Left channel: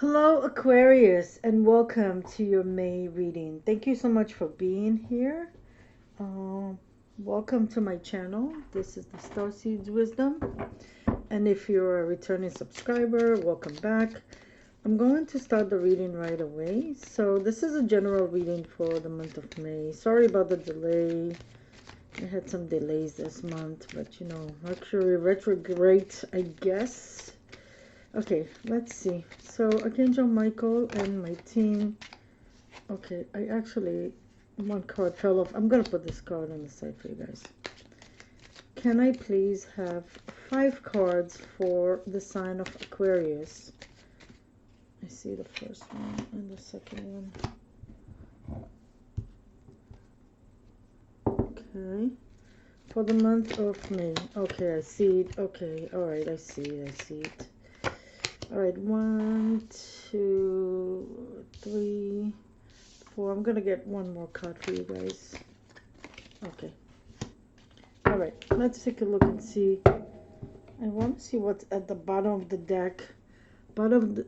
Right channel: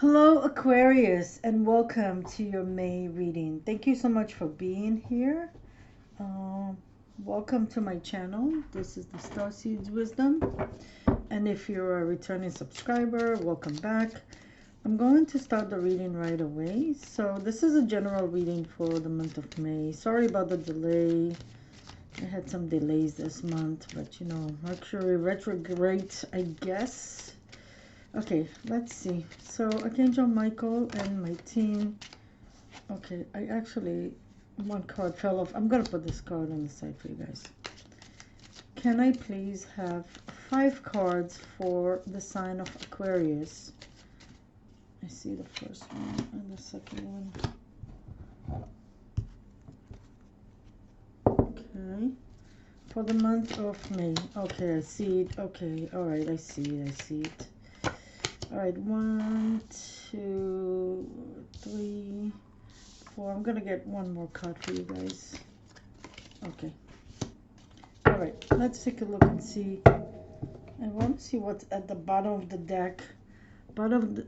Hello, Aquarius, and welcome to your May reading. Thank you so much for being here. Um, Welcome to my channel. This is the StarSeeds Wisdom, and if you're a returning subscriber, welcome back. I'm going to start the reading right away. So this is a general reading for the month of May. Sorry about the delay. I had some delays this month, but Mercury retrograde, I guess. Okay, let's see. So Archangel Michael and my team. Okay, one card fell off. I'm gonna put this card on the side for you guys. Can I please have 5 cards for the sign of Aquarius? I see the first one and the second one. Okay. For the month of May. Okay, I see it. Okay, alright, I see it. Alright, 1, 2, 3, 4. I'm gonna get one more card for you guys. Okay. Alright, let's take a look and see. I want to see what's at the bottom of the deck. Bottom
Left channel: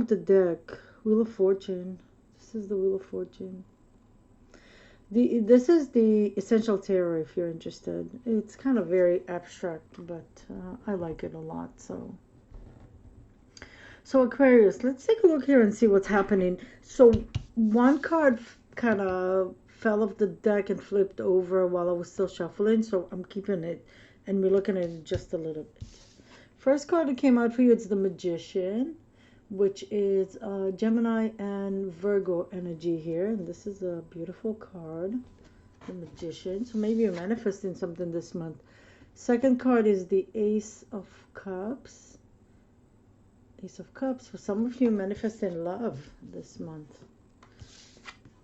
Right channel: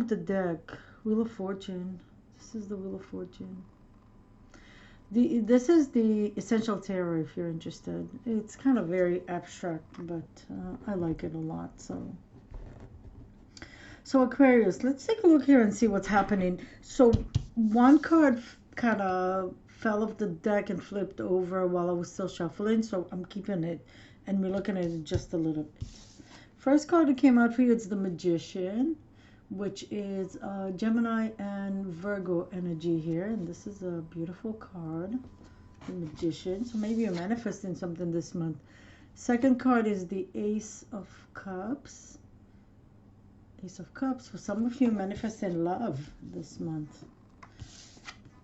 of the deck. Wheel of Fortune. This is the Wheel of Fortune. This is the Essential Tarot if you're interested. It's kind of very abstract, but I like it a lot. So Aquarius, let's take a look here and see what's happening. So one card kind of fell off the deck and flipped over while I was still shuffling, so I'm keeping it and we're looking at it just a little bit. First card that came out for you, it's the Magician, which is Gemini and Virgo energy here, and this is a beautiful card, the Magician. So maybe you're manifesting something this month. Second card is the Ace of Cups. Ace of Cups. For some of you, manifesting love this month.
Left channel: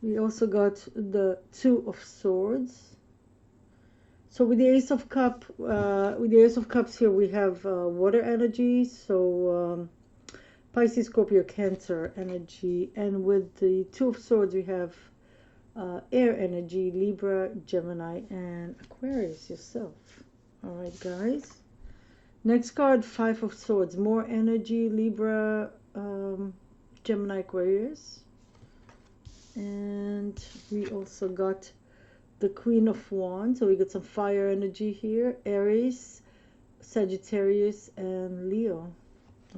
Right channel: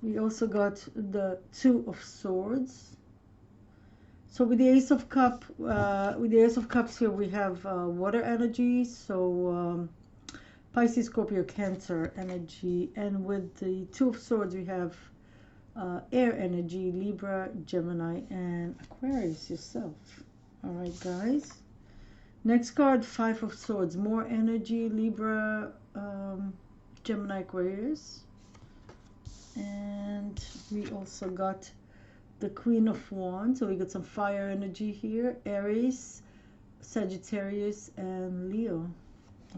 We also got the Two of Swords. So with the Ace of Cups here, we have water energy. So Pisces, Scorpio, Cancer energy, and with the Two of Swords, we have air energy, Libra, Gemini, and Aquarius yourself. All right, guys. Next card, Five of Swords, more energy, Libra, Gemini, Aquarius. And we also got the Queen of Wands, so we got some fire energy here, Aries, Sagittarius, and Leo.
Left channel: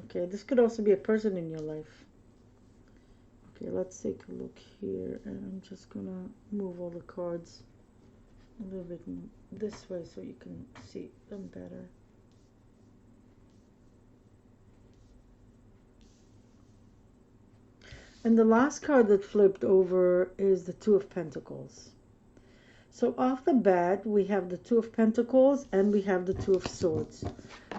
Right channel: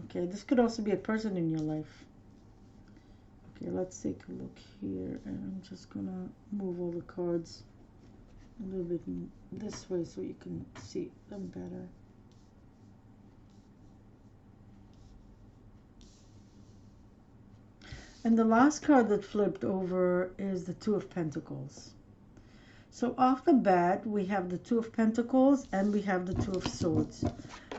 Okay, this could also be a person in your life. Okay, let's take a look here, and I'm just gonna move all the cards a little bit this way so you can see them better. And the last card that flipped over is the Two of Pentacles. So off the bat, we have the Two of Pentacles and we have the Two of Swords.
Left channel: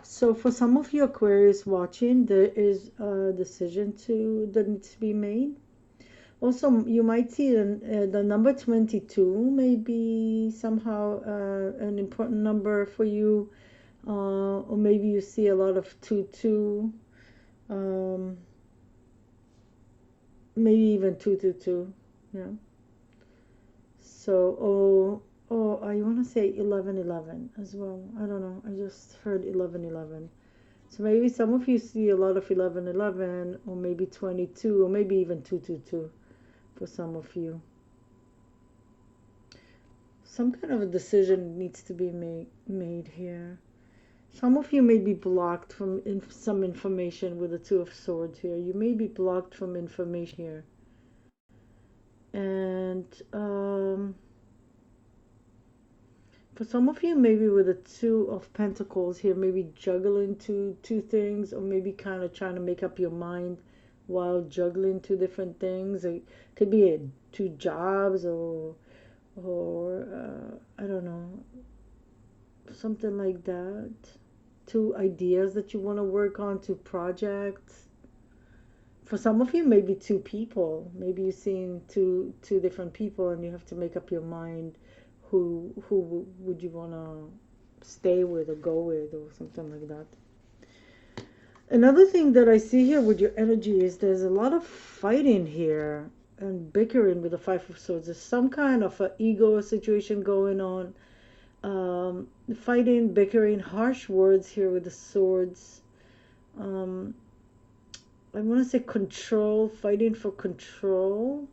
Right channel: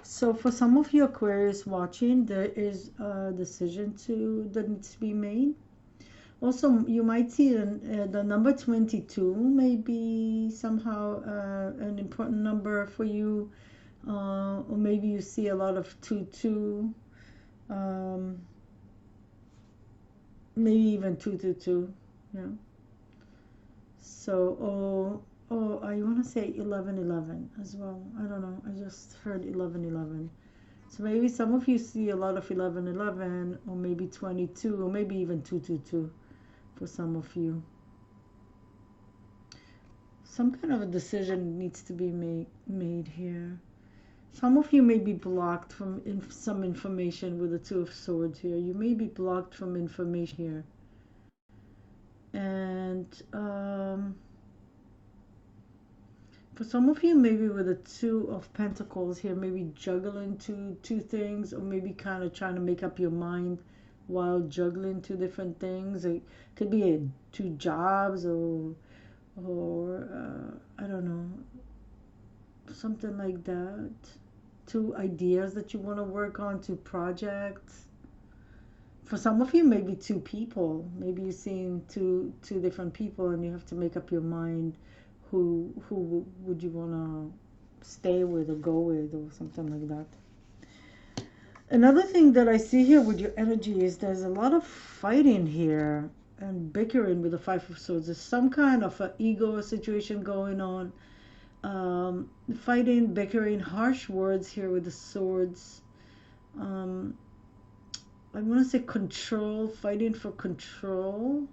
So for some of you Aquarius watching, there is a decision that needs to be made. Also, you might see the number 22 may be somehow an important number for you. Or maybe you see a lot of 2-2. Maybe even 222, yeah. So, I want to say 1111 as well. I don't know. I just heard 1111. So maybe some of you see a lot of 1111, or maybe 22, or maybe even 222 for some of you. Some kind of a decision needs to be made here. Some of you may be blocked from some information with the Two of Swords here. You may be blocked from information here. And for some of you, maybe with the Two of Pentacles here, maybe juggling two things, or maybe kind of trying to make up your mind while juggling two different things. It could be two jobs, or I don't know, something like that. Two ideas that you want to work on, two projects. For some of you, maybe two people. Maybe you're seeing two different people, and you have to make up your mind who would you want to stay with or go with, or something like that. Another thing that I see here with your energy is there's a lot of fighting here and bickering with the Five of Swords. There's some kind of an ego situation going on. Fighting, bickering, harsh words here with the swords. I want to say control, fighting for control,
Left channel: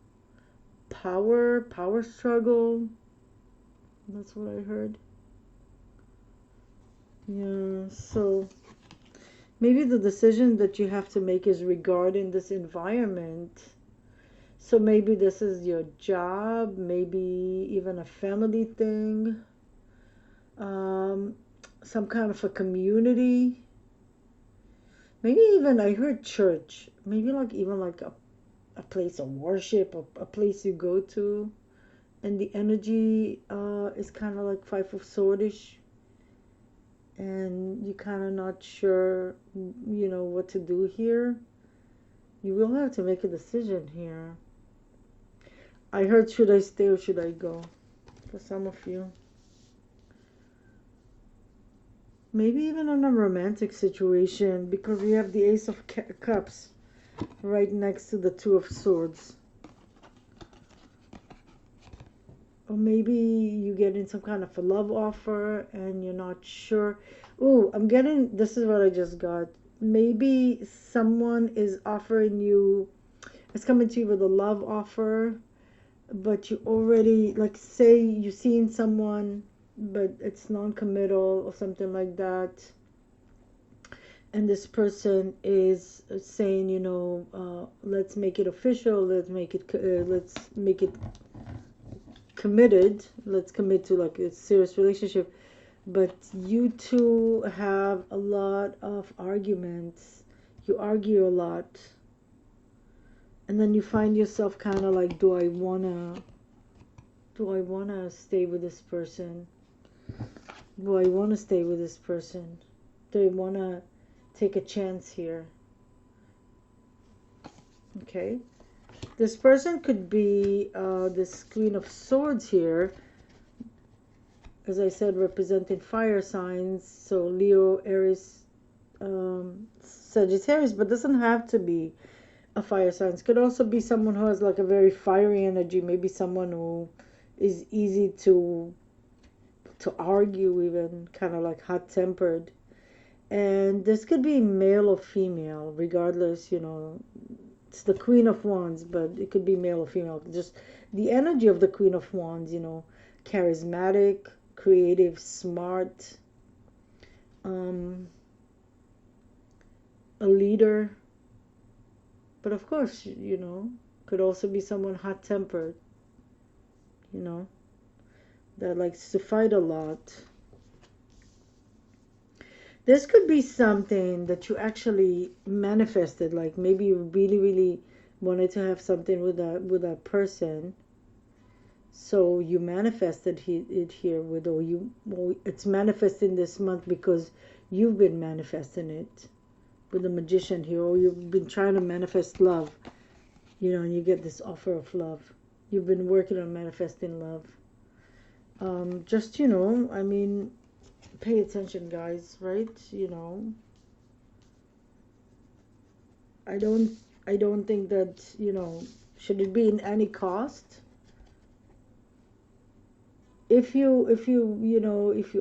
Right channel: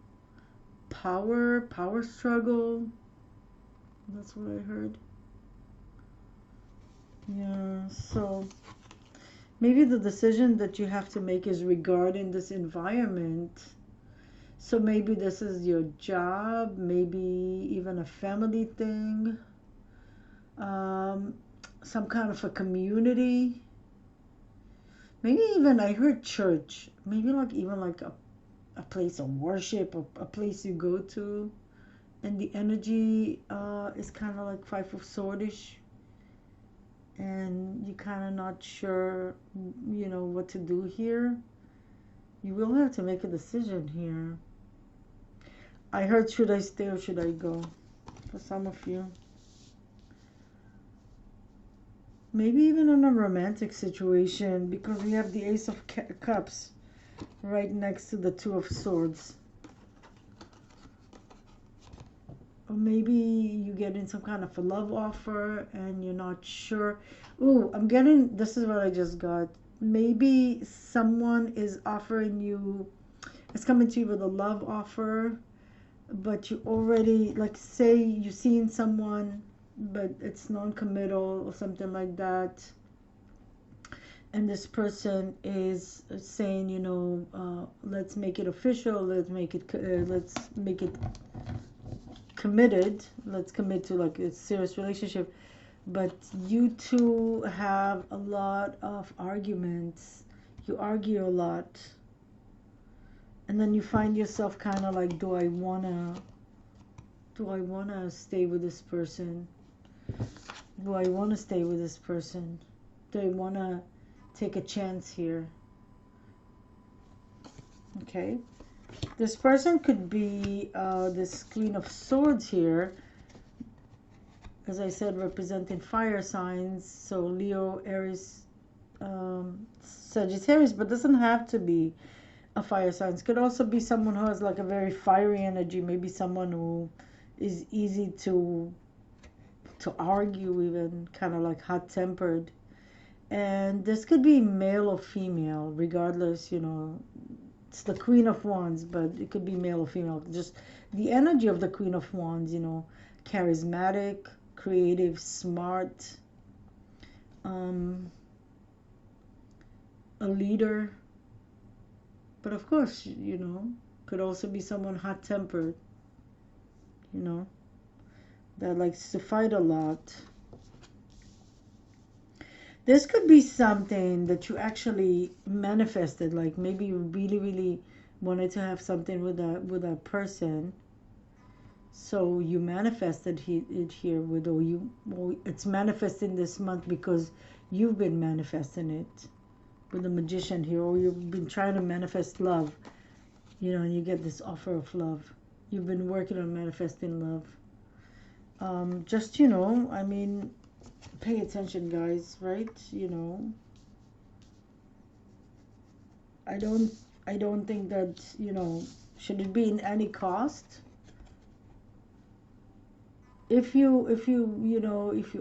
power struggle. That's what I heard. Yeah, so maybe the decision that you have to make is regarding this environment. So maybe this is your job, maybe even a family thing, um, some kind of a community. Maybe even I heard church. Maybe like even like a place of worship, a place you go to, and the energy is kind of like Five of Swordish, and you kind of not sure, what to do here. You will have to make a decision here. I heard, should I stay or should I go? For some of you. Maybe even in a romantic situation, because we have the Ace of Cups right next to the Two of Swords. Or maybe you get in some kind of a love offer and you're not sure. Ooh, this is what I just got. Maybe someone is offering you, it's coming to you with a love offer, but you already, like, say you've seen someone, but it's non-committal or something like that. And this person is saying, let's make it official, let's make it committed, let's commit to like a serious relationship. But you two have a lot of arguments. You argue a lot. And then you find yourself kind of like, do I wanna stay with this person? Do I wanna stay with this person? Do I wanna take a chance here? Okay. This person could be this Queen of Swords here, as I said, representing fire signs. So Leo, Aries, Sagittarius, but doesn't have to be a fire sign. It could also be someone who has like a very fiery energy. Maybe someone who is easy to argue, even kind of like hot-tempered. And this could be male or female, regardless, it's the Queen of Wands, but it could be male or female. Just the energy of the Queen of Wands, charismatic, creative, smart, a leader. But of course, could also be someone hot-tempered, that likes to fight a lot. This could be something that you actually manifested, like maybe you really, really wanted to have something with a person. So you manifested it here it's manifesting this month because you've been manifesting it with the Magician here, or you've been trying to manifest love, and you get this offer of love. You've been working on manifesting love. Just, I mean, pay attention, guys, right? I don't think that, should it be in any cost? If you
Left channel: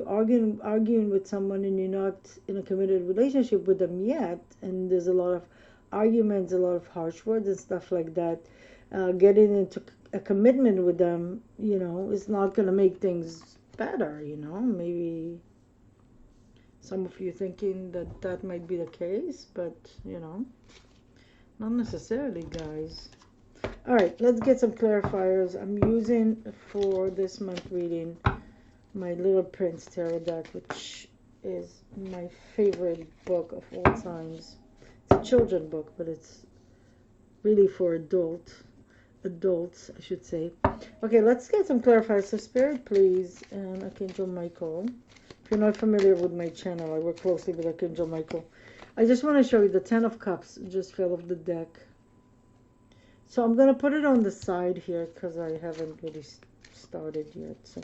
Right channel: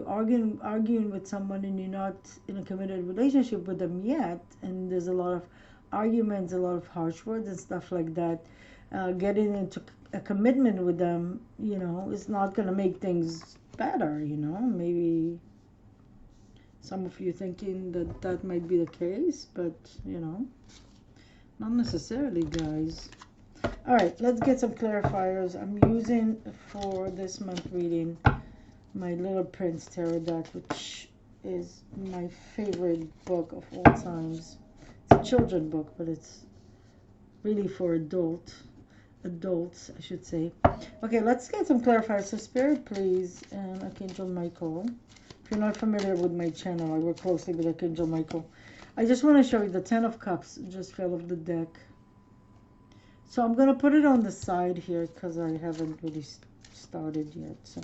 arguing with someone and you're not in a committed relationship with them yet, and there's a lot of arguments, a lot of harsh words and stuff like that, getting into a commitment with them, is not going to make things better. Maybe some of you thinking that might be the case, but not necessarily, guys. All right, let's get some clarifiers. I'm using for this month reading my Little Prince Tarot deck, which is my favorite book of all times. It's a children book, but it's really for adults, I should say. Okay, let's get some clarifiers. So Spirit, please, and Archangel Michael. If you're not familiar with my channel, I work closely with Archangel Michael. I just want to show you the Ten of Cups. It just fell off the deck. So I'm going to put it on the side here because I haven't really started yet. So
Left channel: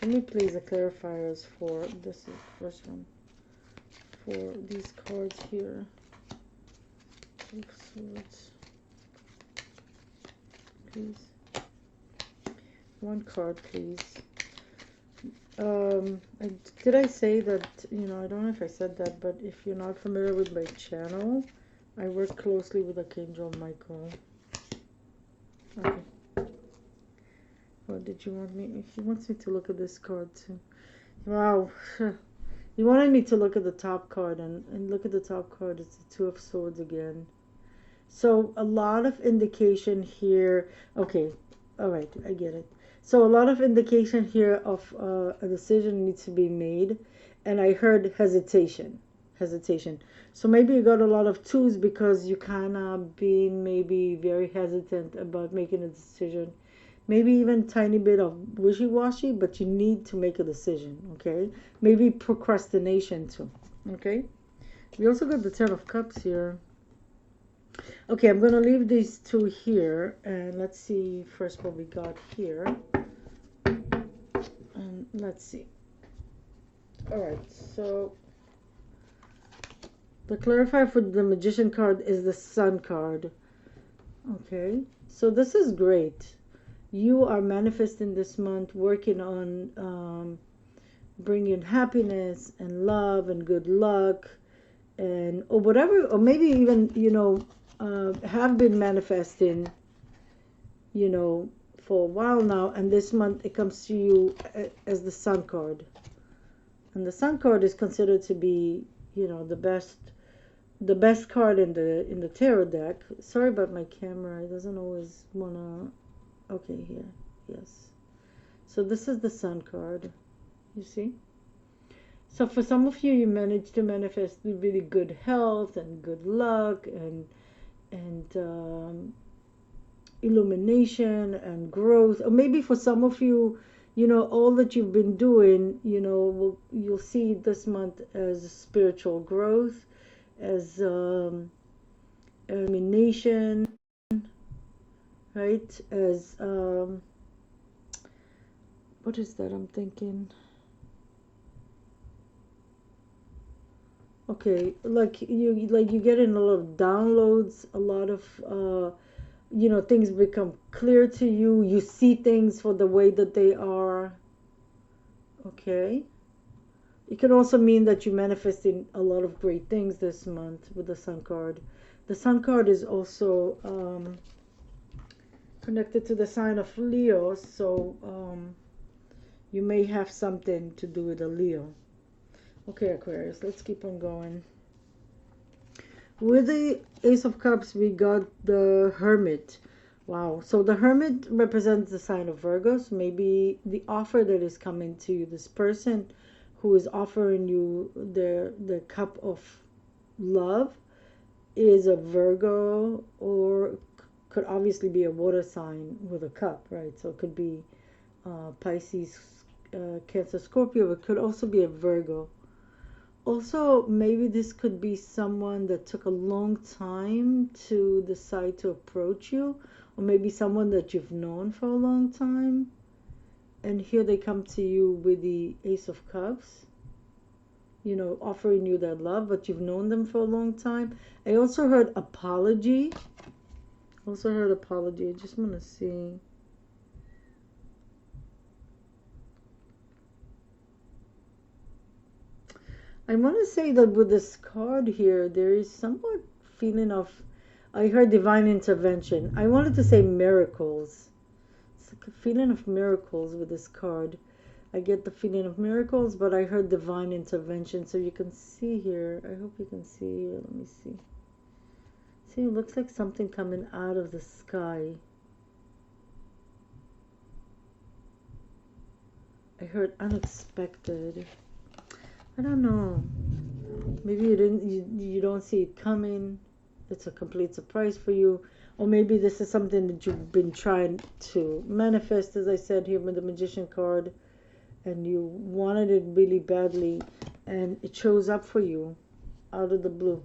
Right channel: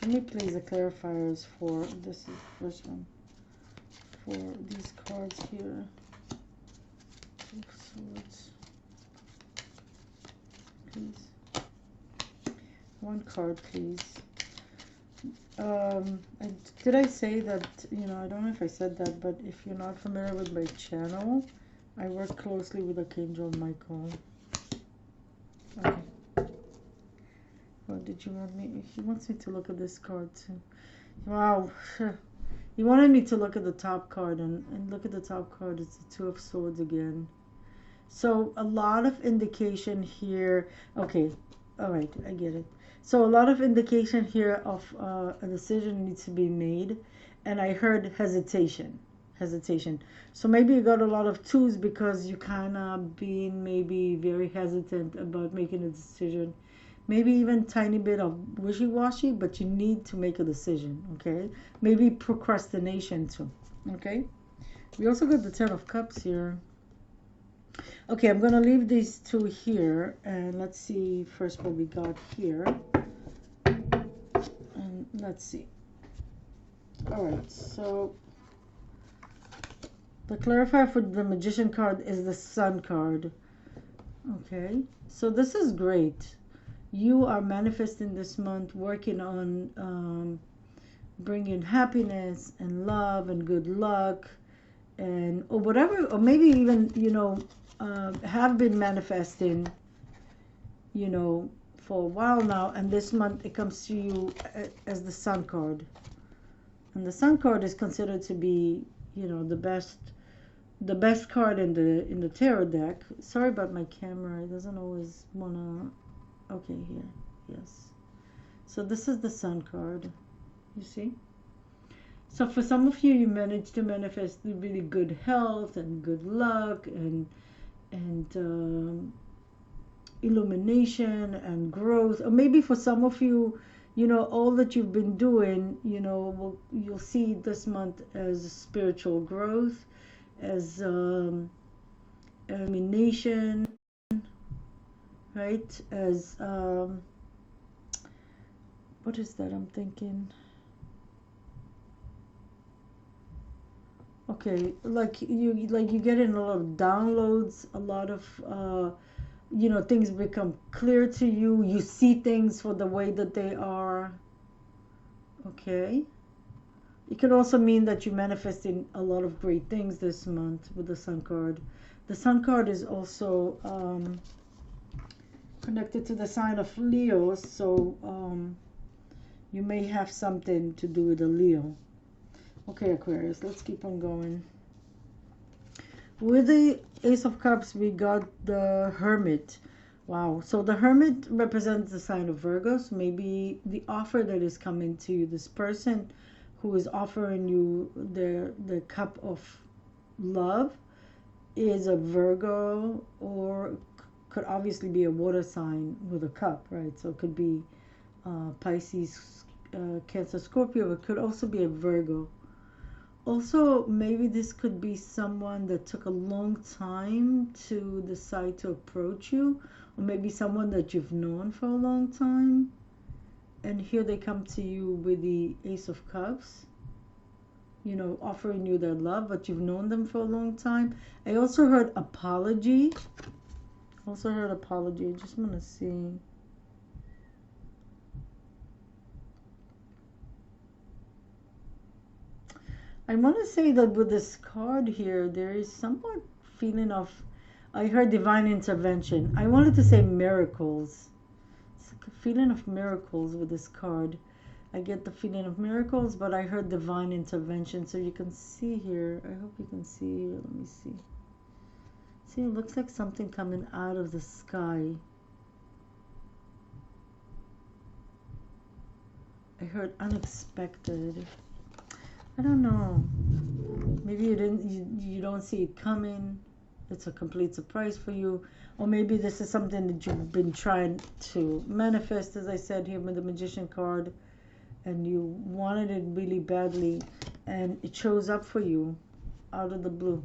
show me please the clarifiers for, this is the first one, for these cards here. Two of Swords. Please. One card, please. Did I say that, I don't know if I said that, but if you're not familiar with my channel, I work closely with Archangel Michael. Okay. What did you want me? He wants me to look at this card too. Wow. He wanted me to look at the top card, and look at the top card. It's the Two of Swords again. So a lot of indication here. Okay. All right. I get it. So a lot of indication here of a decision needs to be made. And I heard hesitation. Hesitation. So maybe you got a lot of twos because you kind of being maybe very hesitant about making a decision, maybe even tiny bit of wishy-washy, but you need to make a decision. Okay, maybe procrastination too. Okay, we also got the Ten of Cups here. Okay, I'm gonna leave these two here, and let's see first what we got here. And let's see. All right, so the clarifier for the Magician card is the Sun card. Okay, so this is great. You are manifesting this month, working on bringing happiness and love and good luck, and or whatever, or maybe even have been manifesting for a while now, and this month it comes to you as the Sun card. And the Sun card is considered to be the best card in the tarot deck. Sorry about my camera, it doesn't always wanna. Okay, here, yes. So this is the Sun card, you see. So for some of you, you managed to manifest really good health and good luck and illumination and growth. Or maybe for some of you, all that you've been doing, you'll see this month as spiritual growth, as illumination, right? As what is that I'm thinking? Okay, like you get in a lot of downloads, a lot of things become clear to you. You see things for the way that they are. Okay. It can also mean that you're manifesting a lot of great things this month with the Sun card. The Sun card is also connected to the sign of Leo, so you may have something to do with a Leo. Okay, Aquarius, let's keep on going. With the Ace of Cups, we got the Hermit. Wow. So the Hermit represents the sign of Virgo. So maybe the offer that is coming to you, this person who is offering you the cup of love, is a Virgo, or could obviously be a water sign with a cup, right? So it could be Pisces, Cancer, Scorpio. It could also be a Virgo. Also, maybe this could be someone that took a long time to decide to approach you, or maybe someone that you've known for a long time. And here they come to you with the Ace of Cups, offering you their love, but you've known them for a long time. I also heard apology. I just want to see. I want to say that with this card here, there is somewhat feeling of, I heard divine intervention. I wanted to say miracles. It's like a feeling of miracles with this card. I get the feeling of miracles, but I heard divine intervention. So you can see here. I hope you can see here. Let me see. See, it looks like something coming out of the sky. I heard unexpected. I don't know. Maybe you don't see it coming. It's a complete surprise for you. Or maybe this is something that you've been trying to manifest, as I said here with the Magician card, and you wanted it really badly, and it shows up for you out of the blue.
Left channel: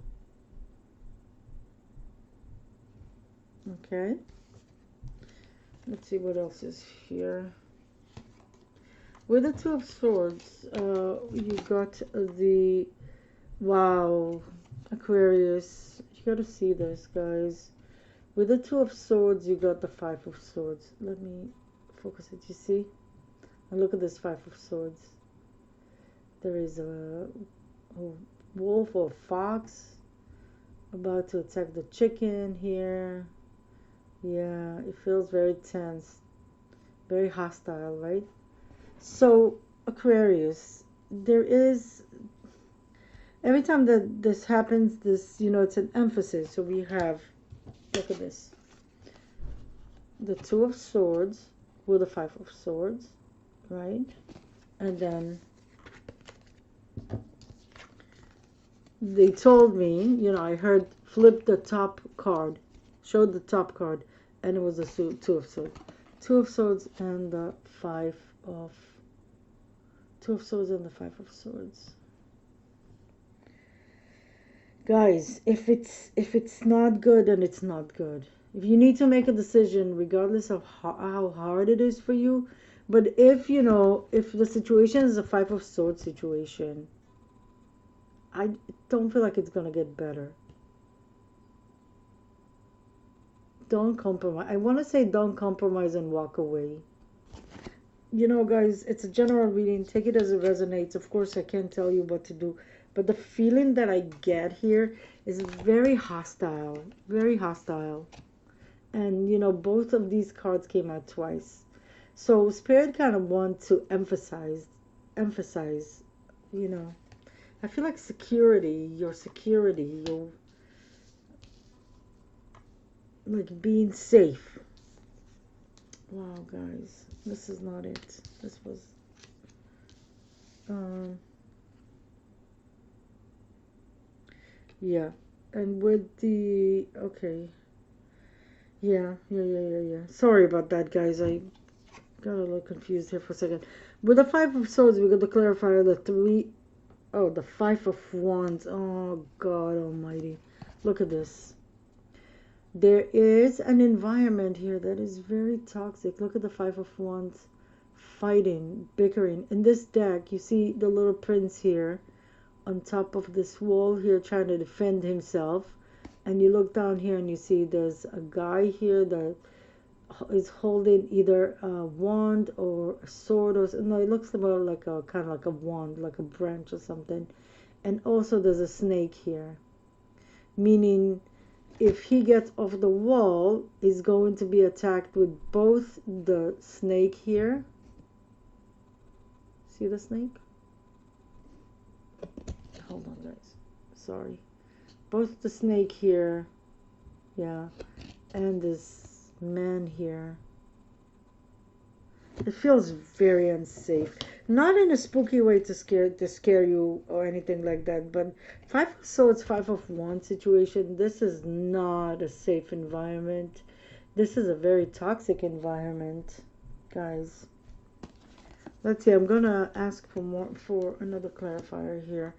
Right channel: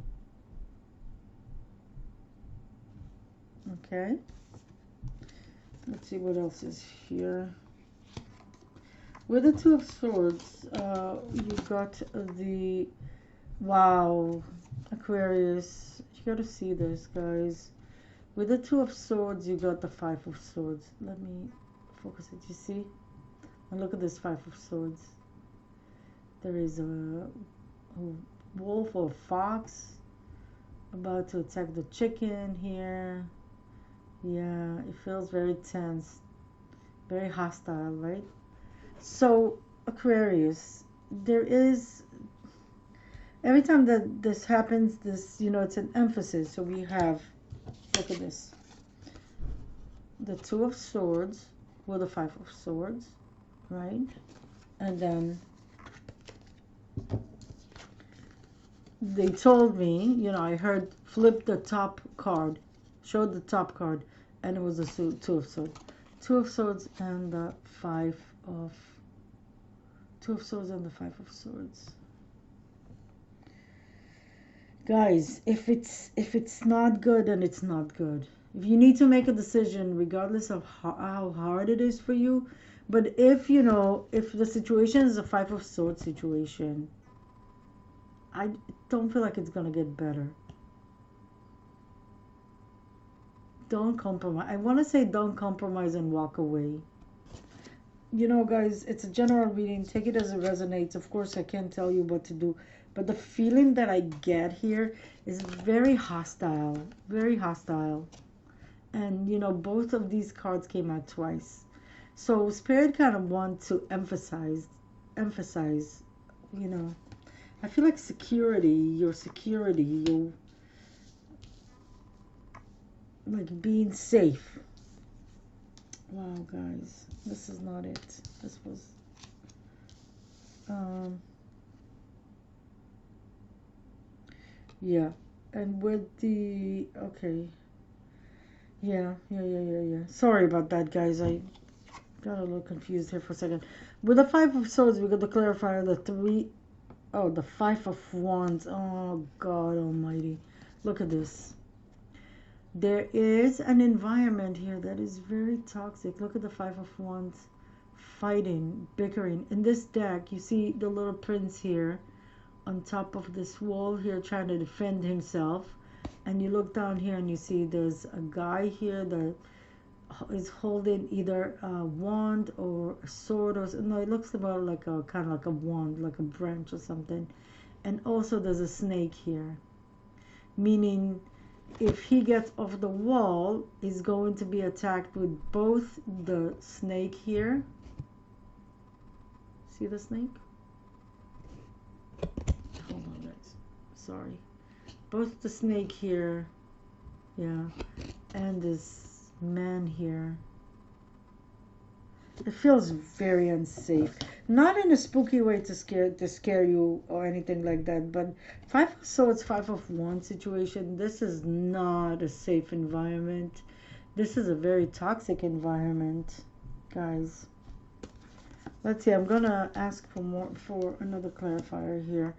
Okay. Let's see what else is here. With the Two of Swords, you got the, wow, Aquarius, you gotta see this, guys. With the Two of Swords, you got the Five of Swords. Let me focus it, you see? And look at this Five of Swords. There is a wolf or a fox, About to attack the chicken here. Yeah, it feels very tense, very hostile, right? So, Aquarius, there is, every time that this happens, this, it's an emphasis. So we have, look at this, the Two of Swords with the Five of Swords, right? And then they told me, I heard flip the top card, showed the top card, and it was a Two of Swords. Two of Swords and the Five of, Two of Swords and the Five of Swords. Guys, if it's not good, then it's not good. If you need to make a decision, regardless of how hard it is for you, but if the situation is a Five of Swords situation, I don't feel like it's gonna get better. Don't compromise. I want to say don't compromise and walk away. Guys, it's a general reading. Take it as it resonates. Of course, I can't tell you what to do, but the feeling that I get here is very hostile, very hostile. And both of these cards came out twice. So Spirit kind of want to emphasize, you know. I feel like security, your like being safe. Wow, guys, this is not it. This was, um, yeah, and with the okay, yeah. Sorry about that, guys. I got a little confused here for a second. With the Five of Swords, we got to clarify the three. Oh, the Five of Wands. Oh, God Almighty. Look at this. There is an environment here that is very toxic. Look at the Five of Wands. Fighting, bickering. In this deck, you see the little prince here on top of this wall here trying to defend himself. And you look down here and you see there's a guy here that is holding either a wand or a sword, or no, it looks more like a kind of like a wand, like a branch or something. And also there's a snake here, meaning if he gets off the wall, he's going to be attacked with both the snake here. See the snake? Hold on, guys. Sorry. Both the snake here, yeah, and this man here. It feels very unsafe. Not in a spooky way to scare you or anything like that, but Five of Swords, Five of Wands situation, this is not a safe environment. This is a very toxic environment, guys. Let's see, I'm gonna ask for another clarifier here.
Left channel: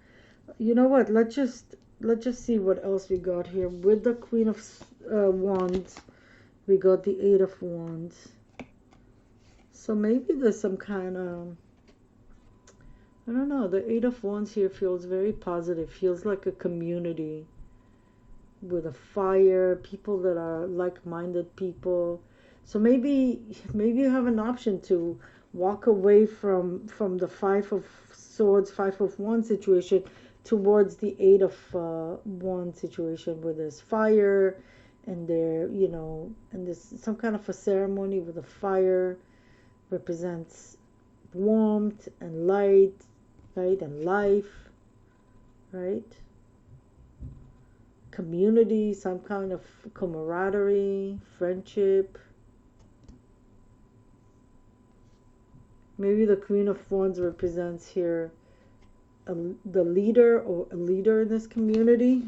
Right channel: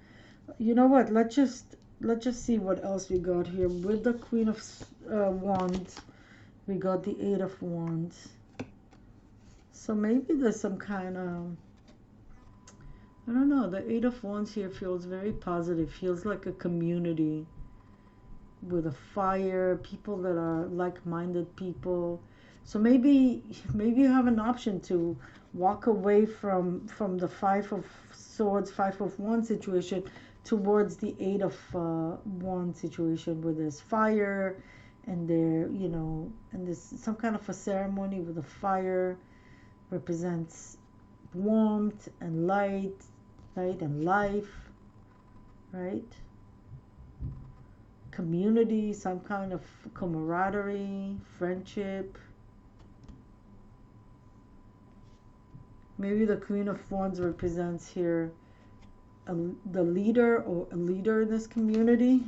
You know what? Let's just see what else we got here. With the Queen of Wands, we got the Eight of Wands. So maybe there's some kind of, I don't know, the Eight of Wands here feels very positive, feels like a community with a fire, people that are like-minded people. So maybe you have an option to walk away from the Five of Swords, Five of Wands situation towards the Eight of Wands situation where there's fire and and there's some kind of a ceremony with a fire represents warmth and light, right, and life, right? Community, some kind of camaraderie, friendship. Maybe the Queen of Wands represents here the leader or a leader in this community.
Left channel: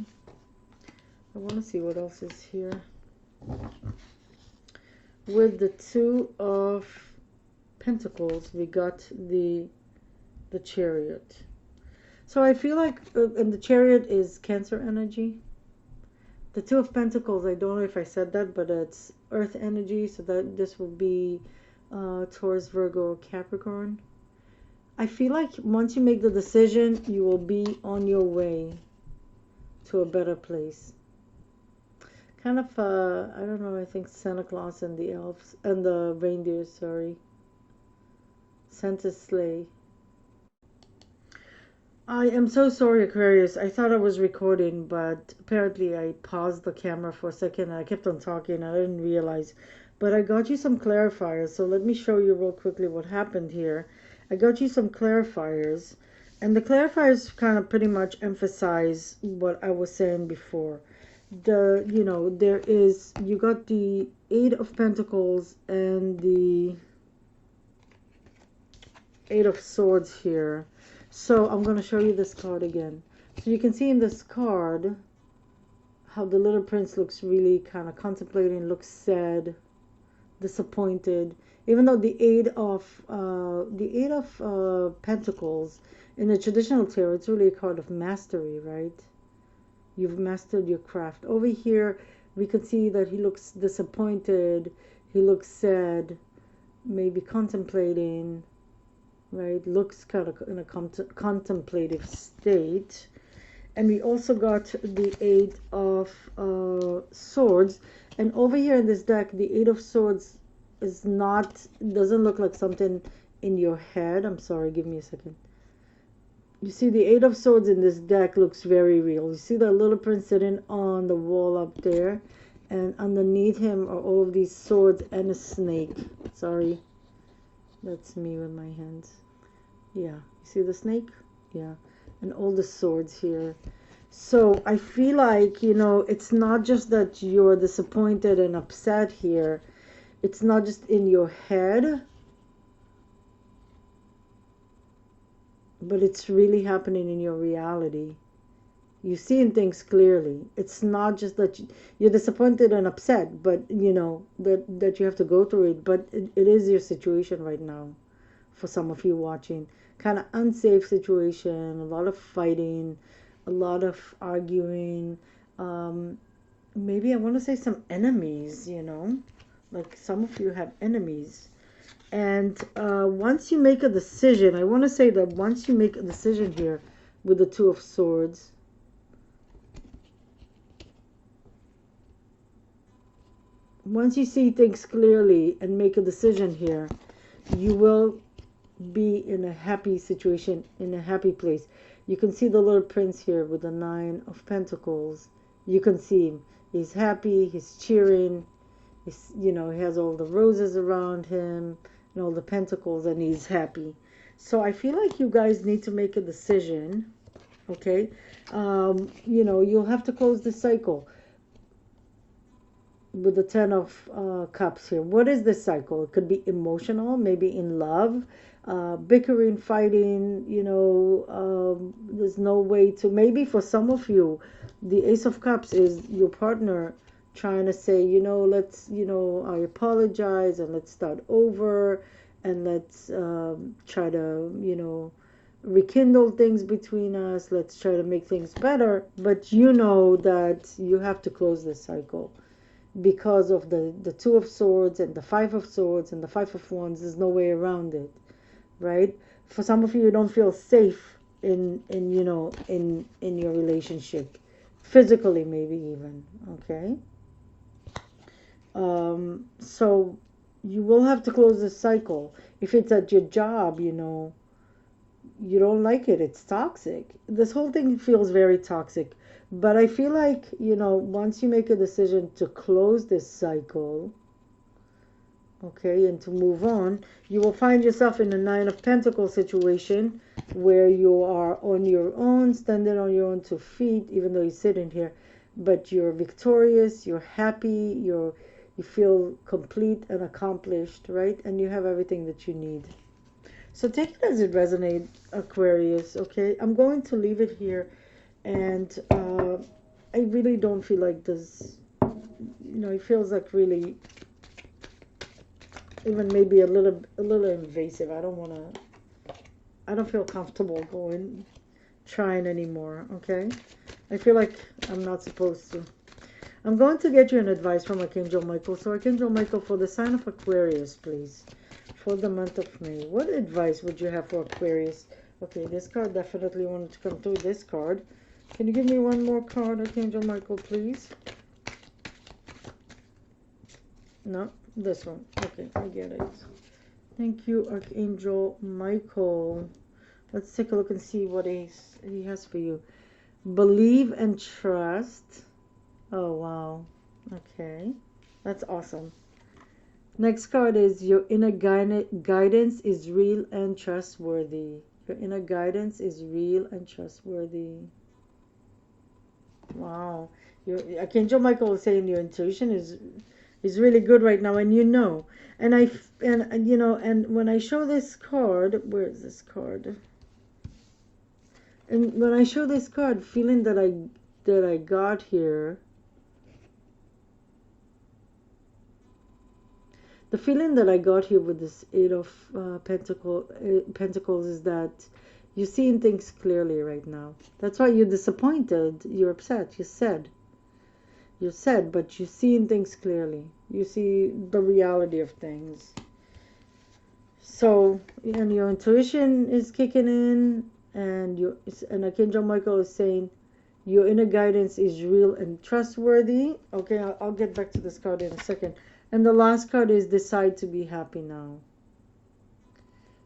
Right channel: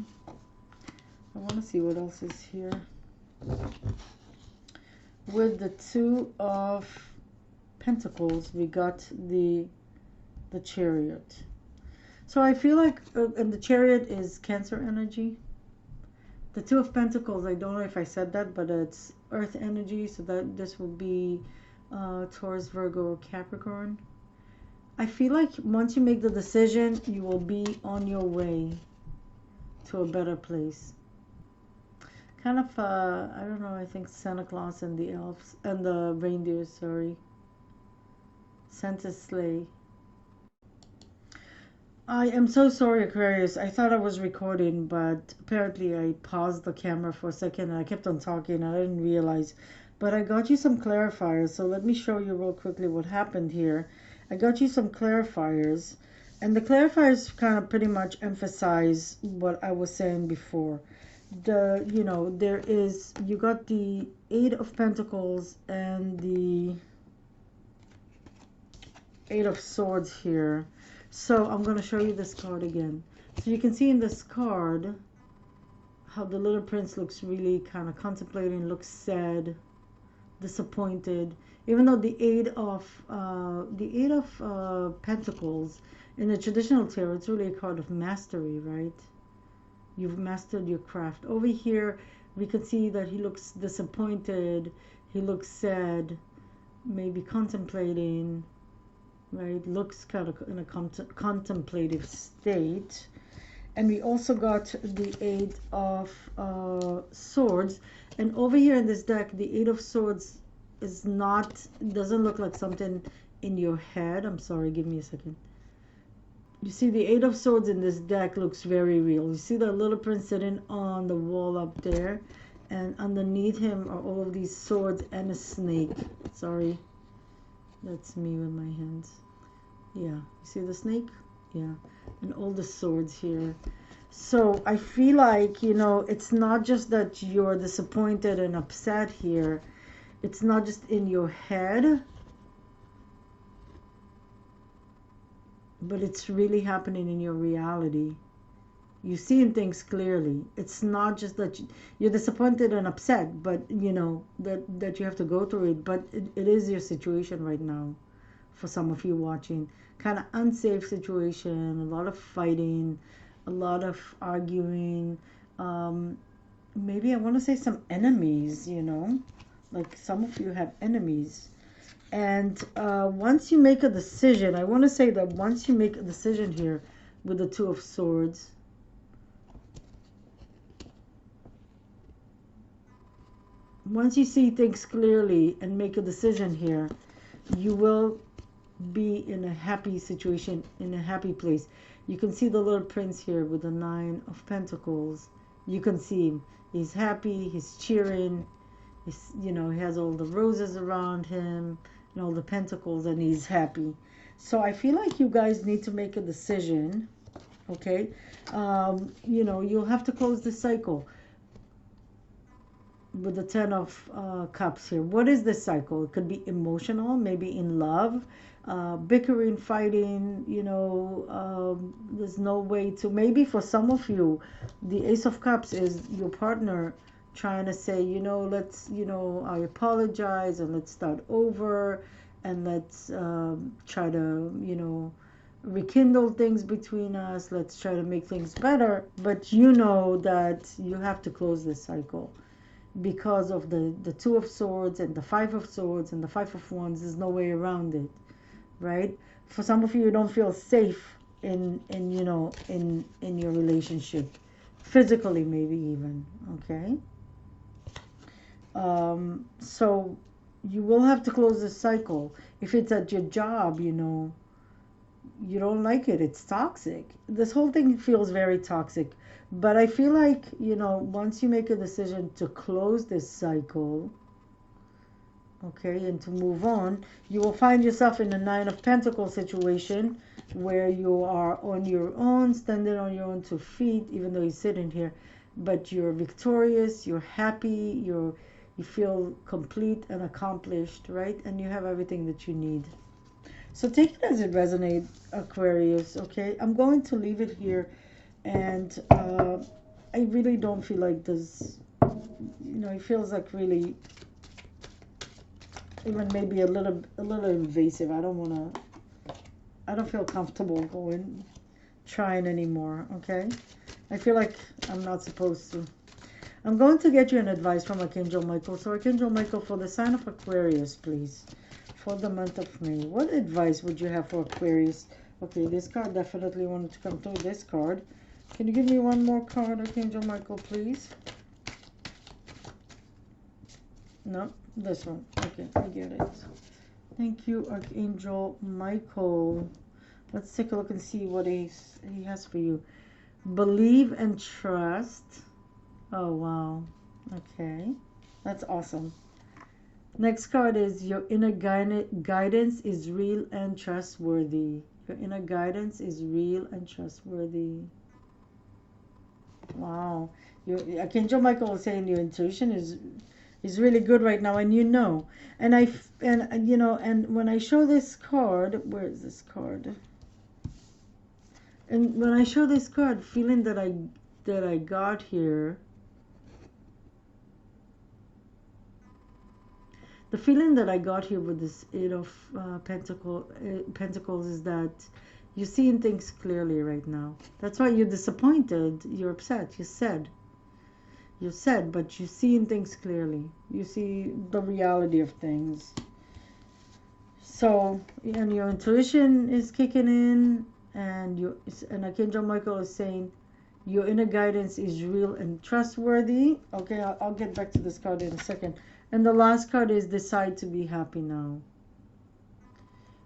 I want to see what else is here. With the Two of Pentacles, we got the Chariot. So I feel like, and the Chariot is Cancer energy. The Two of Pentacles, I don't know if I said that, but it's Earth energy, so that this will be Taurus, Virgo, Capricorn. I feel like once you make the decision, you will be on your way to a better place. Kind of, I don't know, I think Santa Claus and the elves, and the reindeers, sorry. Santa's sleigh. I am so sorry, Aquarius. I thought I was recording, but apparently I paused the camera for a second and I kept on talking. I didn't realize. But I got you some clarifiers, so let me show you real quickly what happened here. I got you some clarifiers, and the clarifiers kind of pretty much emphasize what I was saying before. There is, you got the Eight of Pentacles and the Eight of Swords here. So I'm going to show you this card again. So you can see in this card how the little prince looks really kind of contemplating, looks sad, disappointed. Even though the Eight of Pentacles in the traditional tarot, it's really a card of mastery, right? You've mastered your craft. Over here, we can see that he looks disappointed. He looks sad, maybe contemplating, right? Looks kind of in a contemplative state. And we also got the Eight of Swords. And over here in this deck, the Eight of Swords doesn't look like something in your head. I'm sorry, give me a second. You see the Eight of Swords in this deck looks very real. You see the little prince sitting on the wall up there, and underneath him are all of these swords and a snake. Sorry, that's me with my hands. Yeah, you see the snake? Yeah, and all the swords here. So I feel like, it's not just that you're disappointed and upset here. It's not just in your head, but it's really happening in your reality. You're seeing things clearly. It's not just that you're disappointed and upset, but that you have to go through it. But it is your situation right now. For some of you watching, kind of unsafe situation, a lot of fighting, a lot of arguing. Maybe I want to say some enemies. Like some of you have enemies. And once you make a decision, I want to say that once you make a decision here with the Two of Swords, once you see things clearly and make a decision here, you will be in a happy situation, in a happy place. You can see the little prince here with the Nine of Pentacles. You can see him. He's happy, he's cheering, he has all the roses around him and all the pentacles, and he's happy. So I feel like you guys need to make a decision, okay? You'll have to close the cycle with the Ten of Cups here. What is this cycle? It could be emotional, maybe in love, bickering, fighting, there's no way to, maybe for some of you, the Ace of Cups is your partner trying to say, let's, I apologize and let's start over and let's try to, rekindle things between us. Let's try to make things better. But you know that you have to close this cycle because of the Two of Swords and the Five of Swords and the Five of Wands. There's no way around it, right? For some of you, you don't feel safe in your relationship, physically maybe even, okay? So you will have to close this cycle. If it's at your job, you don't like it, it's toxic. This whole thing feels very toxic. But I feel like, once you make a decision to close this cycle, okay, and to move on, you will find yourself in a Nine of Pentacles situation where you are on your own, standing on your own 2 feet, even though you're sitting here, but you're victorious, you're happy, you feel complete and accomplished, right? And you have everything that you need. So take it as it resonates, Aquarius, okay? I'm going to leave it here, and I really don't feel like this, it feels like really, even maybe a little invasive. I don't feel comfortable trying anymore, okay? I feel like I'm not supposed to. I'm going to get you an advice from Archangel Michael. So Archangel Michael, for the sign of Aquarius, please, for the month of May, what advice would you have for Aquarius? Okay, this card definitely wanted to come through. This card. Can you give me one more card, Archangel Michael, please? No, this one. Okay, I get it. Thank you, Archangel Michael. Let's take a look and see what he has for you. Believe and trust. Oh, wow. Okay. That's awesome. Next card is your inner guidance is real and trustworthy. Your inner guidance is real and trustworthy. Wow. Your Archangel Michael is saying your intuition is really good right now, and you know. And you know, and when I show this card, where is this card? And when I show this card, feeling that I got here, the feeling that I got here with this Eight of Pentacles is that you're seeing things clearly right now. That's why you're disappointed. You're upset. You're sad, but you're seeing things clearly. You see the reality of things. So, and your intuition is kicking in, and Archangel Michael is saying your inner guidance is real and trustworthy. Okay, I'll get back to this card in a second. And the last card is decide to be happy now.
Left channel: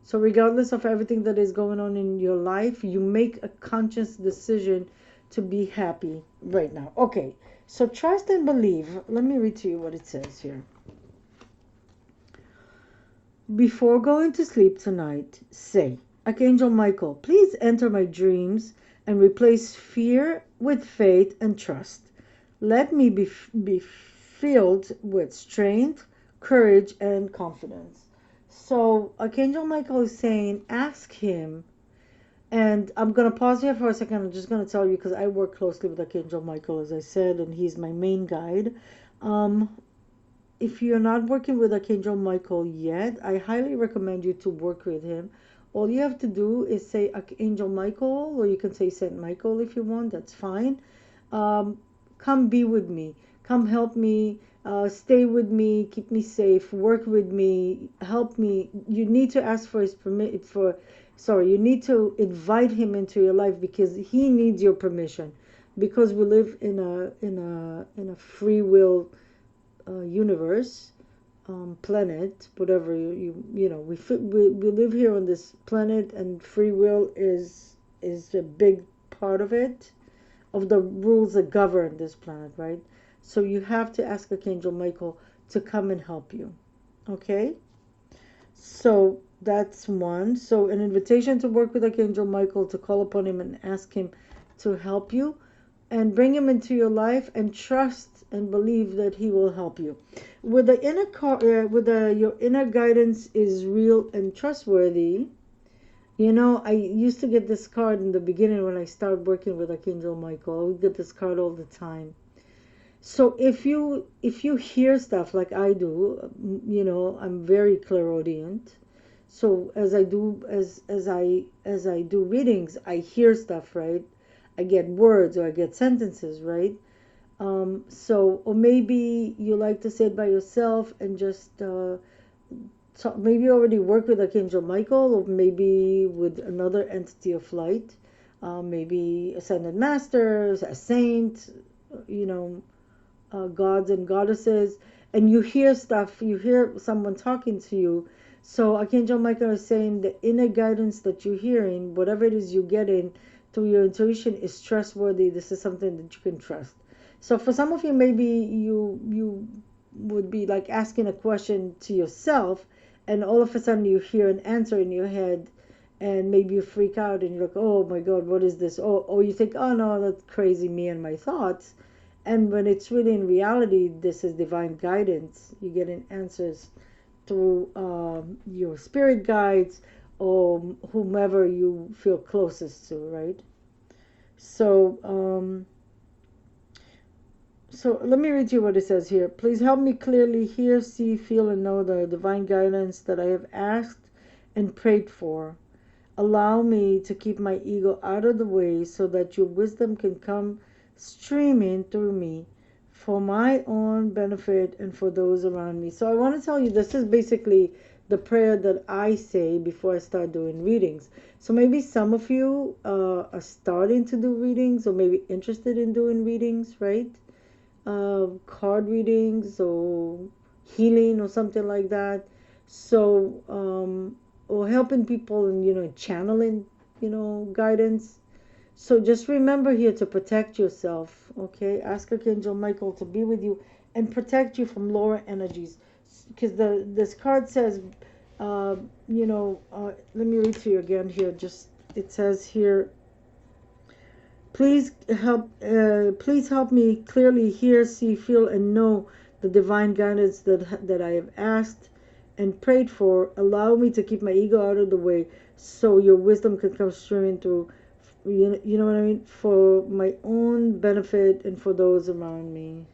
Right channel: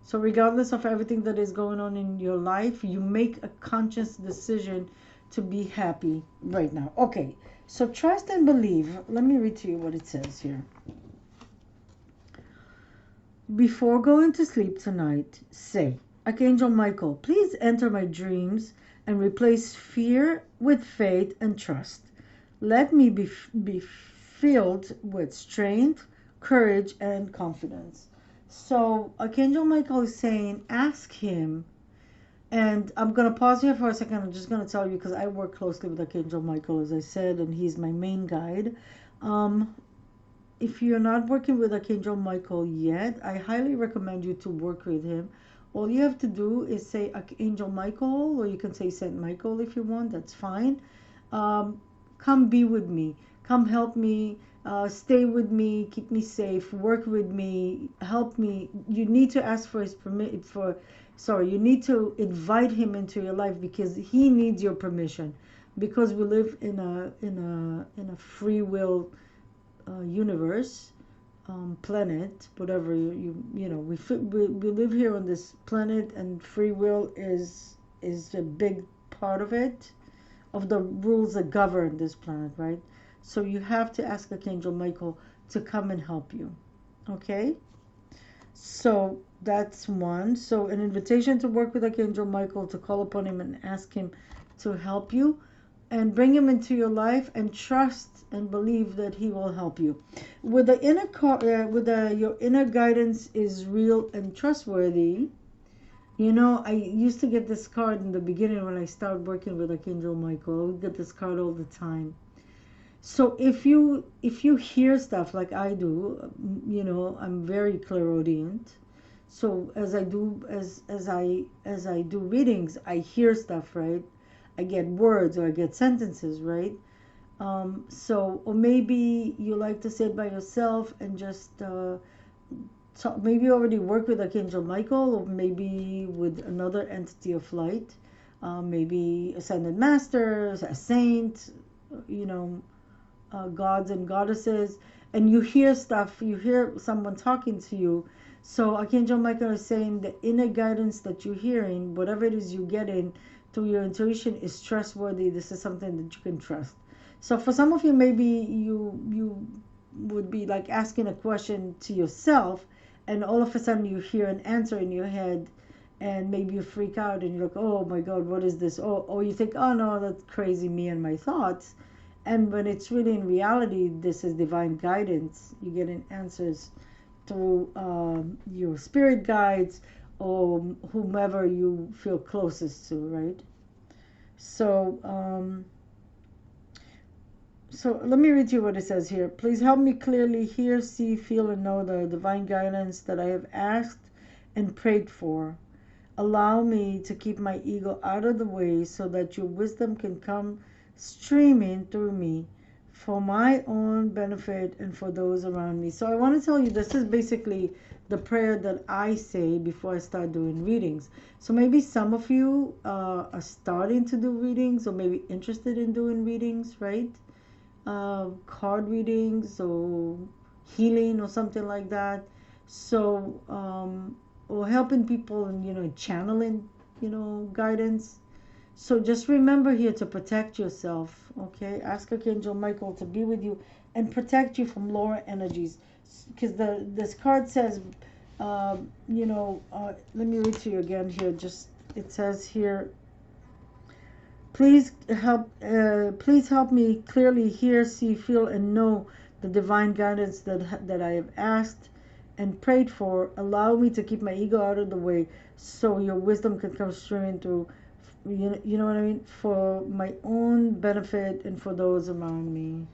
So regardless of everything that is going on in your life, you make a conscious decision to be happy right now. Okay, so trust and believe. Let me read to you what it says here. Before going to sleep tonight, say, Archangel Michael, please enter my dreams and replace fear with faith and trust. Let me be filled with strength, courage, and confidence. So Archangel Michael is saying, ask him. And I'm going to pause here for a second. I'm just going to tell you because I work closely with Archangel Michael, as I said, and he's my main guide. If you're not working with Archangel Michael yet, I highly recommend you to work with him. All you have to do is say Archangel Michael, or you can say Saint Michael if you want. That's fine. Come be with me. Come help me. Stay with me. Keep me safe. Work with me. Help me. You need to ask for his permit. You need to invite him into your life because he needs your permission. Because we live in a free will universe, planet, whatever you know, we live here on this planet, and free will is a big part of it, of the rules that govern this planet, right? So you have to ask Archangel Michael to come and help you. Okay, so that's one. So an invitation to work with Archangel Michael, to call upon him and ask him to help you and bring him into your life, and trust and believe that he will help you. With the your inner guidance is real and trustworthy. You know, I used to get this card in the beginning when I started working with Archangel Michael. I would get this card all the time. So if you hear stuff like I do, you know, I'm very clairaudient. So as I do readings, I hear stuff, right? I get words or I get sentences, right? Or maybe you like to say it by yourself and just maybe you already work with Archangel Michael, or maybe with another entity of light, maybe ascended masters, a saint, you know, gods and goddesses, and you hear stuff, you hear someone talking to you. So Archangel Michael is saying the inner guidance that you're hearing, whatever it is you're getting through your intuition, is trustworthy. This is something that you can trust. So for some of you, maybe you would be like asking a question to yourself, and all of a sudden you hear an answer in your head, and maybe you freak out and you're like, oh my God, what is this? Or you think, oh no, that's crazy, me and my thoughts. And when it's really in reality, this is divine guidance. You're getting answers through your spirit guides or whomever you feel closest to, right? So let me read you what it says here. Please help me clearly hear, see, feel, and know the divine guidance that I have asked and prayed for. Allow me to keep my ego out of the way so that your wisdom can come streaming through me for my own benefit and for those around me. So I want to tell you, this is basically the prayer that I say before I start doing readings. So maybe some of you are starting to do readings, or maybe interested in doing readings, right? Card readings or healing or something like that. So or helping people and, you know, channeling guidance. So just remember here to protect yourself, okay? Ask Archangel Michael to be with you and protect you from lower energies. Because this card says, let me read to you again here. Just it says here, please help me clearly hear, see, feel, and know the divine guidance that I have asked and prayed for. Allow me to keep my ego out of the way, so your wisdom can come streaming through. You know what I mean? For my own benefit and for those around me.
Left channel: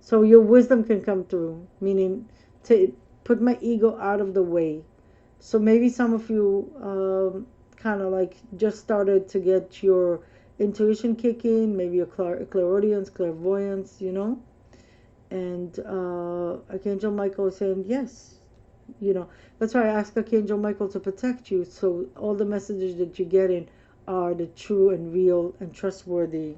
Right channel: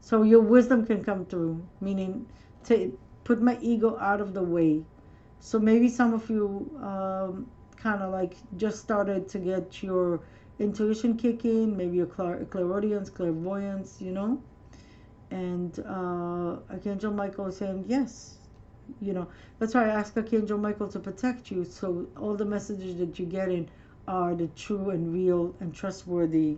So your wisdom can come through, meaning to put my ego out of the way. So maybe some of you kind of like just started to get your intuition kicking, maybe your clairaudience, clairvoyance, and Archangel Michael is saying yes. That's why I ask Archangel Michael to protect you, so all the messages that you're getting are the true and real and trustworthy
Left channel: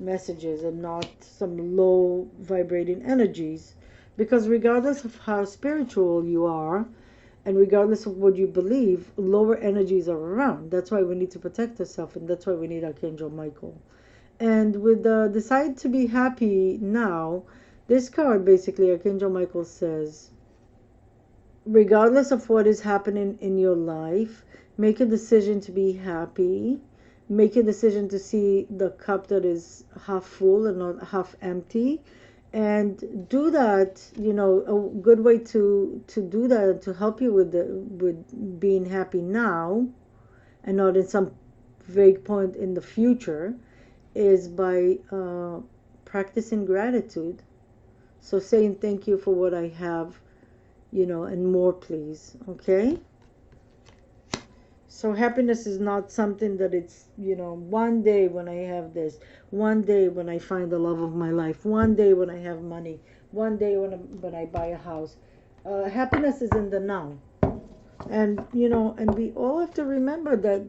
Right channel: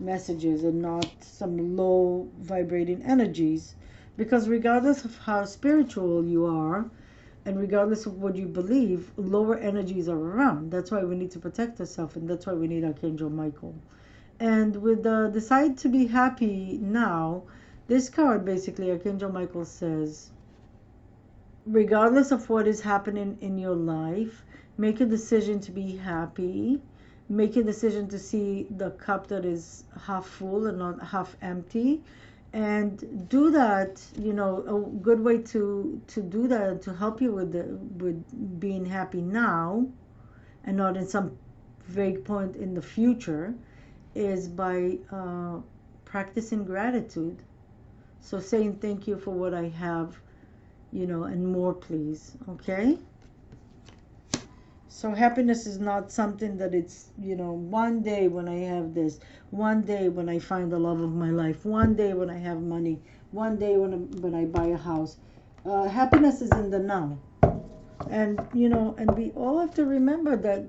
messages and not some low vibrating energies. Because regardless of how spiritual you are, and regardless of what you believe, lower energies are around. That's why we need to protect ourselves, and that's why we need Archangel Michael. And with the decide to be happy now, this card basically, Archangel Michael says, regardless of what is happening in your life, make a decision to be happy. Make a decision to see the cup that is half full and not half empty. And do that, a good way to do that, to help you with being happy now and not in some vague point in the future, is by practicing gratitude. So saying thank you for what I have, and more, please. Okay? So happiness is not something that it's, one day when I have this, one day when I find the love of my life, one day when I have money, one day when I buy a house. Happiness is in the now. And, and we all have to remember that,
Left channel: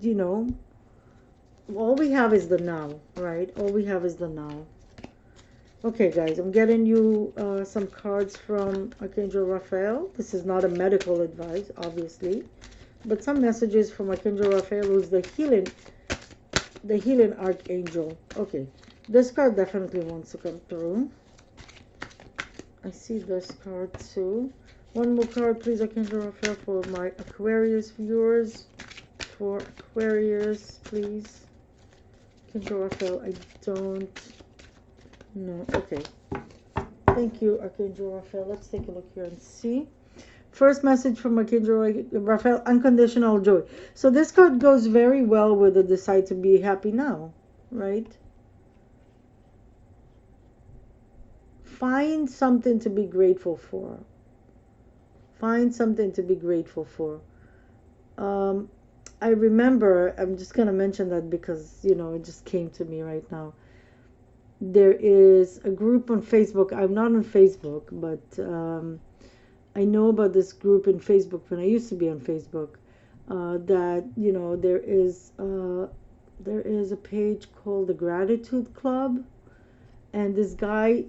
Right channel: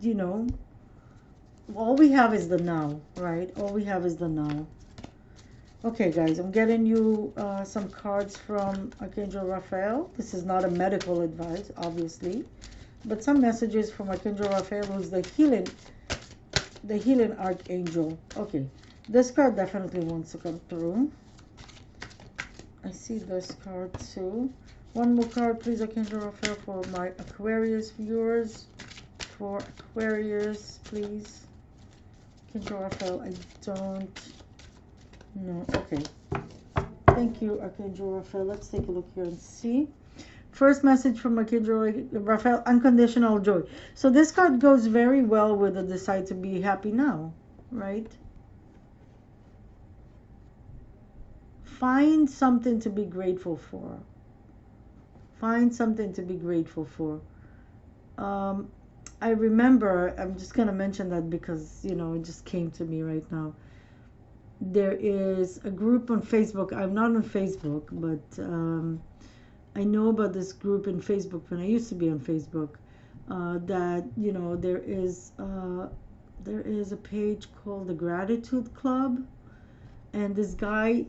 all we have is the now, right? All we have is the now. Okay, guys, I'm getting you some cards from Archangel Raphael. This is not a medical advice, obviously, but some messages from Archangel Raphael, who's the healing archangel. Okay, this card definitely wants to come through. I see this card too. One more card, please, Archangel Raphael, for my Aquarius viewers. For Aquarius, please. Archangel Raphael, I don't know. Okay. Thank you, Archangel Raphael. Let's take a look here and see. First message from Archangel Raphael, unconditional joy. So this card goes very well with the decide to be happy now, right? Find something to be grateful for. Find something to be grateful for. I remember, I'm just going to mention that because, it just came to me right now. There is a group on Facebook. I'm not on Facebook, but I know about this group in Facebook when I used to be on Facebook. That there is a page called the Gratitude Club, and this guy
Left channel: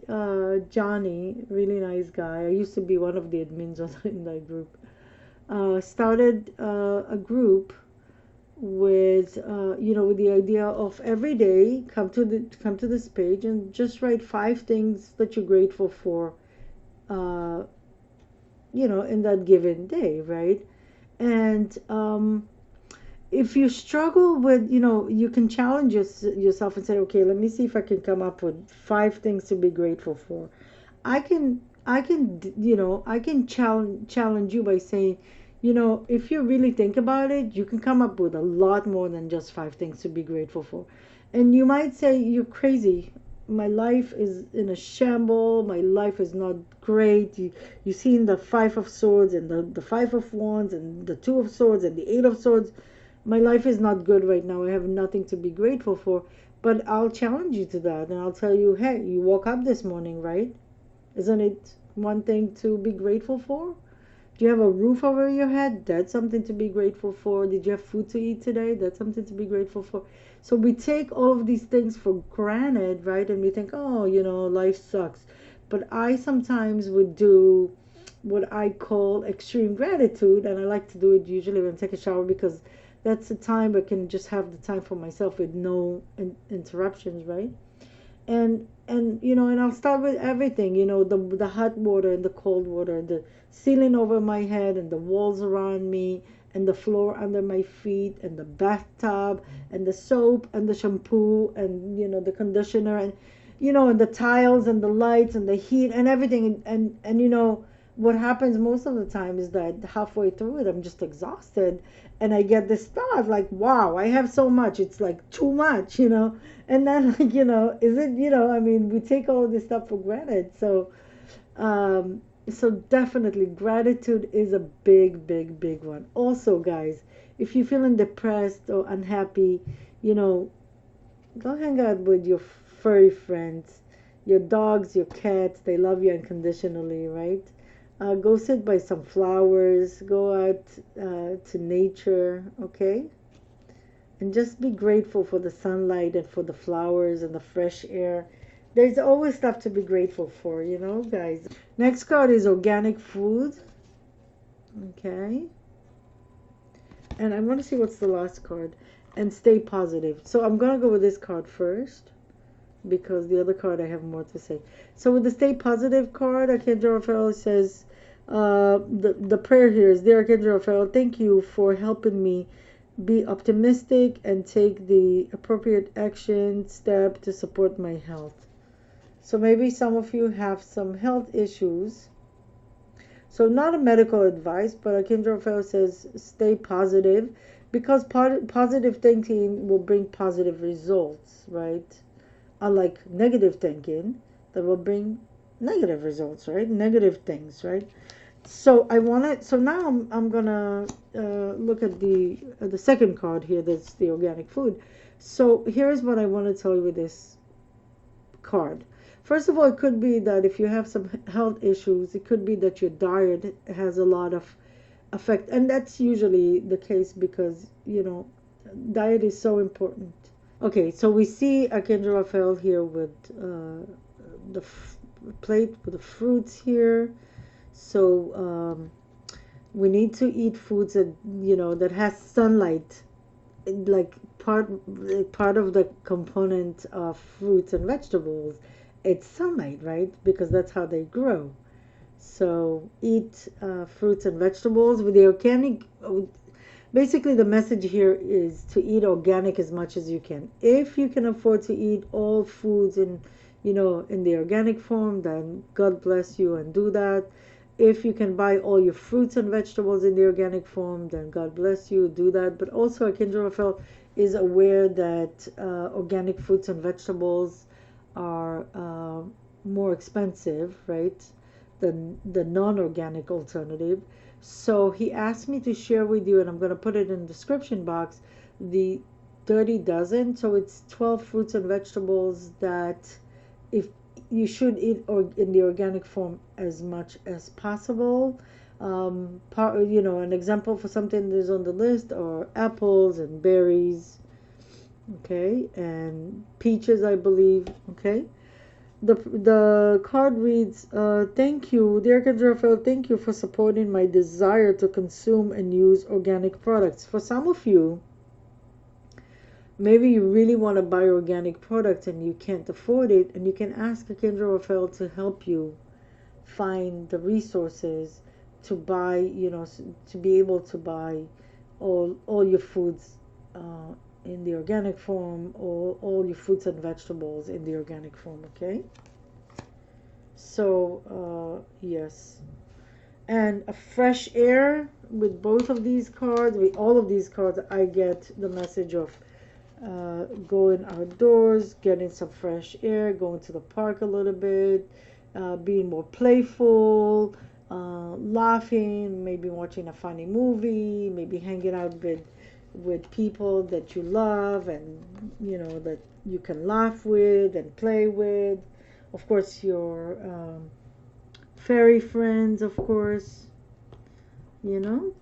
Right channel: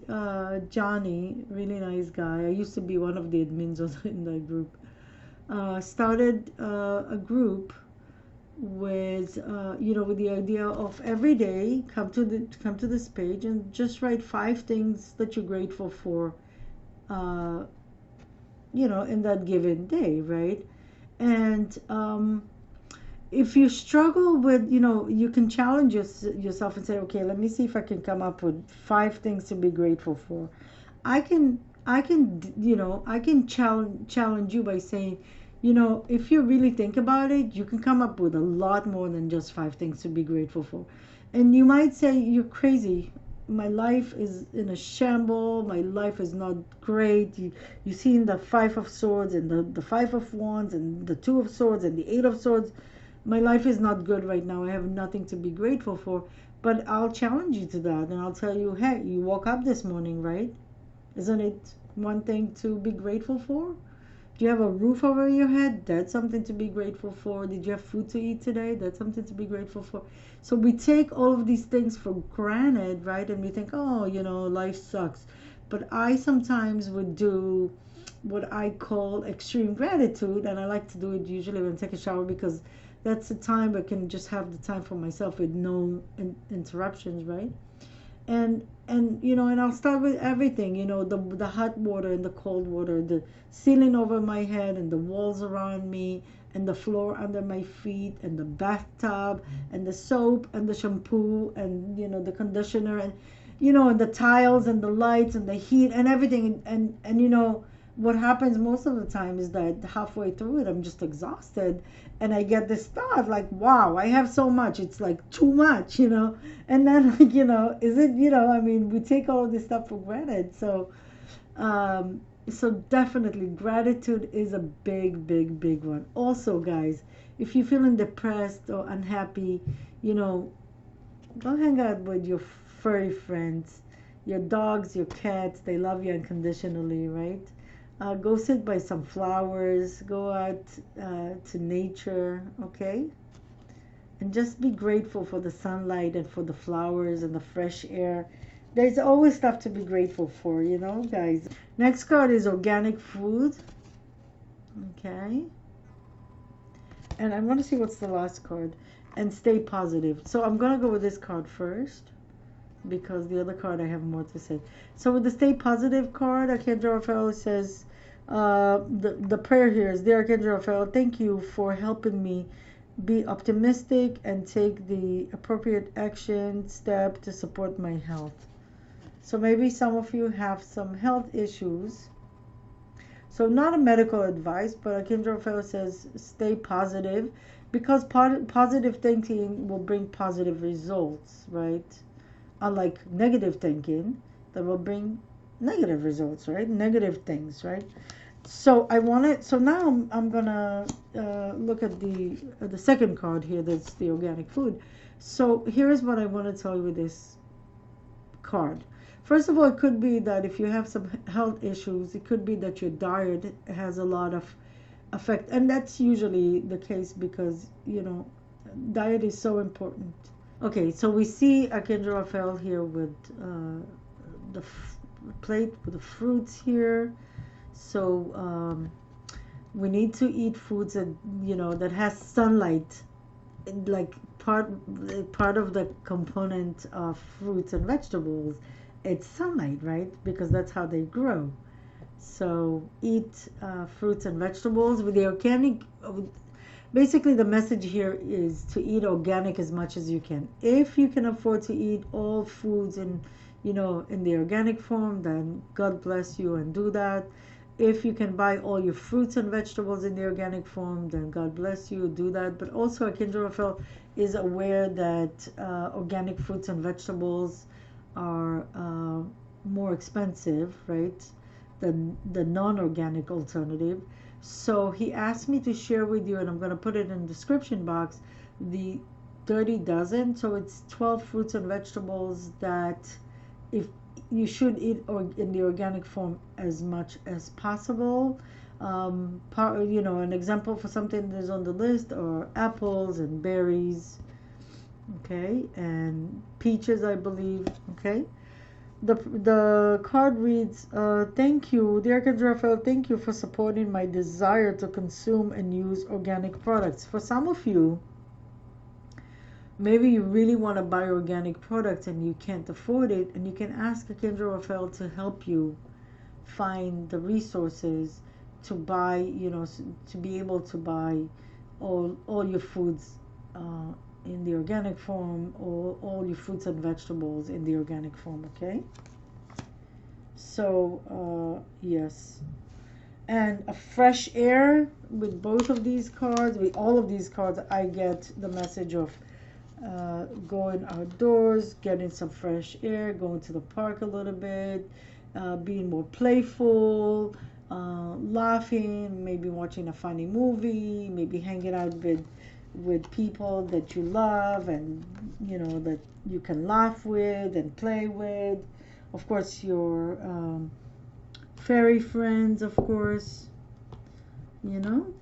Johnny, really nice guy. I used to be one of the admins in that group. Started a group with with the idea of every day come to this page and just write 5 things that you're grateful for in that given day, right? And if you struggle with, you can challenge yourself and say, okay, let me see if I can come up with 5 things to be grateful for. I can challenge you by saying, if you really think about it, you can come up with a lot more than just 5 things to be grateful for. And you might say, you're crazy. My life is in a shamble. My life is not great. You've seen the 5 of Swords and the 5 of Wands and the 2 of Swords and the 8 of Swords. My life is not good right now. I have nothing to be grateful for. But I'll challenge you to that, and I'll tell you, hey, you woke up this morning, right? Isn't it one thing to be grateful for? Do you have a roof over your head? That's something to be grateful for. Did you have food to eat today? That's something to be grateful for. So we take all of these things for granted, right? And we think, oh, life sucks. But I sometimes would do what I call extreme gratitude, and I like to do it usually when I take a shower because that's the time I can just have the time for myself with no interruptions, right? And you know, and I'll start with everything, you know, the hot water and the cold water, the ceiling over my head and the walls around me and the floor under my feet and the bathtub and the soap and the shampoo and you know the conditioner and you know and the tiles and the lights and the heat and everything and you know what happens most of the time is that halfway through it I'm just exhausted and I get this thought like, wow, I have so much, it's like too much, you know. And then like, you know, is it, you know, I mean, we take all this stuff for granted. Um so definitely gratitude is a big one. Also, guys, if you're feeling depressed or unhappy, you know, go hang out with your furry friends, your dogs, your cats. They love you unconditionally, right? Go sit by some flowers. Go out to nature, okay? And just be grateful for the sunlight and for the flowers and the fresh air. There's always stuff to be grateful for, you know, guys. Next card is organic food, okay? And I want to see what's the last card. And stay positive. So I'm going to go with this card first because the other card I have more to say. So with the stay positive card, Archangel Raphael says, the prayer here is, dear Archangel Raphael, thank you for helping me be optimistic and take the appropriate action step to support my health. So maybe some of you have some health issues. So not a medical advice, but Archangel Raphael says stay positive because positive thinking will bring positive results, right? Unlike negative thinking that will bring negative results, right? Negative things, right? So I want to. So now I'm gonna look at the second card here. That's the organic food. So here is what I want to tell you with this card. First of all, it could be that if you have some health issues, it could be that your diet has a lot of effect, and that's usually the case because you know diet is so important. Okay, so we see Archangel Raphael here with the plate with the fruits here. So we need to eat foods that you know that has sunlight, like part of the component of fruits and vegetables. It's sunlight, right? Because that's how they grow. So eat fruits and vegetables with the organic. Basically, the message here is to eat organic as much as you can. If you can afford to eat all foods in, you know, in the organic form, then God bless you and do that. If you can buy all your fruits and vegetables in the organic form, then God bless you, do that. But also, Archangel Raphael is aware that organic fruits and vegetables are more expensive, right, than the non-organic alternative. So he asked me to share with you, and I'm going to put it in the description box, the 30 dozen. So it's 12 fruits and vegetables that if you should eat or in the organic form as much as possible. You know, an example for something that is on the list are apples and berries, okay, and peaches, I believe, okay. The card reads, thank you, dear Archangel Raphael, thank you for supporting my desire to consume and use organic products. For some of you, maybe you really want to buy organic products and you can't afford it, and you can ask Archangel Raphael to help you find the resources to buy, you know, to be able to buy all your foods in the organic form, or all your fruits and vegetables in the organic form, okay? So yes, and a fresh air with both of these cards, with all of these cards, I get the message of going outdoors, getting some fresh air, going to the park a little bit, being more playful, laughing, maybe watching a funny movie, maybe hanging out with people that you love and you know that you can laugh with and play with. Of course, your fairy friends, of course, you know.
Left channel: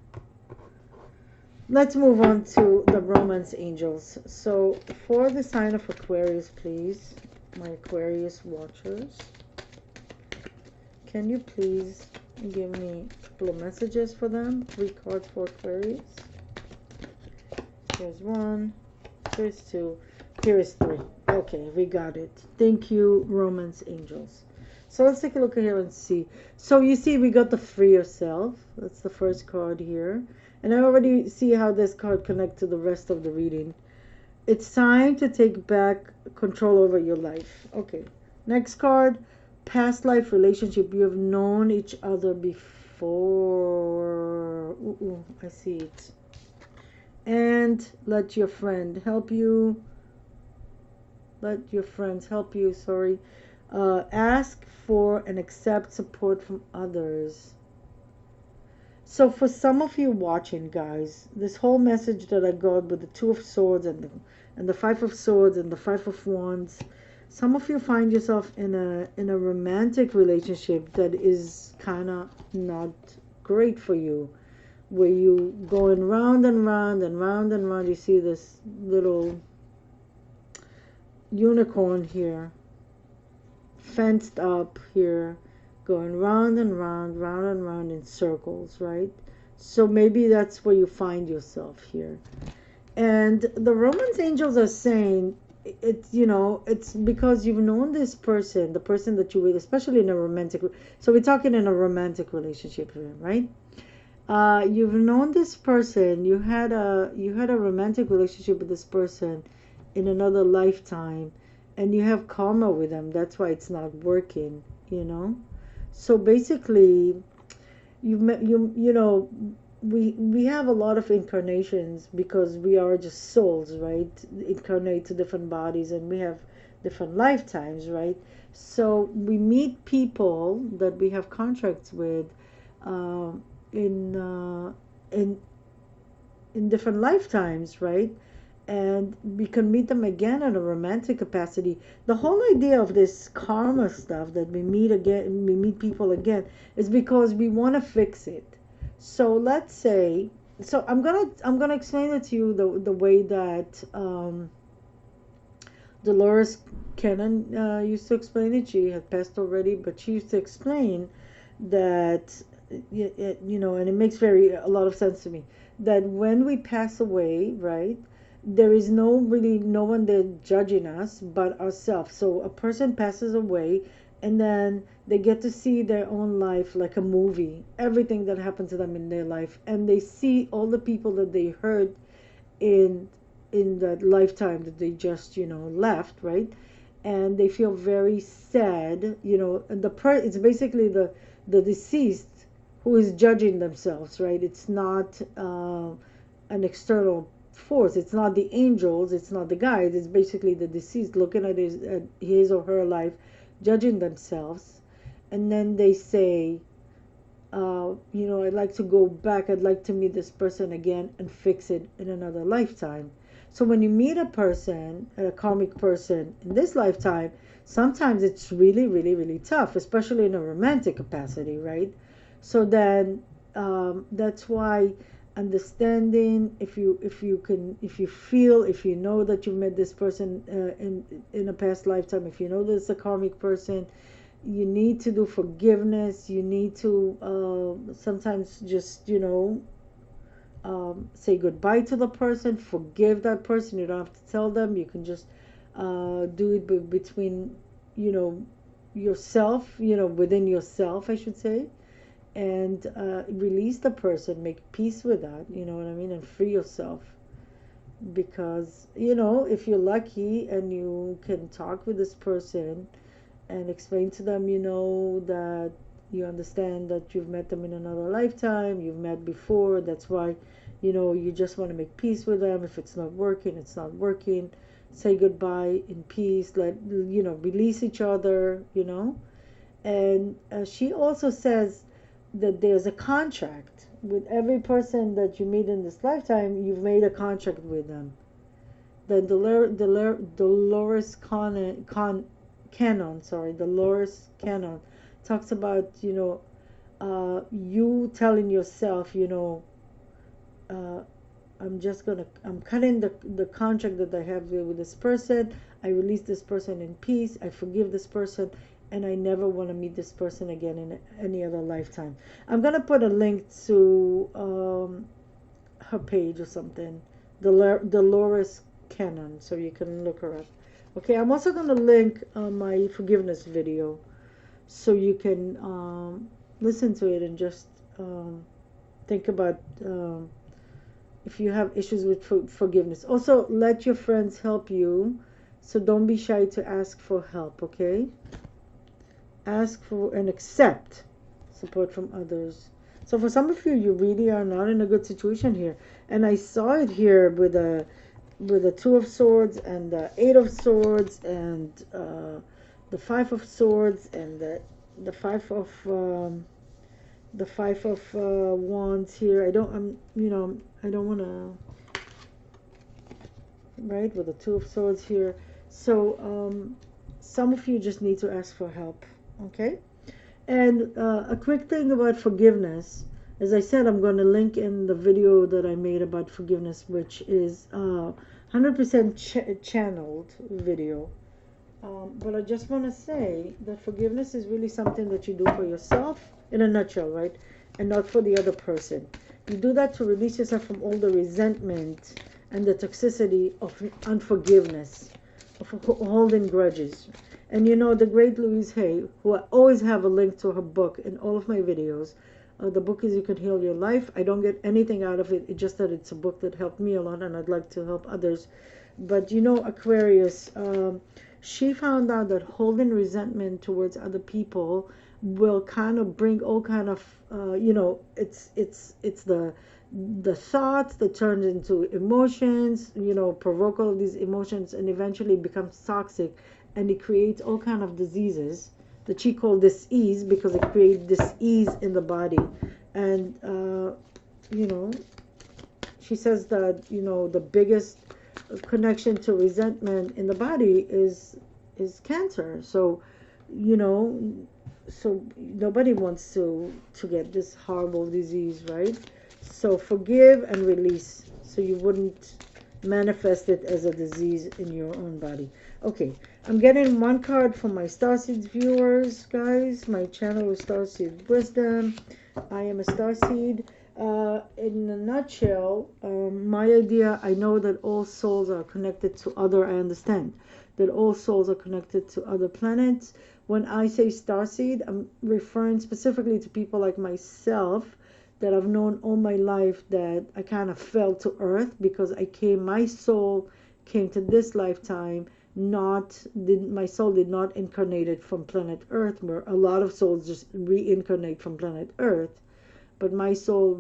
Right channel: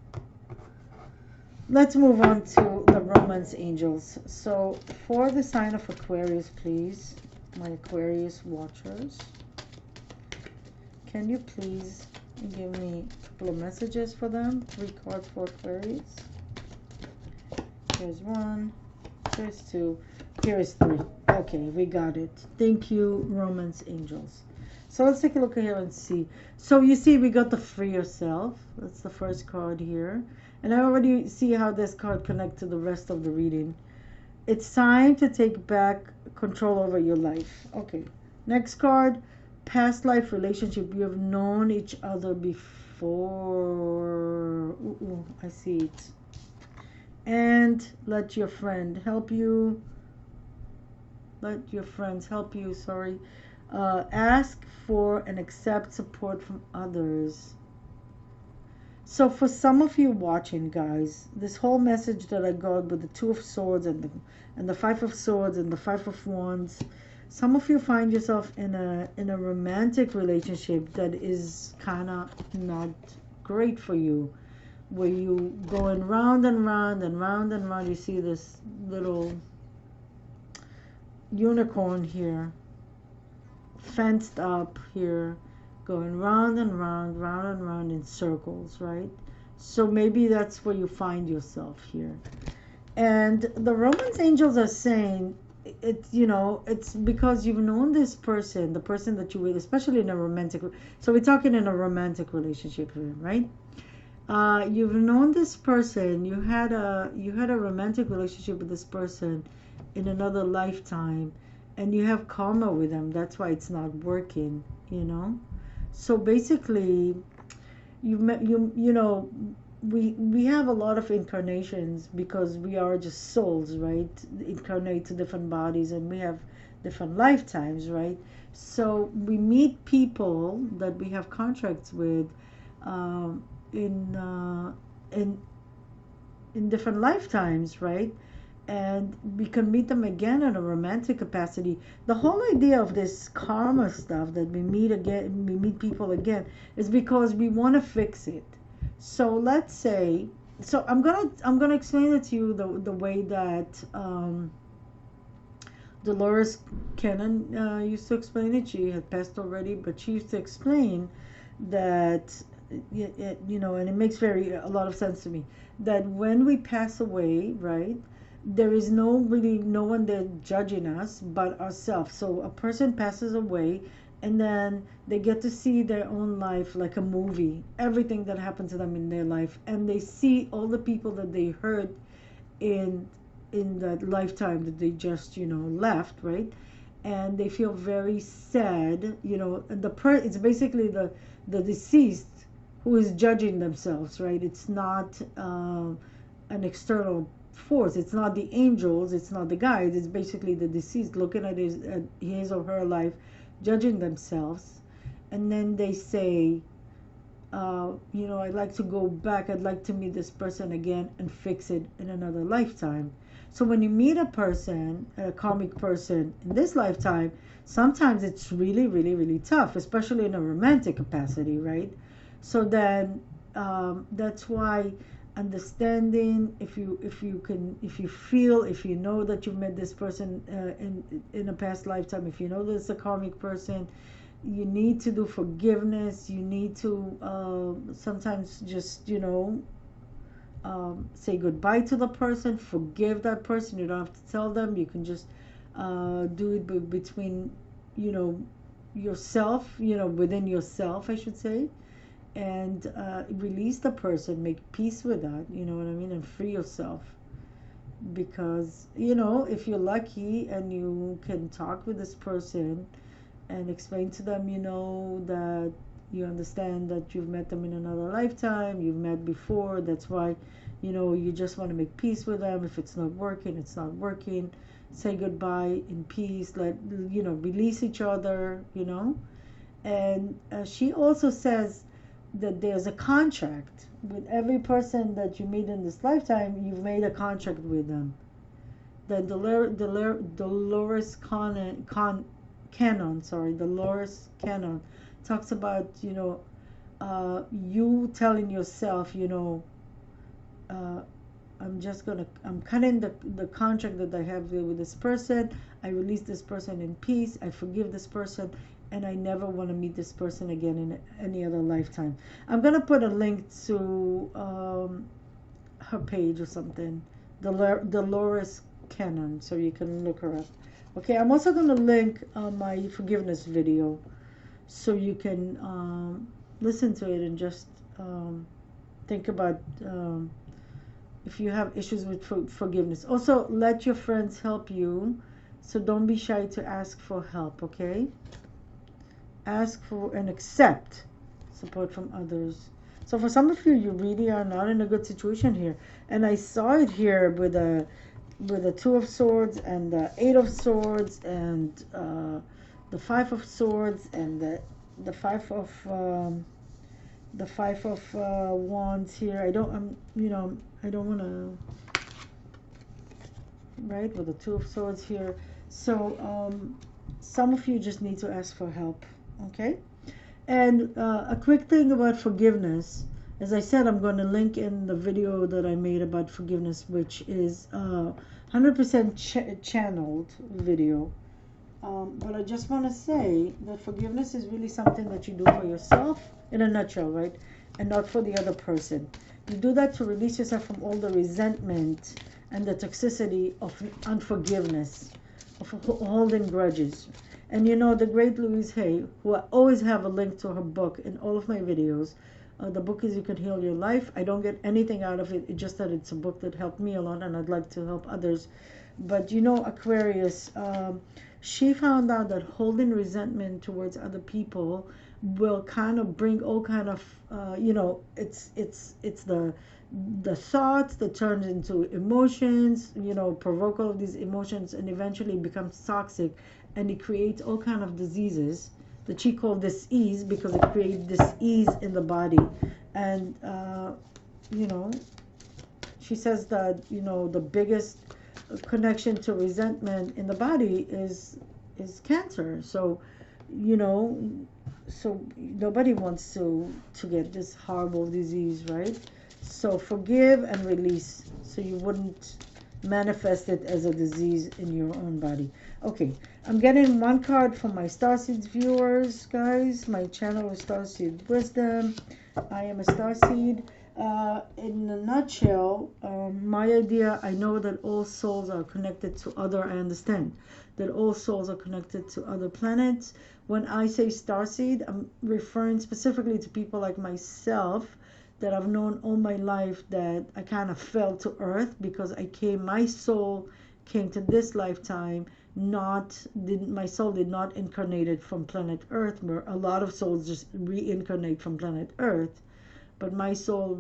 Let's move on to the romance angels. So for the sign of Aquarius, please, my Aquarius watchers, can you please give me a couple of messages for them? 3 cards for Aquarius. Here's one. Here's two. Here's three. Okay, we got it. Thank you, Romance Angels. So let's take a look here and see. So you see we got the free yourself. That's the first card here. And I already see how this card connects to the rest of the reading. It's time to take back control over your life. Okay. Next card, past life relationship. You have known each other before. Ooh, I see it. And let your friend help you. Let your friends help you. Sorry. Ask for and accept support from others. So for some of you watching, guys, this whole message that I got with the Two of Swords and the Five of Swords and the Five of Wands, some of you find yourself in a romantic relationship that is kind of not great for you, where you going round and round and round and round. You see this little unicorn here, fenced up here, going round and round in circles, right? So maybe that's where you find yourself here. And the Romance Angels are saying it's, you know, it's because you've known this person, the person that you with, especially in a romantic. So we're talking in a romantic relationship here, right? You've known this person. You had a romantic relationship with this person in another lifetime, and you have karma with them. That's why it's not working. You know. So basically, you know, we have a lot of incarnations because we are just souls, right? Incarnate to different bodies, and we have different lifetimes, right? So we meet people that we have contracts with, um, in uh, in in different lifetimes, right? And we can meet them again in a romantic capacity. The whole idea of this karma stuff that we meet again, we meet people again, is because we want to fix it. So let's say, so I'm gonna explain it to you the way that Dolores Cannon used to explain it. She had passed already, but she used to explain that you know, and it makes a lot of sense to me, that when we pass away, right, there is no one there judging us but ourselves. So a person passes away, and then they get to see their own life like a movie, everything that happened to them in their life, and they see all the people that they hurt in that lifetime that they just, you know, left, right? And they feel very sad, you know, and it's basically the deceased who is judging themselves, right? It's not an external force. It's not the angels, it's not the guides. It's basically the deceased looking at his or her life, judging themselves. And then they say, you know, I'd like to go back, I'd like to meet this person again and fix it in another lifetime. So when you meet a person, a karmic person in this lifetime, sometimes it's really, really, really tough, especially in a romantic capacity, right? So then that's why understanding, if you know that you met this person in a past lifetime, if you know that it's a karmic person, you need to do forgiveness. You need to sometimes just, you know, say goodbye to the person, forgive that person. You don't have to tell them. You can just do it between, you know, yourself, you know, within yourself, I should say, and release the person, make peace with that, you know what I mean, and free yourself. Because, you know, if you're lucky and you can talk with this person and explain to them, you know, that you understand that you've met them in another lifetime, you've met before, that's why, you know, you just want to make peace with them. If it's not working, it's not working. Say goodbye in peace, let, you know, release each other, you know. And she also says that there's a contract with every person that you meet in this lifetime. You've made a contract with them. The Dolores Dolores Cannon talks about, you know, you telling yourself, you know, uh, I'm cutting the contract that I have here with this person. I release this person in peace. I forgive this person, and I never want to meet this person again in any other lifetime. I'm gonna put a link to her page or something Dolores Cannon, so you can look her up. Okay, I'm also going to link my forgiveness video, so you can listen to it and just think about if you have issues with forgiveness. Also, let your friends help you, so don't be shy to ask for help, okay? Ask for and accept support from others. So for some of you, you really are not in a good situation here. And I saw it here with the Two of Swords and the Eight of Swords and the Five of Swords and the Five of Wands here. I don't I don't want to, right, with the Two of Swords here. So some of you just need to ask for help, okay? And a quick thing about forgiveness. As I said, I'm going to link in the video that I made about forgiveness, which is 100% channeled video. But I just want to say that forgiveness is really something that you do for yourself, in a nutshell, right? And not for the other person. You do that to release yourself from all the resentment and the toxicity of unforgiveness, of holding grudges. And you know, the great Louise Hay, who I always have a link to her book in all of my videos. The book is You Can Heal Your Life. I don't get anything out of it. It's just that it's a book that helped me a lot, and I'd like to help others. But you know, Aquarius, she found out that holding resentment towards other people will kind of bring all kind of, it's the thoughts that turns into emotions, provoke all these emotions and eventually becomes toxic, and it creates all kind of diseases that she called dis-ease, because it creates dis-ease in the body. And she says that the biggest connection to resentment in the body is cancer. So so nobody wants to get this horrible disease, right? So forgive and release, so you wouldn't manifest it as a disease in your own body. Okay, I'm getting one card from my StarSeeds viewers, guys. My channel is StarSeed Wisdom. I am a StarSeed. In a nutshell, my idea, I know that all souls are connected to other, I understand that all souls are connected to other planets. When I say Starseed, I'm referring specifically to people like myself that I've known all my life, that I kind of fell to earth because my soul came to this lifetime, my soul did not incarnate from planet Earth, where a lot of souls just reincarnate from planet Earth, but my soul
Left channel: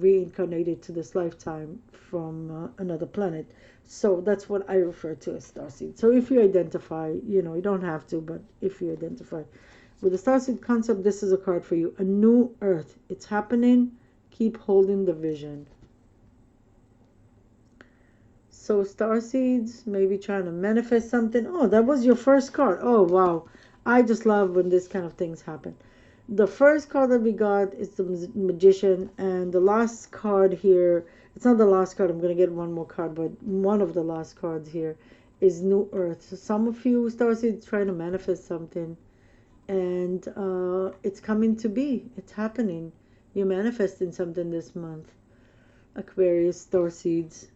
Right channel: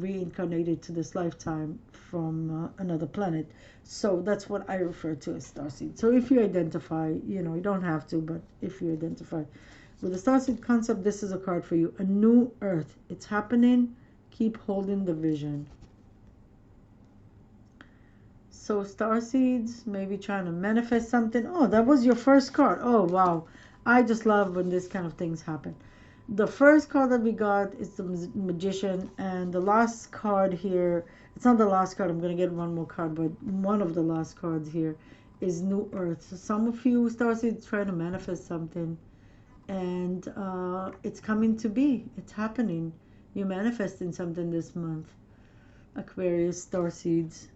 reincarnated to this lifetime from another planet. So that's what I refer to as starseed. So if you identify, you don't have to, but if you identify with the starseed concept, this is a card for you. A new earth. It's happening. Keep holding the vision. So starseeds, maybe trying to manifest something. Oh, that was your first card. Oh, wow. I just love when this kind of things happen. The first card that we got is the Magician, and the last card here, it's not the last card, I'm going to get one more card, but one of the last cards here is New Earth. So some of you starseeds trying to manifest something, and it's coming to be. It's happening. You're manifesting something this month. Aquarius starseeds.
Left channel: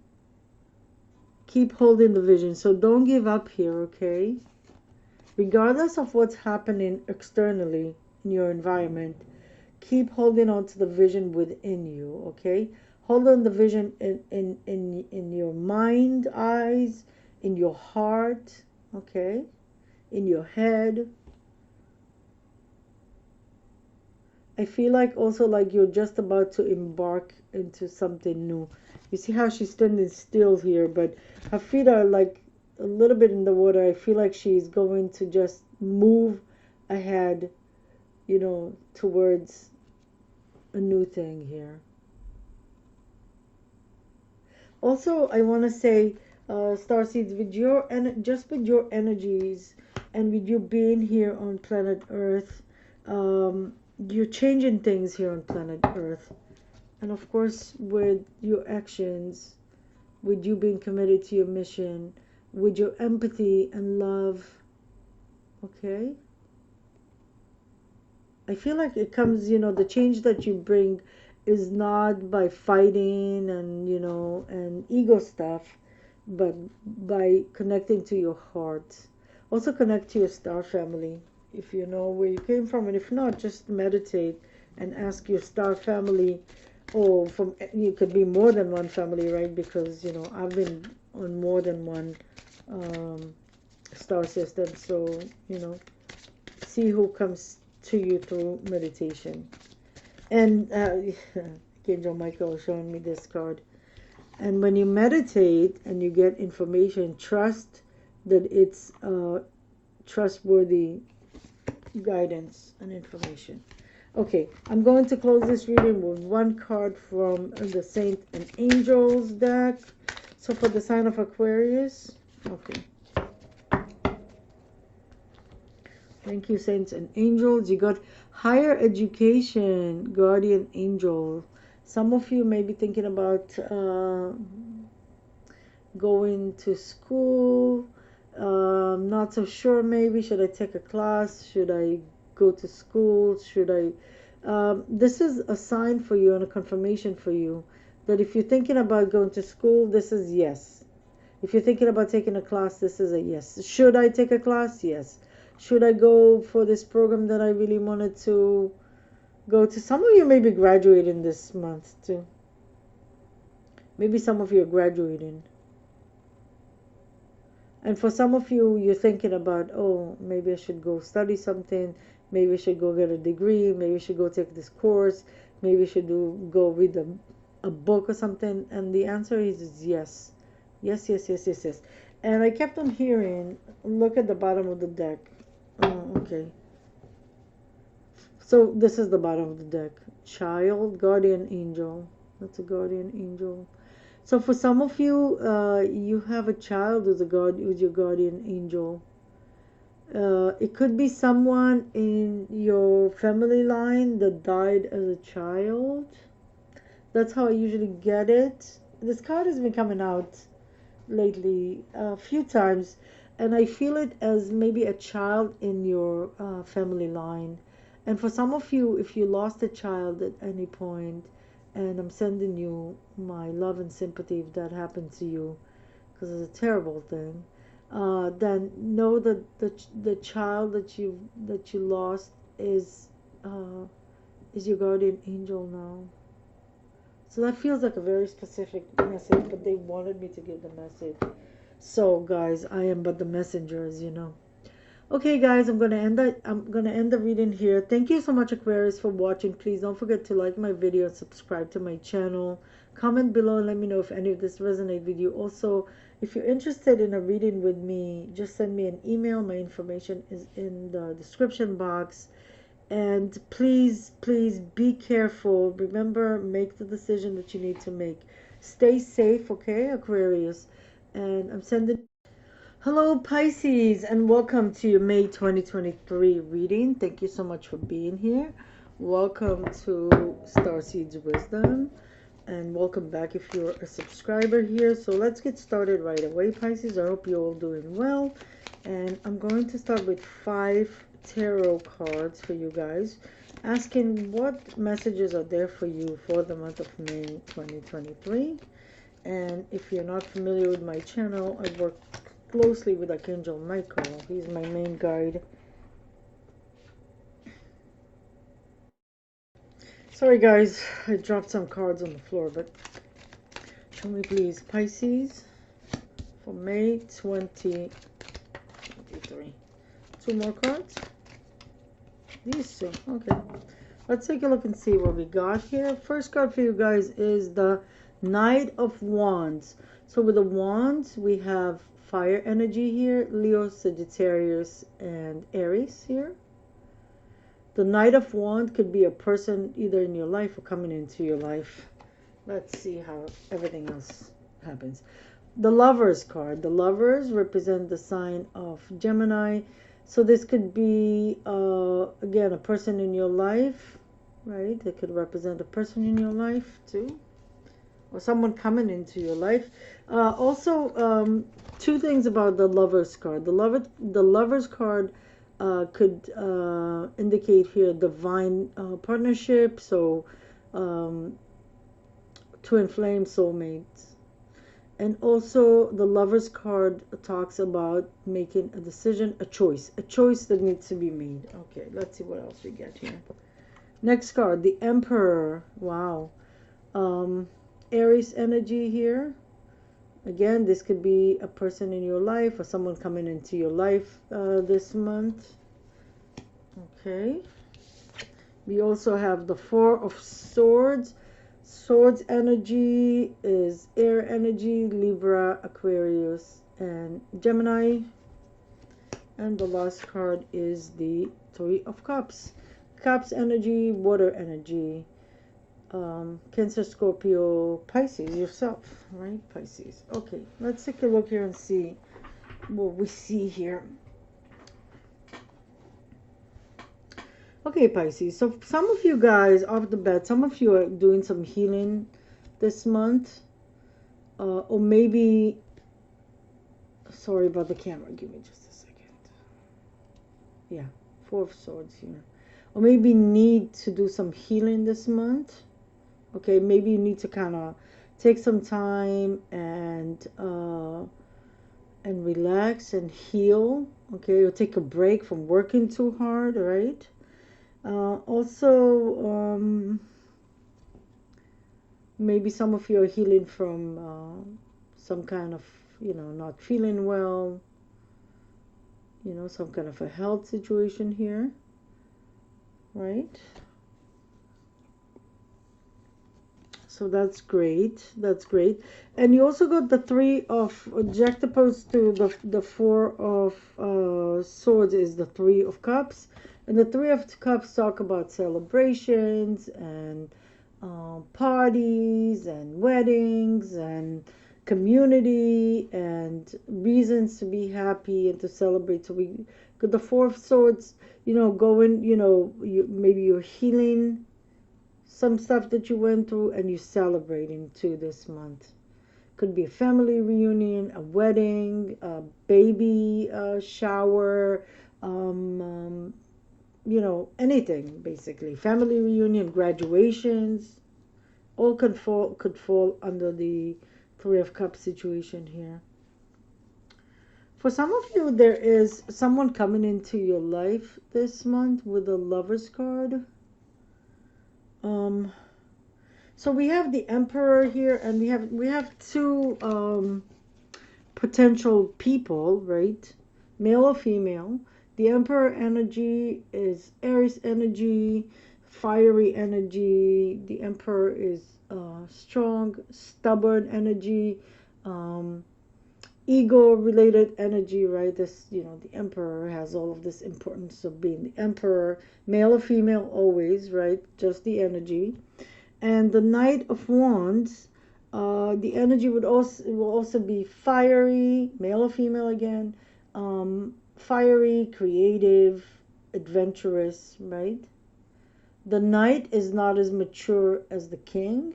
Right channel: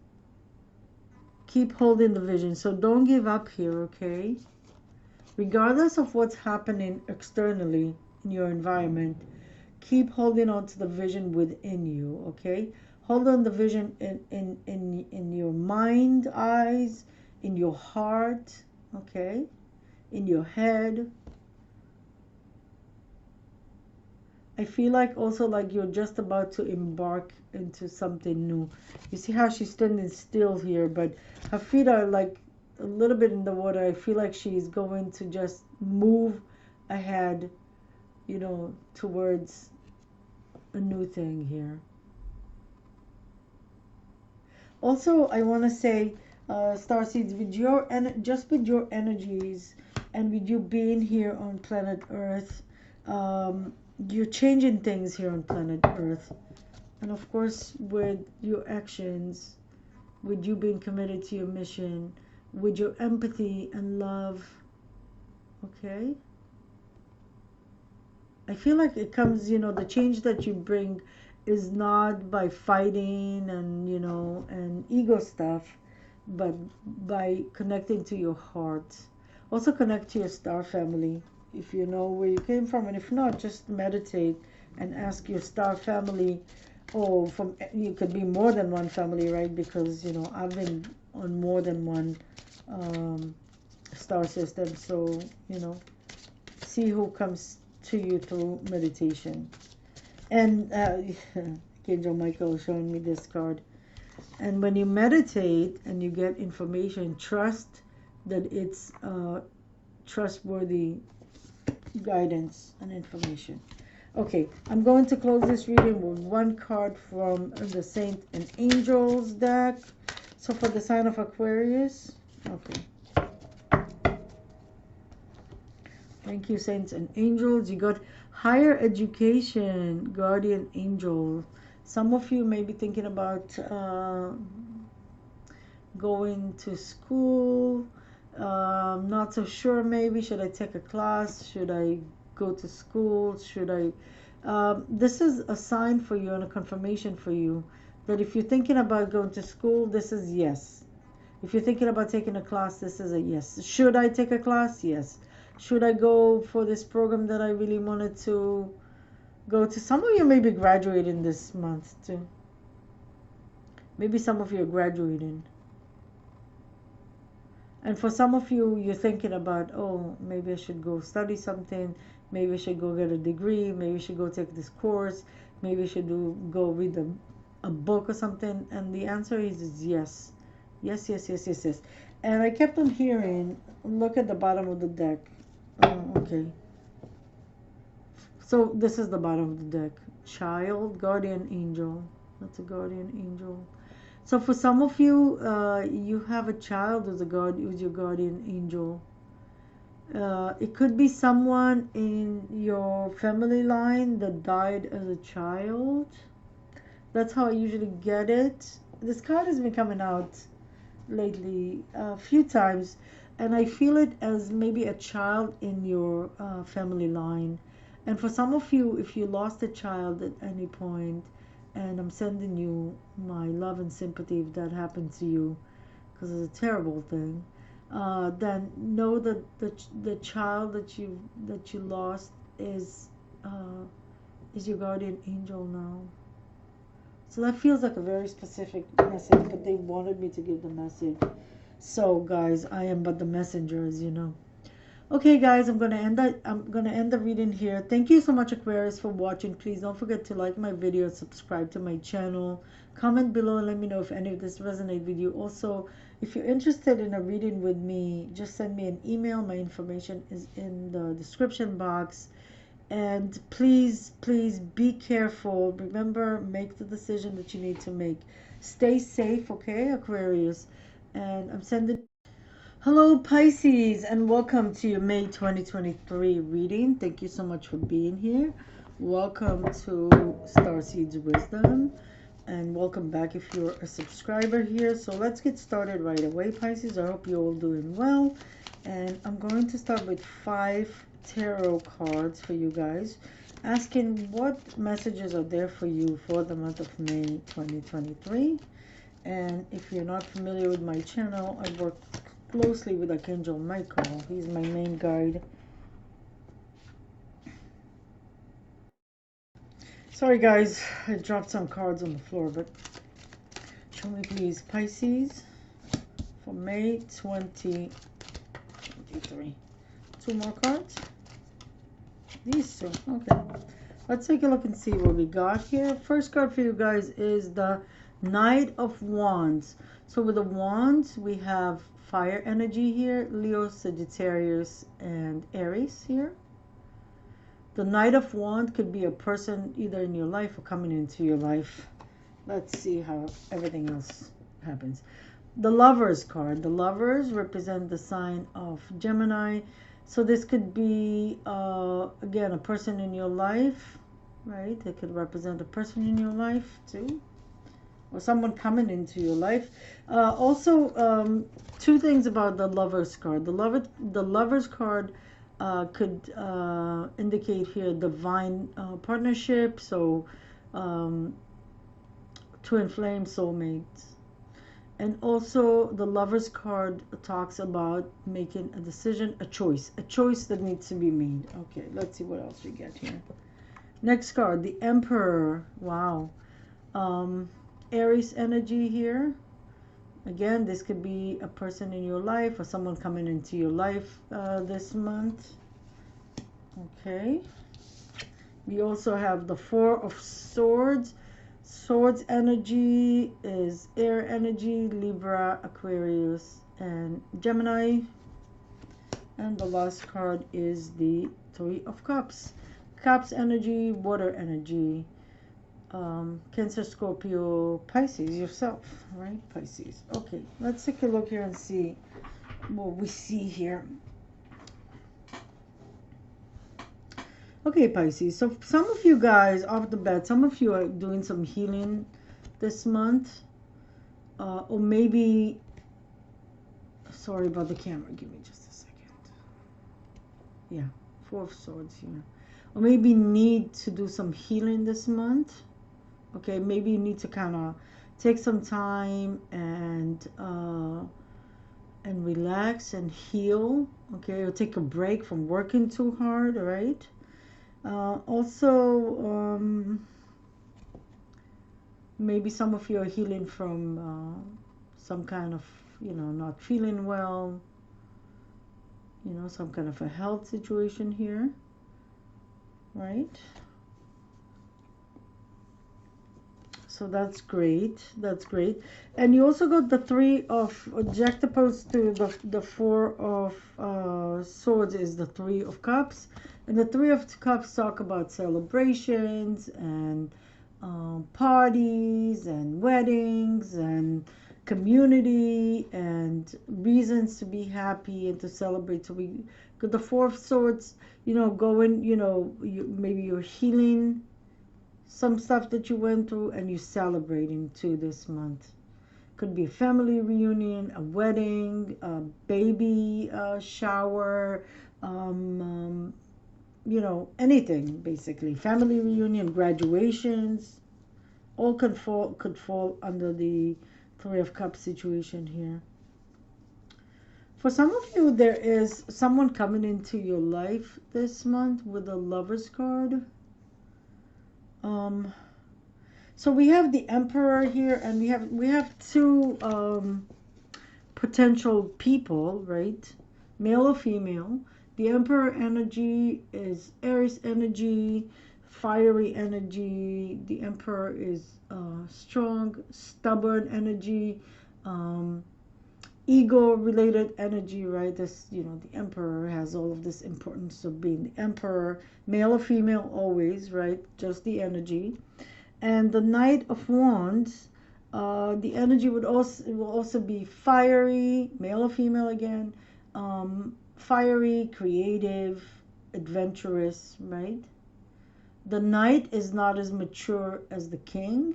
Keep holding the vision. So don't give up here, okay? Regardless of what's happening externally in your environment, keep holding on to the vision within you, okay? Hold on the vision in your mind, eyes, in your heart, okay? In your head. I feel like also like you're just about to embark into something new. You see how she's standing still here, but her feet are like a little bit in the water. I feel like she's going to just move ahead, towards a new thing here. Also, I want to say, starseeds, with your just with your energies and with you being here on planet Earth, you're changing things here on planet Earth. And of course, with your actions, with you being committed to your mission, with your empathy and love, okay? I feel like it comes, the change that you bring is not by fighting and and ego stuff, but by connecting to your heart. Also connect to your star family if you know where you came from, and if not, just meditate and ask your star family, or from it could be more than one family, right? Because I've been on more than one um, star system, so see who comes to you through meditation. And Angel Michael is showing me this card. And when you meditate and you get information, trust that it's trustworthy guidance and information. Okay, I'm going to close this reading with one card from the Saint and Angels deck. So for the sign of Aquarius, okay. Thank you, Saints and Angels. You got higher education, guardian angel. Some of you may be thinking about going to school. Not so sure, maybe. Should I take a class? Should I go to school? Should I? This is a sign for you and a confirmation for you that if you're thinking about going to school, this is yes. If you're thinking about taking a class, this is a yes. Should I take a class? Yes. Should I go for this program that I really wanted to go to? Some of you may be graduating this month too. Maybe some of you are graduating. And for some of you, you're thinking about, oh, maybe I should go study something. Maybe I should go get a degree. Maybe I should go take this course. Maybe I should go read a book or something. And the answer is yes. Yes, yes, yes, yes, yes. And I kept on hearing, look at the bottom of the deck. Oh, okay. So this is the bottom of the deck. Child, guardian angel. That's a guardian angel. So for some of you, you have a child who's your guardian angel. It could be someone in your family line that died as a child. That's how I usually get it. This card has been coming out lately a few times, and I feel it as maybe a child in your family line. And for some of you, if you lost a child at any point, and I'm sending you my love and sympathy if that happened to you, because it's a terrible thing. Then know that the child that you lost is your guardian angel now. So that feels like a very specific message, but they wanted me to give the message. So guys, I am but the messenger, as you know. Okay, guys, I'm gonna end the reading here. Thank you so much, Aquarius, for watching. Please don't forget to like my video, subscribe to my channel, comment below, let me know if any of this resonates with you. Also, if you're interested in a reading with me, just send me an email. My information is in the description box. And please, please be careful. Remember, make the decision that you need to make. Stay safe, okay, Aquarius? And I'm sending. Hello, Pisces, and welcome to your May 2023 reading. Thank you so much for being here. Welcome to StarSeeds Wisdom, and welcome back if you're a subscriber here. So let's get started right away, Pisces. I hope you're all doing well. And I'm going to start with 5 tarot cards for you guys, asking what messages are there for you for the month of May 2023. And if you're not familiar with my channel, I work closely with Archangel Michael. He's my main guide. Sorry guys, I dropped some cards on the floor, but show me please, Pisces, for May 2023. 2 more cards. These two. Okay. Let's take a look and see what we got here. First card for you guys is the Knight of Wands. So with the Wands, we have fire energy here, Leo, Sagittarius, and Aries here. The Knight of Wands could be a person either in your life or coming into your life. Let's see how everything else happens. The Lovers card. The Lovers represent the sign of Gemini. So this could be, again, a person in your life, right? It could represent a person in your life too, or someone coming into your life. Also, 2 things about the Lovers card. The Lovers card could indicate here divine partnership. So um, twin flame soulmates. And also the Lover's card talks about making a decision, a choice that needs to be made. Okay, let's see what else you get here. Next card, the Emperor. Wow. um, Aries energy here. Again, this could be a person in your life or someone coming into your life this month. Okay. We also have the Four of Swords. Swords energy is air energy, Libra, Aquarius, and Gemini. And the last card is the Three of Cups. Cups energy, water energy. Cancer, Scorpio, Pisces, yourself, right? Pisces. Okay, let's take a look here and see what we see here. Okay, Pisces. So some of you guys, off the bat, some of you are doing some healing this month. Or maybe, sorry about the camera. Give me just a second. Yeah, Four of Swords here. Or maybe need to do some healing this month. Okay, maybe you need to kind of take some time and relax and heal. Okay, or take a break from working too hard, right? Also, maybe some of you are healing from some kind of, not feeling well, some kind of a health situation here, right? So that's great. That's great. And you also got the Three of, juxtaposed to the Four of Swords is the Three of Cups. And the Three of Cups talk about celebrations and parties and weddings and community and reasons to be happy and to celebrate. So we got the Four of Swords, going, maybe you're healing some stuff that you went through and you're celebrating too this month. Could be a family reunion, a wedding, a baby shower, anything basically. Family reunion, graduations, all could fall under the Three of Cups situation here. For some of you, there is someone coming into your life this month with a Lover's card. So we have the Emperor here, and we have two potential people, right? Male or female. The Emperor energy is Aries energy, fiery energy. The Emperor is strong, stubborn energy, ego-related energy, right? This, the Emperor has all of this importance of being the Emperor, male or female, always, right? Just the energy. And the Knight of Wands, the energy will also be fiery, male or female again, fiery, creative, adventurous, right? The Knight is not as mature as the King,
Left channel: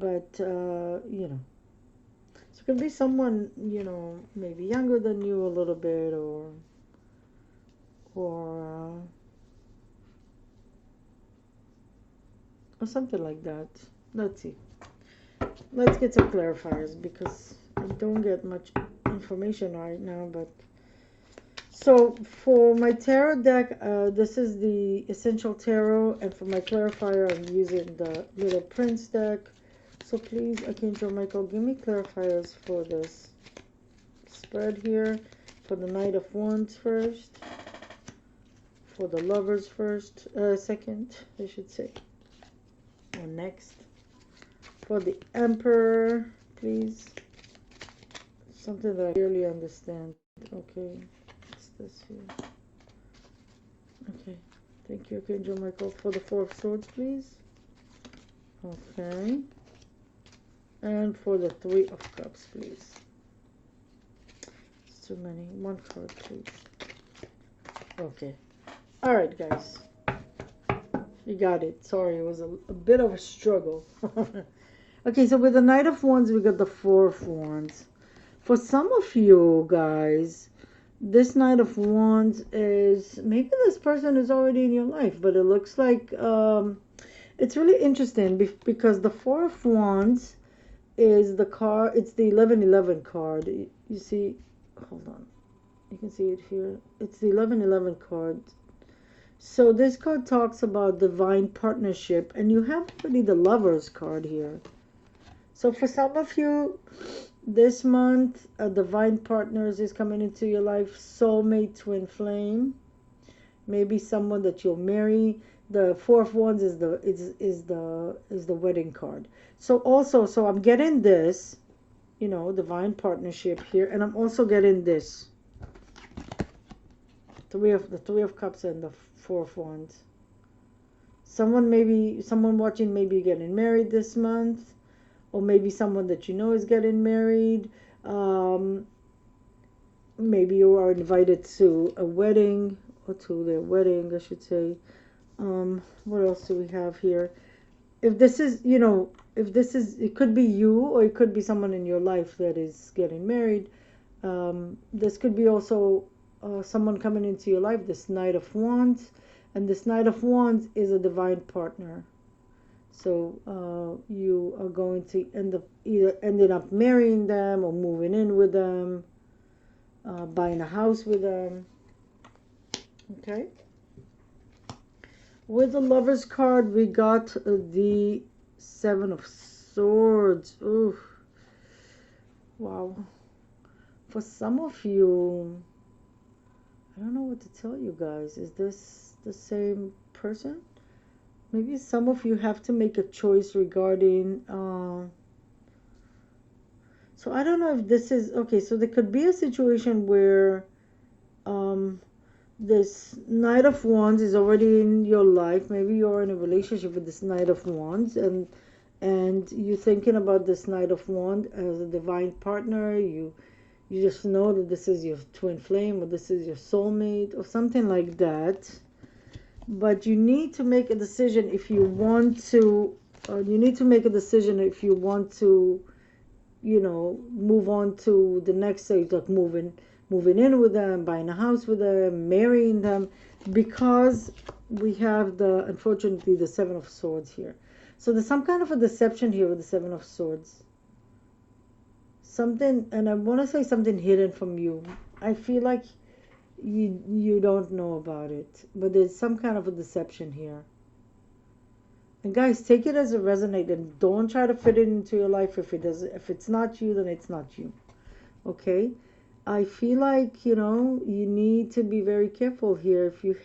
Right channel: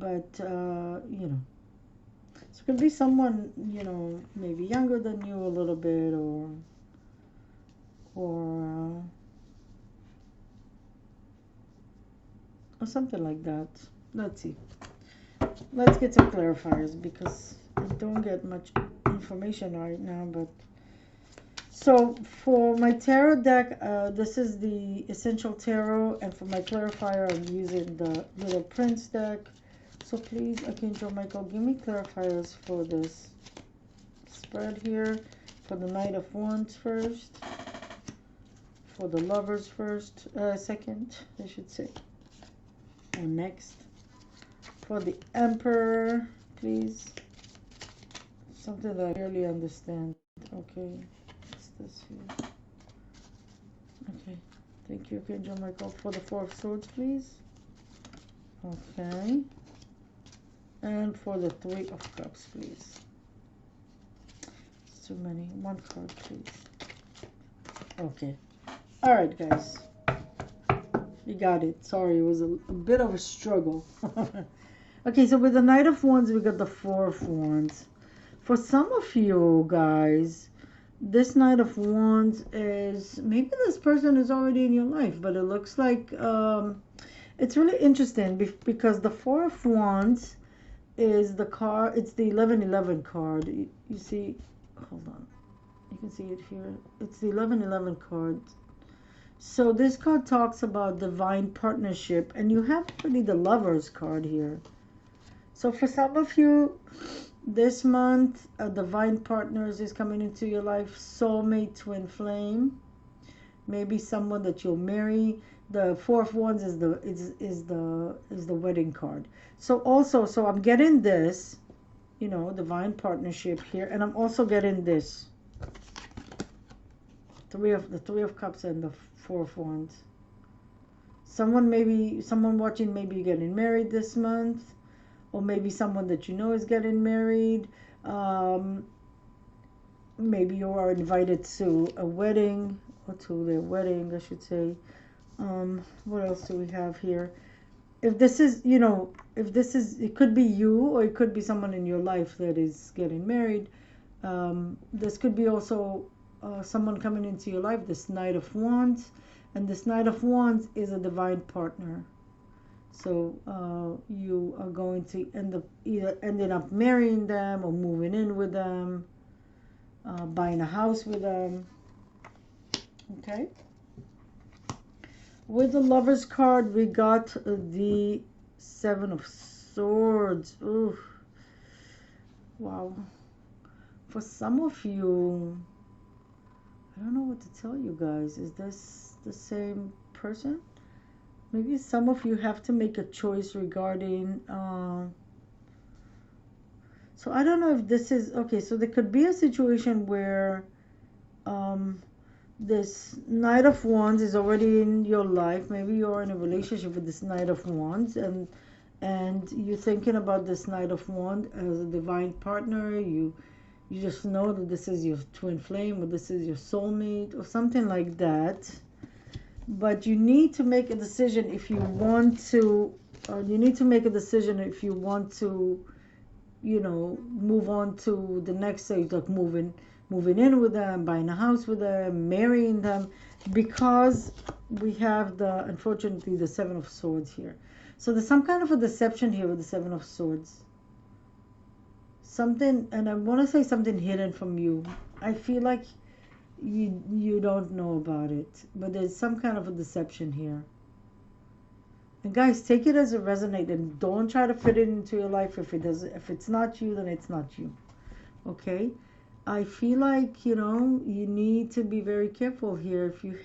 but so it could be someone, maybe younger than you a little bit, or something like that. Let's see. Let's get some clarifiers because I don't get much information right now. But so for my tarot deck, this is the Essential Tarot, and for my clarifier, I'm using the Little Prince deck. So please, Archangel Michael, give me clarifiers for this spread here. For the Knight of Wands first. For the Lovers first, second, I should say. And next, for the Emperor, please. Something that I really understand. Okay, what's this here? Okay, thank you, Archangel Michael. For the Four of Swords, please. Okay. And for the Three of Cups, please. It's too many. One card, please. Okay. All right, guys. You got it. Sorry, it was a bit of a struggle. Okay, so with the Knight of Wands, we got the Four of Wands. For some of you guys, this Knight of Wands is, maybe this person is already in your life, but it looks like It's really interesting because the Four of Wands is the card. It's the 1111 card. You see, hold on. You can see it here. It's the 1111 card. So this card talks about divine partnership, and you have really the Lovers card here. So for some of you, this month, a divine partners is coming into your life, soulmate, twin flame, maybe someone that you'll marry. The Four of Wands is the wedding card. So also, so I'm getting this, you know, divine partnership here, and I'm also getting this Three of Cups and the Four of Wands. Someone watching, maybe getting married this month, or maybe someone that you know is getting married. Um, Maybe you are invited to a wedding or to their wedding, I should say. What else do we have here? If this is, you know, if this is, it could be you or it could be someone in your life that is getting married. This could be also someone coming into your life, this Knight of Wands. And this Knight of Wands is a divine partner. So you are going to end up either ending up marrying them or moving in with them, buying a house with them. Okay. With the Lovers card, we got the Seven of Swords. Ooh, wow. For some of you, I don't know what to tell you guys. Is this the same person? Maybe some of you have to make a choice regarding. So I don't know if this is okay. So there could be a situation where um, this Knight of Wands is already in your life. Maybe you're in a relationship with this Knight of Wands, and you're thinking about this Knight of Wands as a divine partner. You just know that this is your twin flame, or this is your soulmate, or something like that. But you need to make a decision if you want to. You need to make a decision if you want to, you know, move on to the next stage, like moving in with them, buying a house with them, marrying them, because we have the, unfortunately, the Seven of Swords here. So there's some kind of a deception here with the Seven of Swords. Something, and I want to say something hidden from you. I feel like you don't know about it, but there's some kind of a deception here. And guys, take it as it resonates, and don't try to fit it into your life. If it's not you, then it's not you. Okay? I feel like, you know, you need to be very careful here. If you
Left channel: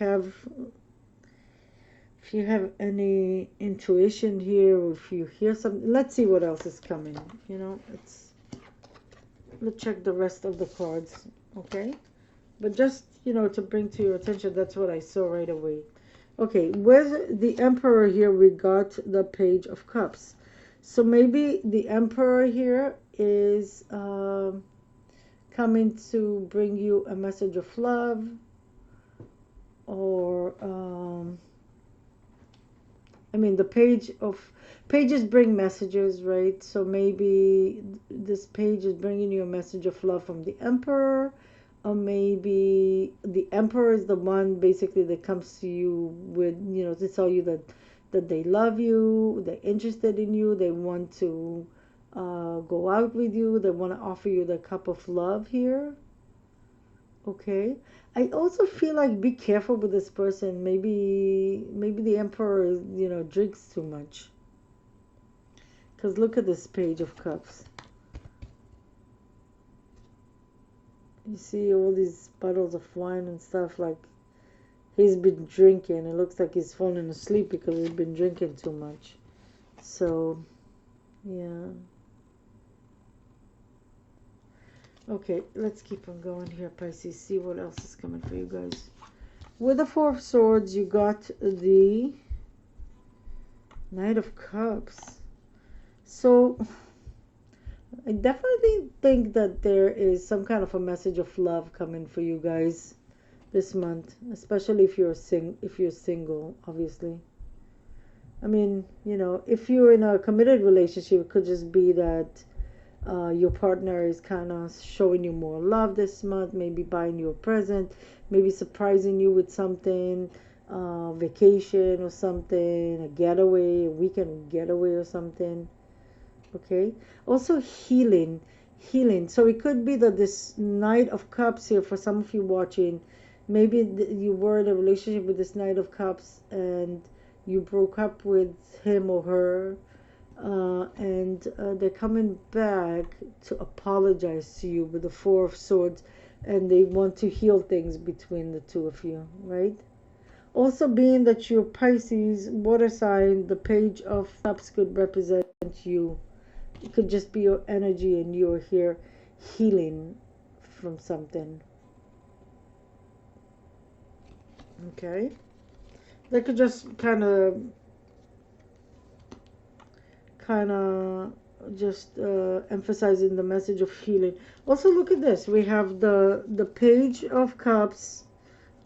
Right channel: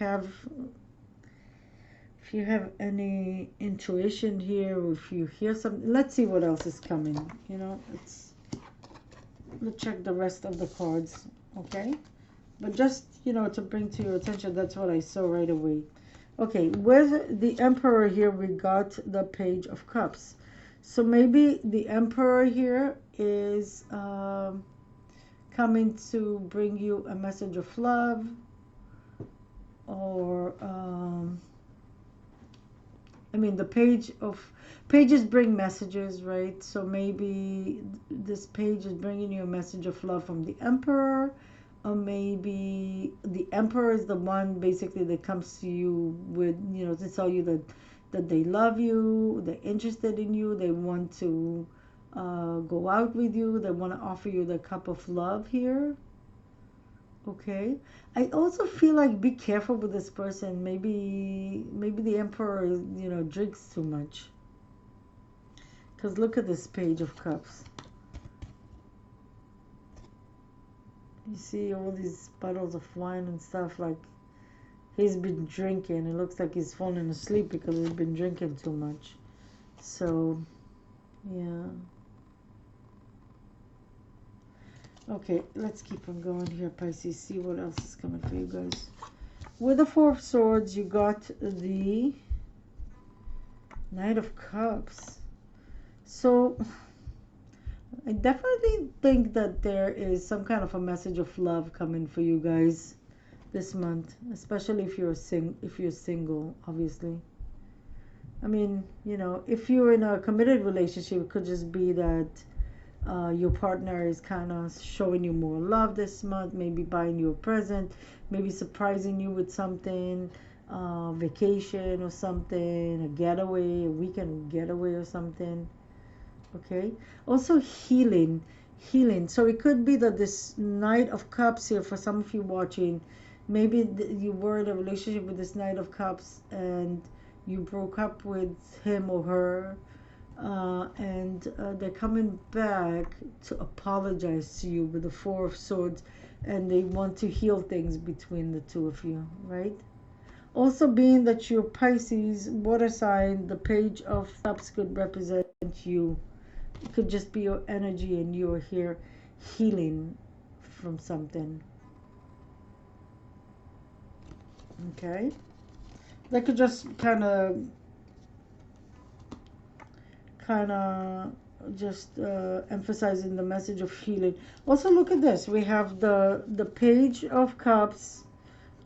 have any intuition here, or if you hear something, let's see what else is coming. You know, let's check the rest of the cards. Okay? But just, you know, to bring to your attention, that's what I saw right away. Okay, with the Emperor here, we got the Page of Cups. So maybe the Emperor here is coming to bring you a message of love, or I mean, the pages bring messages, right? So maybe this page is bringing you a message of love from the Emperor, or maybe the Emperor is the one basically that comes to you with, you know, to tell you that they love you, they're interested in you, they want to go out with you, they want to offer you the cup of love here. Okay. I also feel like be careful with this person. Maybe the Emperor, you know, drinks too much. Because look at this Page of Cups. You see all these bottles of wine and stuff, like he's been drinking. It looks like he's falling asleep because he's been drinking too much. So, yeah. Okay, let's keep on going here, Pisces. See what else is coming for you guys. With the Four of Swords, you got the Knight of Cups. So, I definitely think that there is some kind of a message of love coming for you guys this month, especially if you're single, obviously. I mean, you know, if you're in a committed relationship, it could just be that your partner is kind of showing you more love this month, maybe buying you a present, maybe surprising you with something. vacation or something, a getaway, a weekend getaway or something. Okay. Also healing, healing. So it could be that this Knight of Cups here, for some of you watching, maybe you were in a relationship with this Knight of Cups and you broke up with him or her, and they're coming back to apologize to you with the Four of Swords, and they want to heal things between the two of you, right? Also, being that you're Pisces, water sign, the Page of Cups could represent you. It could just be your energy and you're here healing from something. Okay? That could just kind of just emphasizing the message of healing. Also, look at this. We have the Page of Cups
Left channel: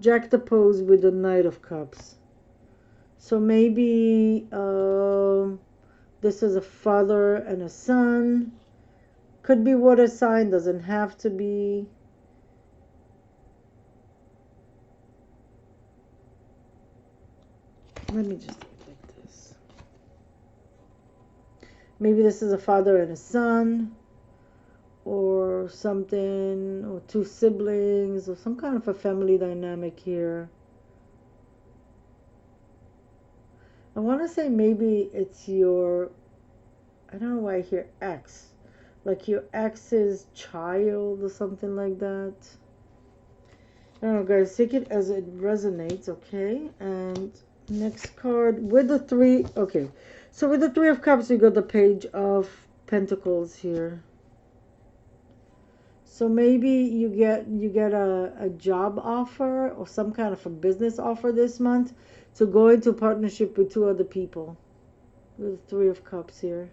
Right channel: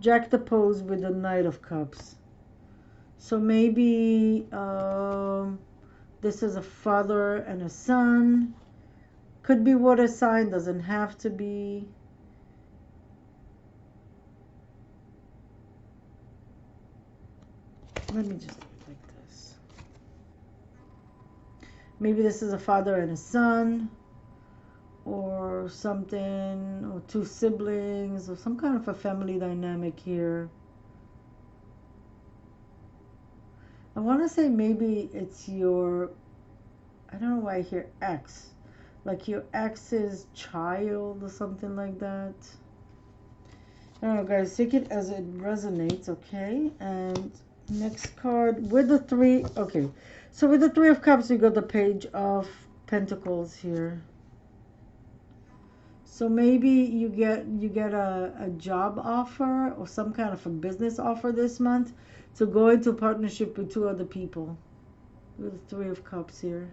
juxtaposed with the Knight of Cups. So maybe this is a father and a son. Could be water sign, doesn't have to be. Let me just look at this. Maybe this is a father and a son, or something, or two siblings, or some kind of a family dynamic here. I want to say maybe it's your, I don't know why I hear ex, like your ex's child or something like that. I don't know, guys, take it as it resonates, okay? And next card with the three, okay. So with the Three of Cups, we got the Page of Pentacles here. So maybe you get a job offer or some kind of a business offer this month to go into partnership with two other people. With the Three of Cups here.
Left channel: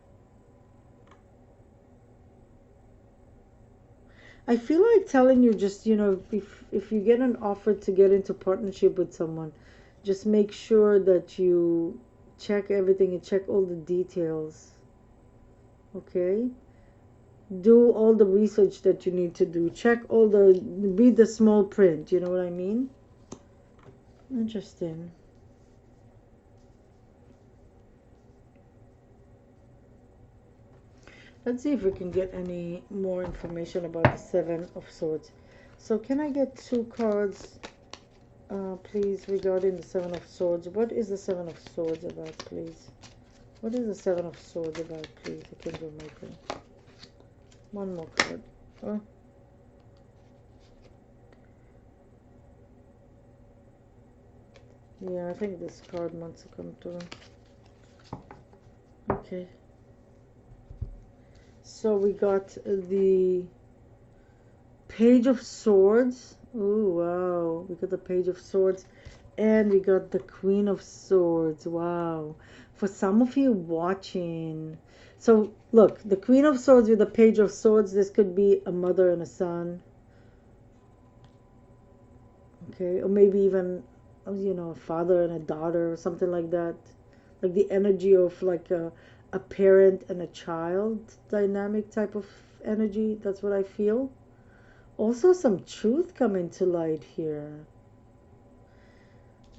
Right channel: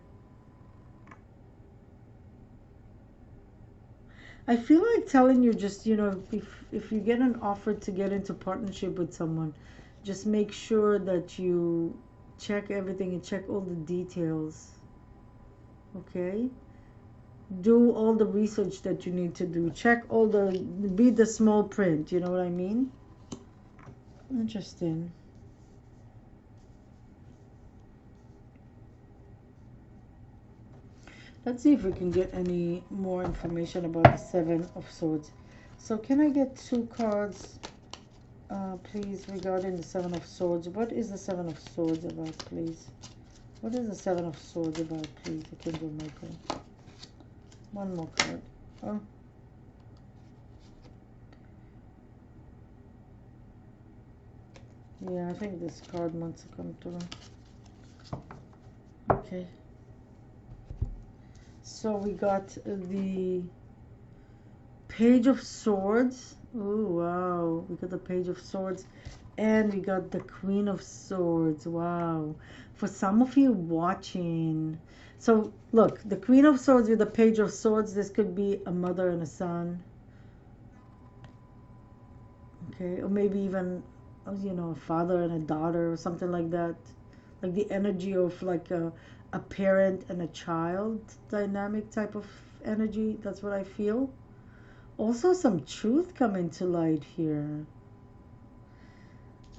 I feel like telling you, just, if you get an offer to get into partnership with someone, just make sure that you check everything and check all the details. Okay? Do all the research that you need to do. Read the small print, you know what I mean? Interesting. Let's see if we can get any more information about the Seven of Swords. So can I get two cards, please, regarding the Seven of Swords? What is the Seven of Swords about, please? What is the Seven of Swords about, please? Archangel Michael. One more card. Oh. Yeah, I think this card wants to come through. Okay. So we got the Page of Swords. Oh, wow. We got the Page of Swords. And we got the Queen of Swords. Wow. For some of you watching. So, look. The Queen of Swords with the Page of Swords. This could be a mother and a son. Okay. Or maybe even, a father and a daughter. Or something like that. Like the energy of like a parent and a child dynamic type of energy. That's what I feel. Also some truth coming to light here,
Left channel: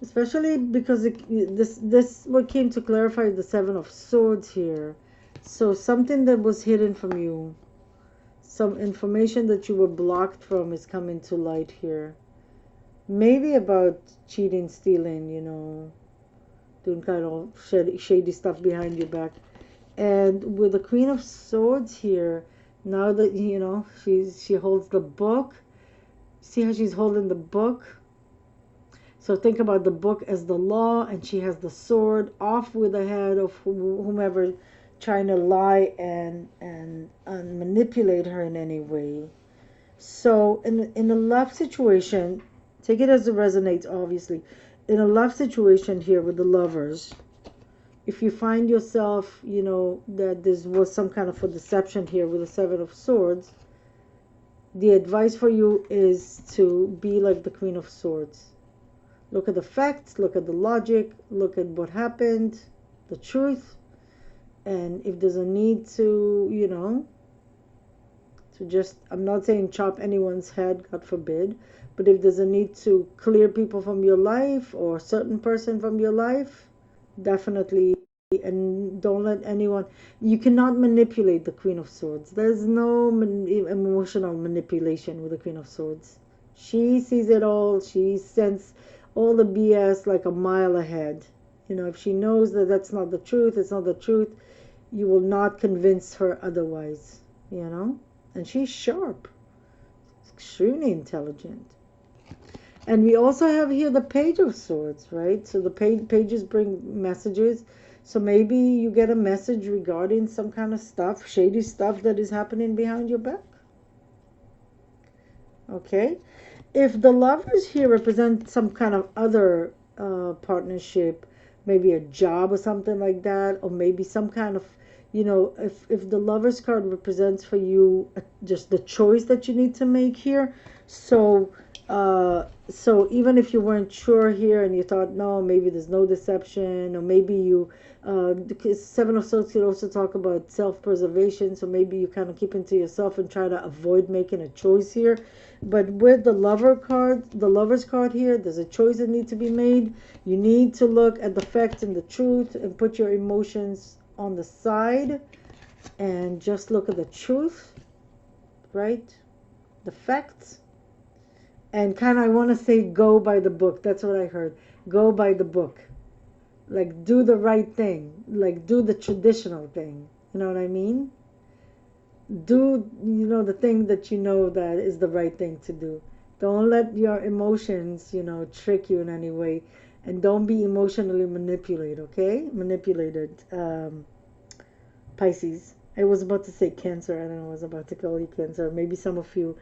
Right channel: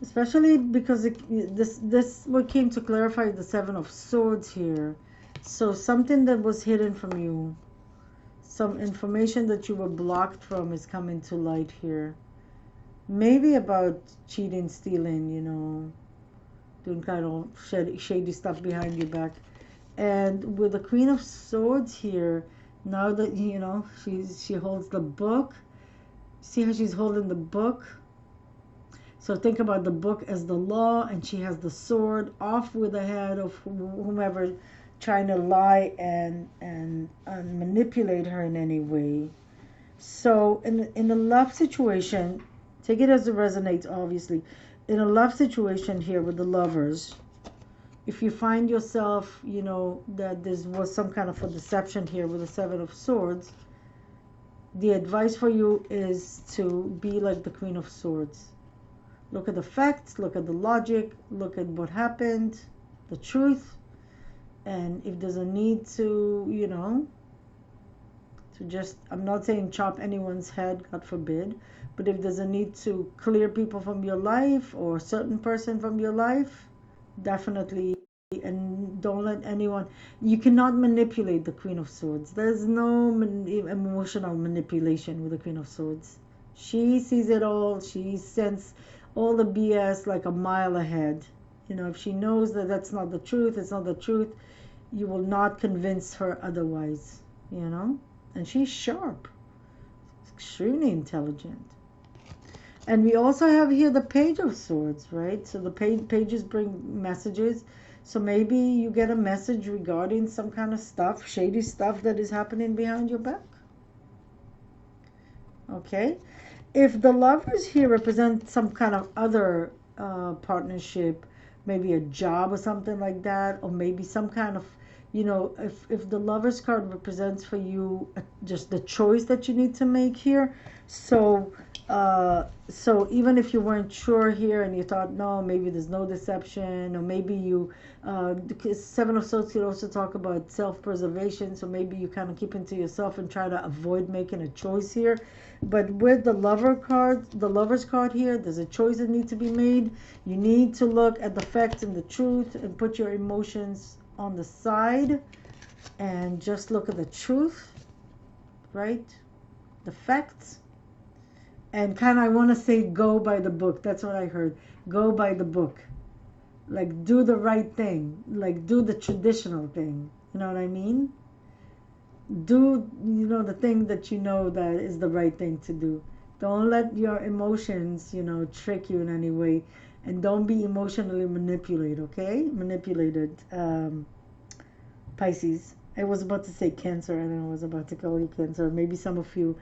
especially because this what came to clarify the Seven of Swords here. So something that was hidden from you, some information that you were blocked from, is coming to light here. Maybe about cheating, stealing, doing kind of shady stuff behind your back. And with the Queen of Swords here, now that she holds the book. See how she's holding the book? So think about the book as the law, and she has the sword, off with the head of whomever trying to lie and manipulate her in any way. So in a love situation, take it as it resonates, obviously. In a love situation here with the Lovers, if you find yourself, that there was some kind of a deception here with the Seven of Swords, the advice for you is to be like the Queen of Swords. Look at the facts, look at the logic, look at what happened, the truth, and if there's a need to just, I'm not saying chop anyone's head, God forbid, But if there's a need to clear people from your life or a certain person from your life, definitely. And don't let anyone, you cannot manipulate the Queen of Swords. There's no emotional manipulation with the Queen of Swords. She sees it all. She sends all the BS like a mile ahead. You know, if she knows that that's not the truth, it's not the truth, you will not convince her otherwise, you know. And she's sharp, extremely intelligent. And we also have here the Page of Swords, right? So the pages bring messages. So maybe you get a message regarding some kind of stuff, shady stuff that is happening behind your back. Okay. If the Lovers here represent some kind of other partnership, maybe a job or something like that, or maybe some kind of, you know, if the Lovers card represents for you just the choice that you need to make here. So even if you weren't sure here and you thought, no, maybe there's no deception, or maybe you, Seven of Swords could also talk about self-preservation, so maybe you kind of keep it to yourself and try to avoid making a choice here. But with the Lover's card here, there's a choice that needs to be made. You need to look at the facts and the truth and put your emotions on the side and just look at the truth, right? The facts. And kind of, I want to say, go by the book. That's what I heard. Go by the book. Like, do the right thing. Like, do the traditional thing. You know what I mean? Do, you know, the thing that you know that is the right thing to do. Don't let your emotions, you know, trick you in any way. And don't be emotionally manipulated, okay? Manipulated, Pisces. I was about to say Cancer. I don't know, I was about to call you Cancer. Maybe some of you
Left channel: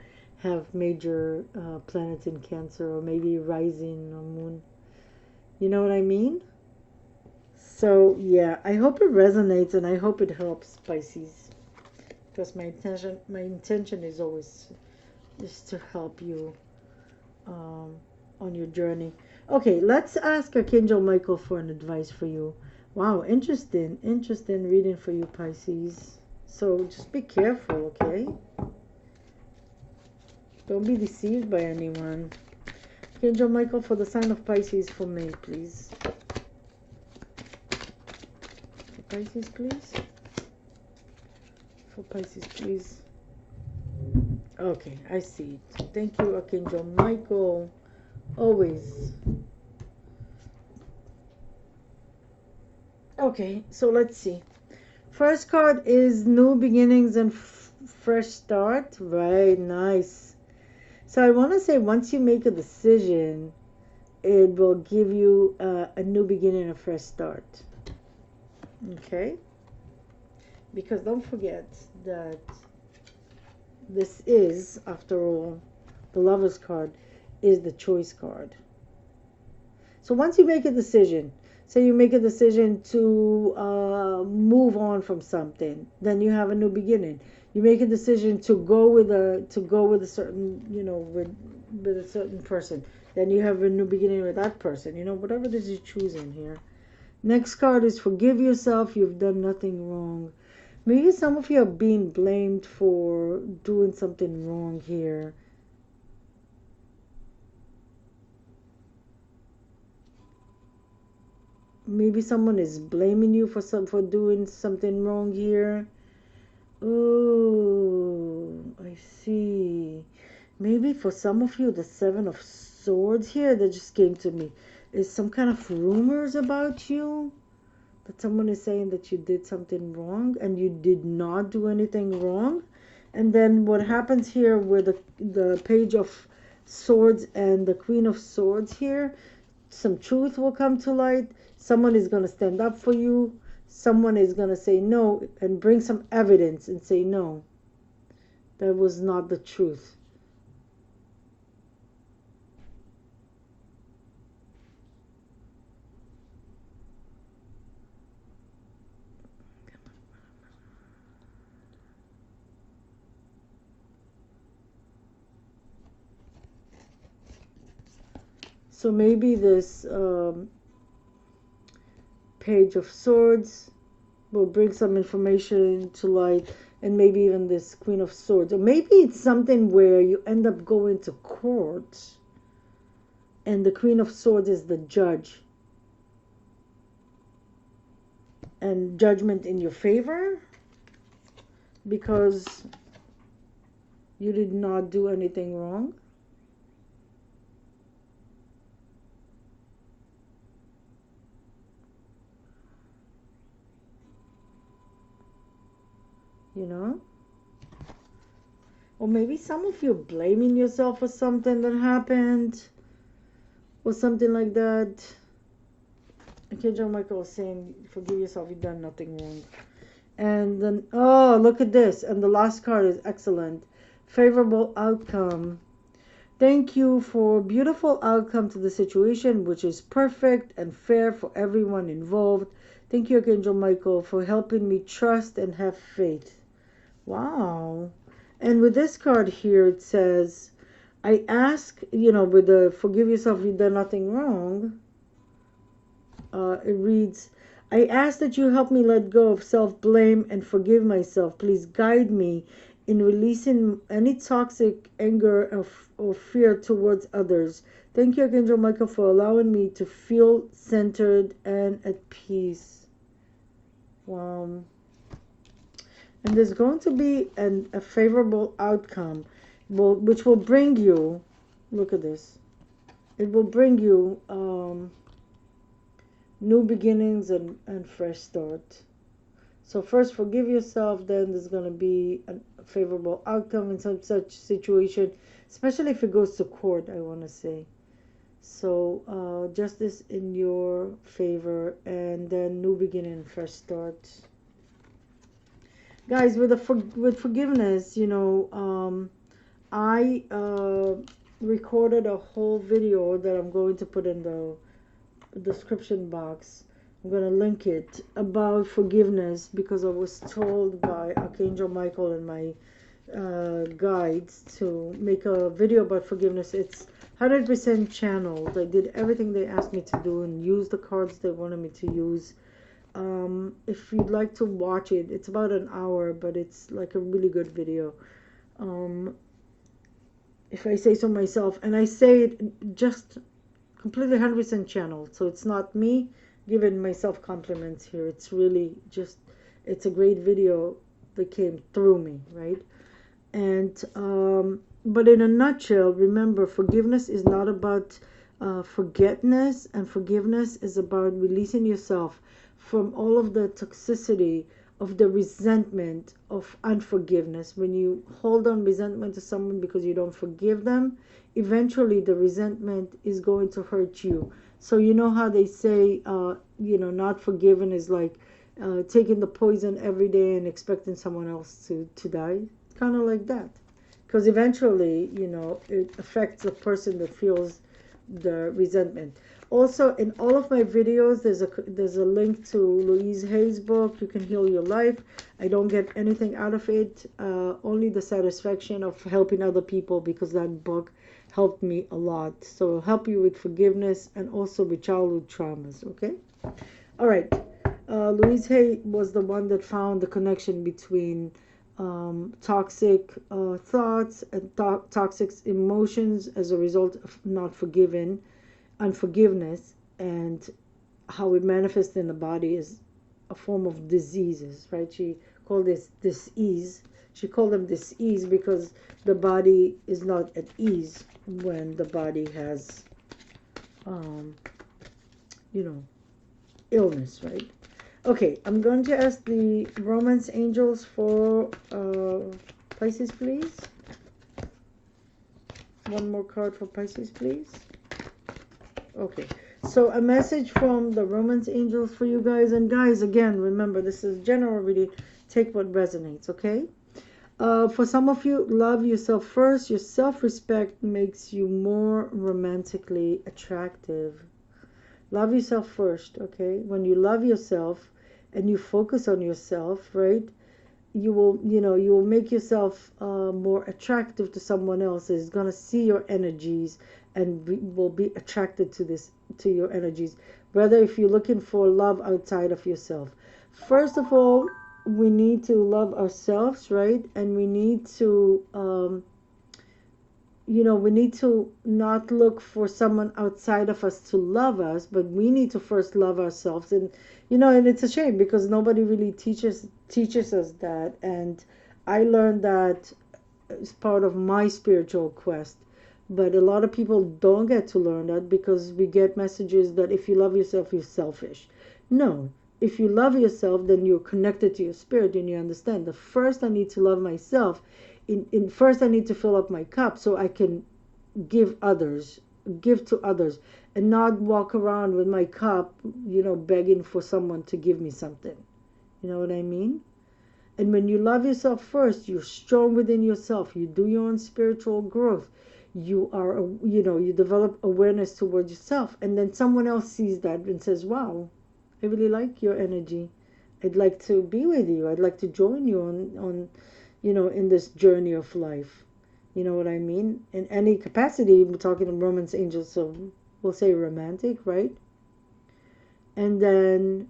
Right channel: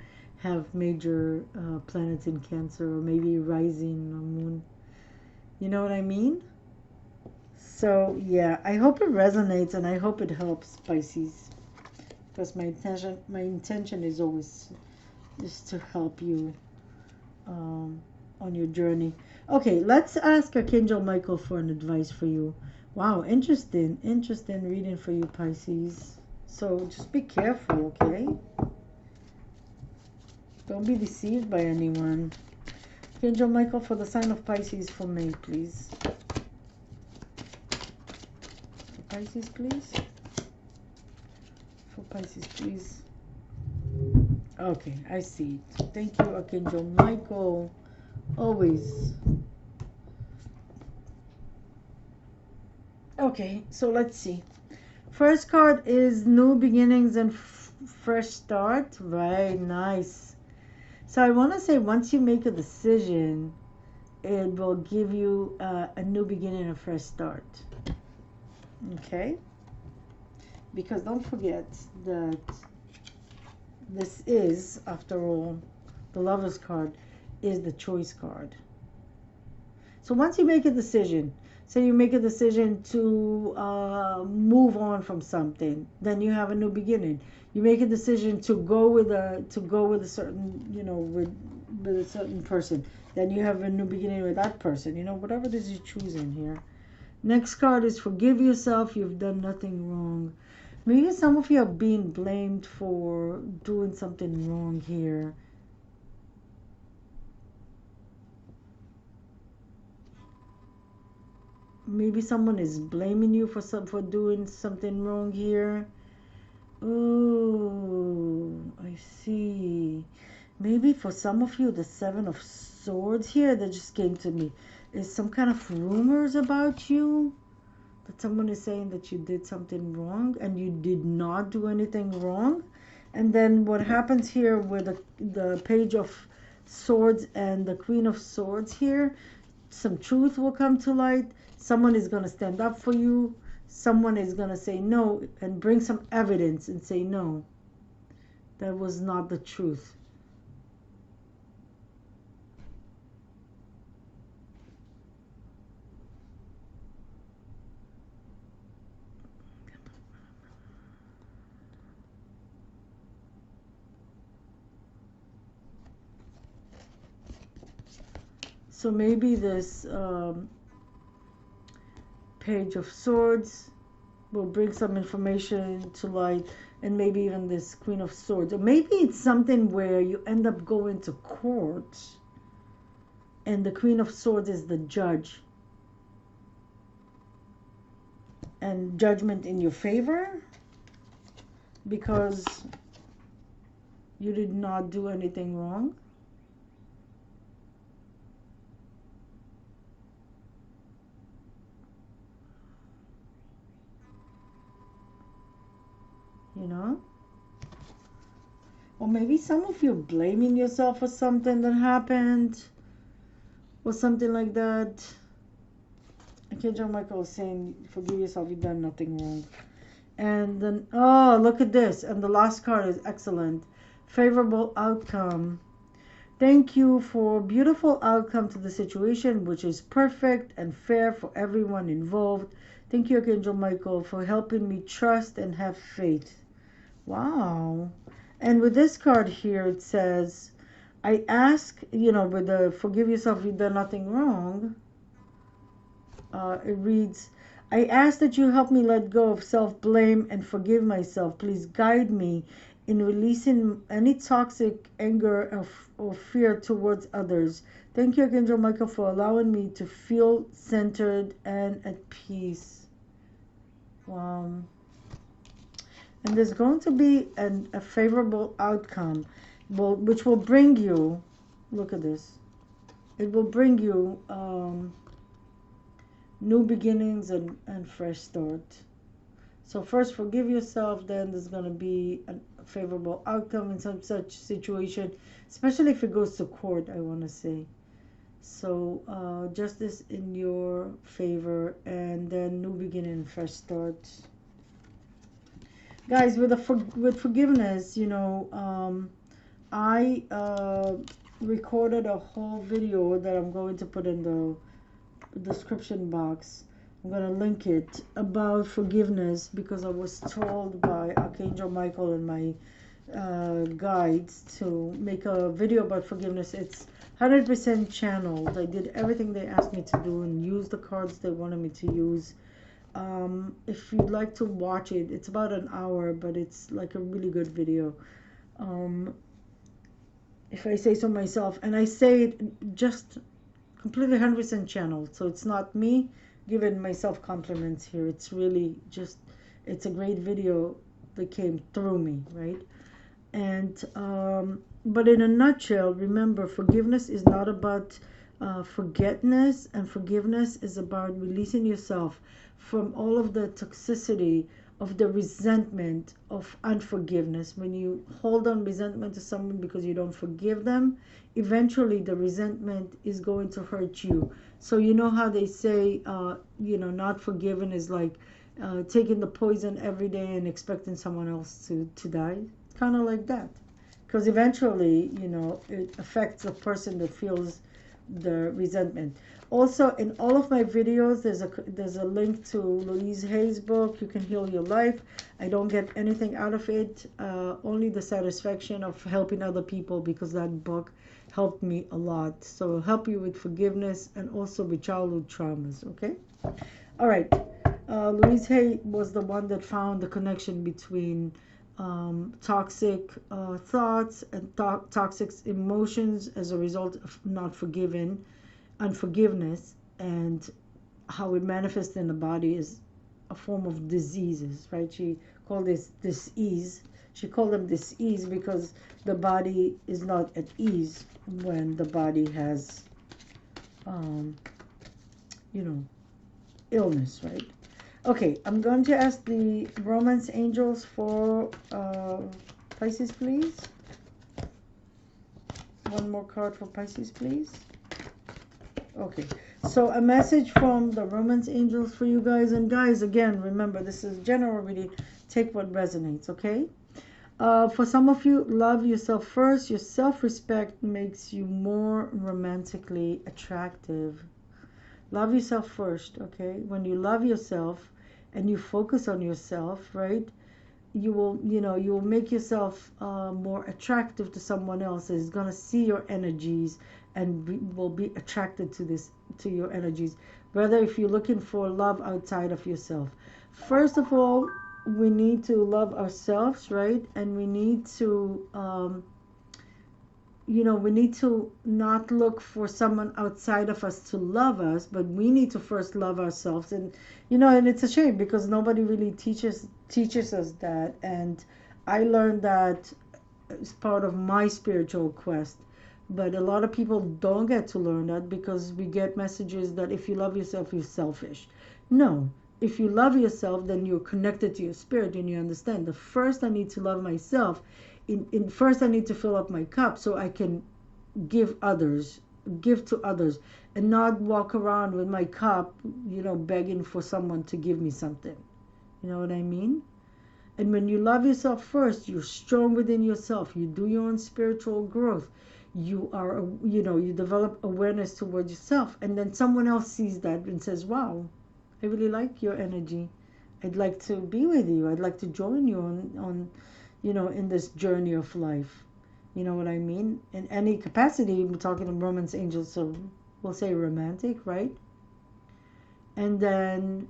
have major planets in Cancer, or maybe rising or moon. You know what I mean? So yeah, I hope it resonates and I hope it helps, Pisces. Because my intention is always just to help you on your journey. Okay, let's ask Archangel Michael for an advice for you. Wow, interesting reading for you, Pisces. So just be careful, okay? Don't be deceived by anyone. Archangel Michael for the sign of Pisces for me, please. For Pisces, please. For Pisces, please. Okay, I see. Thank you, Archangel Michael. Always. Okay, so let's see. First card is new beginnings and fresh start. Right, nice. So I want to say once you make a decision, it will give you a new beginning, a fresh start. Okay? Because don't forget that this is, after all, the Lover's card is the choice card. So once you make a decision, say you make a decision to move on from something, then you have a new beginning. You make a decision to go with a certain, you know, with a certain person, then you have a new beginning with that person. You know, whatever it is you're choosing here. Next card is forgive yourself. You've done nothing wrong. Maybe some of you are being blamed for doing something wrong here. Maybe someone is blaming you for doing something wrong here. Oh, I see. Maybe for some of you, the Seven of Swords here that just came to me is some kind of rumors about you. That someone is saying that you did something wrong and you did not do anything wrong. And then what happens here with the Page of Swords and the Queen of Swords here, some truth will come to light. Someone is going to stand up for you. Someone is going to say no and bring some evidence and say no, that was not the truth. So maybe this Page of Swords will bring some information to light, and maybe even this Queen of Swords. Or maybe it's something where you end up going to court And the Queen of Swords is the judge. And judgment in your favor because you did not do anything wrong. You know? Or maybe some of you blaming yourself for something that happened or something like that. Okay, John Michael is saying, forgive yourself, you've done nothing wrong. And then, oh, look at this. And the last card is excellent. Favorable outcome. Thank you for beautiful outcome to the situation, which is perfect and fair for everyone involved. Thank you, Archangel Michael, for helping me trust and have faith. Wow. And with this card here, it says, I ask, you know, with the forgive yourself, you've done nothing wrong. It reads, I ask that you help me let go of self-blame and forgive myself. Please guide me in releasing any toxic anger or fear towards others. Thank you, Archangel Michael, for allowing me to feel centered and at peace. Wow. And there's going to be a favorable outcome, which will bring you, look at this, it will bring you new beginnings and fresh start. So first forgive yourself, then there's going to be a favorable outcome in some such situation, especially if it goes to court, I want to say. So justice in your favor, and then new beginning and fresh start. Guys, with forgiveness, you know, I recorded a whole video that I'm going to put in the description box. I'm going to link it about forgiveness because I was told by Archangel Michael and my guides to make a video about forgiveness. It's 100% channeled. I did everything they asked me to do and use the cards they wanted me to use. If you'd like to watch it, it's about an hour, but it's like a really good video. If I say so myself, and I say it just completely 100% channeled, so it's not me giving myself compliments here. It's really just, it's a great video that came through me, right? And but in a nutshell, remember, forgiveness is not about forgetness, and forgiveness is about releasing yourself from all of the toxicity of the resentment of unforgiveness. When you hold on resentment to someone because you don't forgive them, eventually the resentment is going to hurt you. So you know how they say, you know, not forgiven is like taking the poison every day and expecting someone else to die. Kind of like that. Because eventually, you know, it affects the person that feels the resentment. Also, in all of my videos, there's a link to Louise Hay's book, You Can Heal Your Life. I don't get anything out of it, only the satisfaction of helping other people, because that book helped me a lot. So it'll help you with forgiveness and also with childhood traumas, okay? All right. Louise Hay was the one that found the connection between toxic thoughts and toxic emotions as a result of not forgiving, unforgiveness, and how it manifests in the body is a form of diseases, right? She called this disease. She called them disease because the body is not at ease when the body has, you know, illness, right? Okay, I'm going to ask the romance angels for Pisces, please. One more card for Pisces, please. Okay, so a message from the romance angels for you guys. And guys, again, remember, this is general reading. Take what resonates, okay? For some of you, love yourself first. Your self-respect makes you more romantically attractive. Love yourself first, okay? When you love yourself and you focus on yourself, right, you will, you know, you will make yourself more attractive to someone else. Is going to see your energies and will be attracted to your energies. Whether if you're looking for love outside of yourself. First of all, we need to love ourselves, right? And we need to we need to not look for someone outside of us to love us, but we need to first love ourselves. And and it's a shame because nobody really teaches us that. And I learned that as part of my spiritual quest. But a lot of people don't get to learn that because we get messages that if you love yourself, you're selfish. No, if you love yourself, then you're connected to your spirit and you understand. The first I need to love myself. First, I need to fill up my cup so I can give others, give to others, and not walk around with my cup, begging for someone to give me something. You know what I mean? And when you love yourself first, you're strong within yourself. You do your own spiritual growth. You develop awareness towards yourself. And then someone else sees that and says, wow, I really like your energy. I'd like to be with you. I'd like to join you on in this journey of life. You know what I mean? In any capacity, we're talking of romance angels, so we'll say romantic, right? And then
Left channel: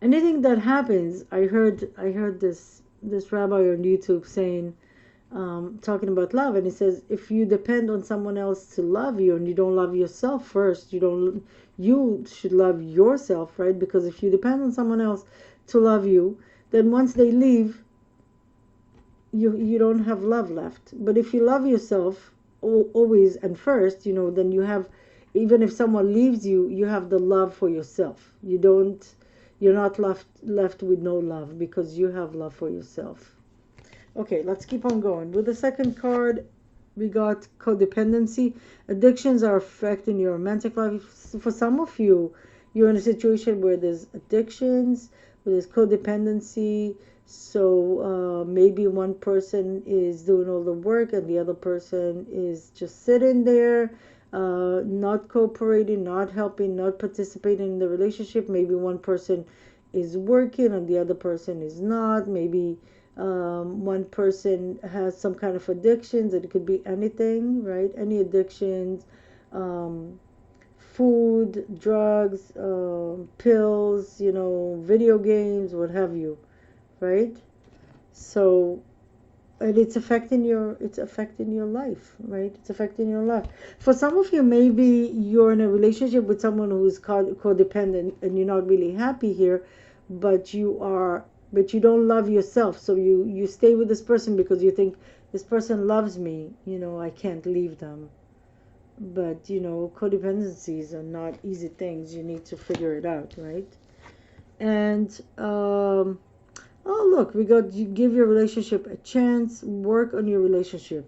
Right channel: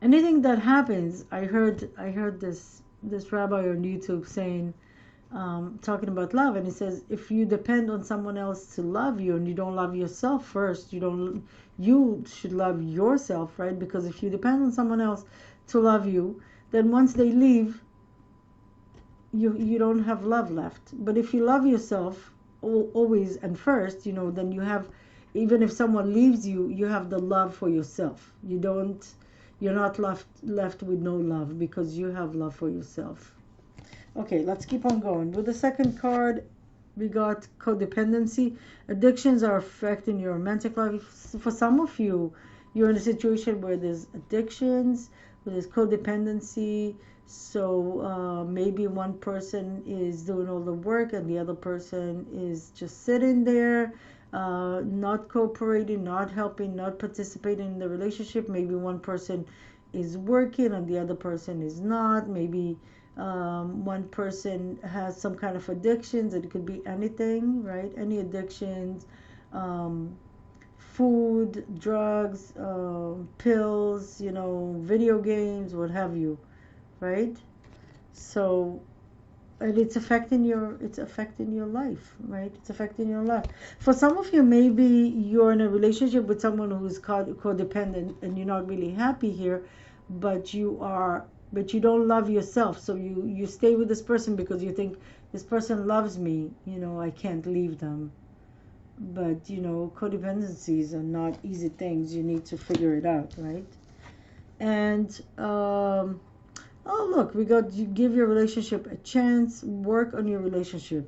anything that happens, I heard this rabbi on YouTube saying, talking about love, and he says if you depend on someone else to love you and you don't love yourself first, you should love yourself, right? Because if you depend on someone else to love you, then once they leave, you don't have love left. But if you love yourself always and first, then you have, even if someone leaves you, you have the love for yourself. You're not left with no love because you have love for yourself. Okay, let's keep on going. With the second card, we got codependency. Addictions are affecting your romantic life. For some of you, you're in a situation where there's addictions, where there's codependency. So maybe one person is doing all the work and the other person is just sitting there, not cooperating, not helping, not participating in the relationship. Maybe one person is working and the other person is not. Maybe one person has some kind of addictions, and it could be anything, right? Any addictions, um, food, drugs, pills, video games, what have you, right? So, and it's affecting your life, right? It's affecting your life. For some of you, maybe you're in a relationship with someone who's codependent and you're not really happy here, but you don't love yourself, so you stay with this person because you think this person loves me, I can't leave them. But codependencies are not easy things. You need to figure it out, right? And oh, look, we got you give your relationship a chance, work on your relationship.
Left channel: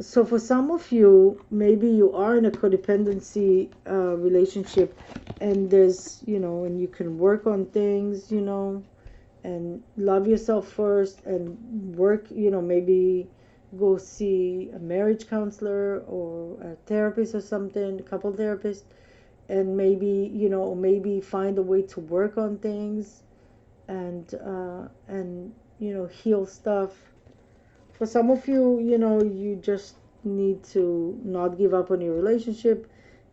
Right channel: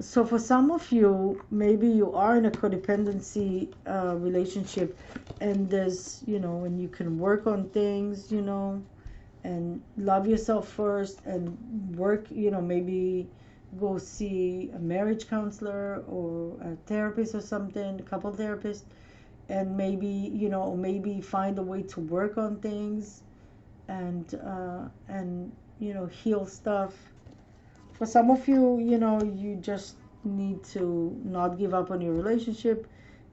So for some of you, maybe you are in a codependency relationship, and and you can work on things, and love yourself first and work, maybe go see a marriage counselor or a therapist or something, a couple therapist, and maybe find a way to work on things and heal stuff. For some of you, you just need to not give up on your relationship.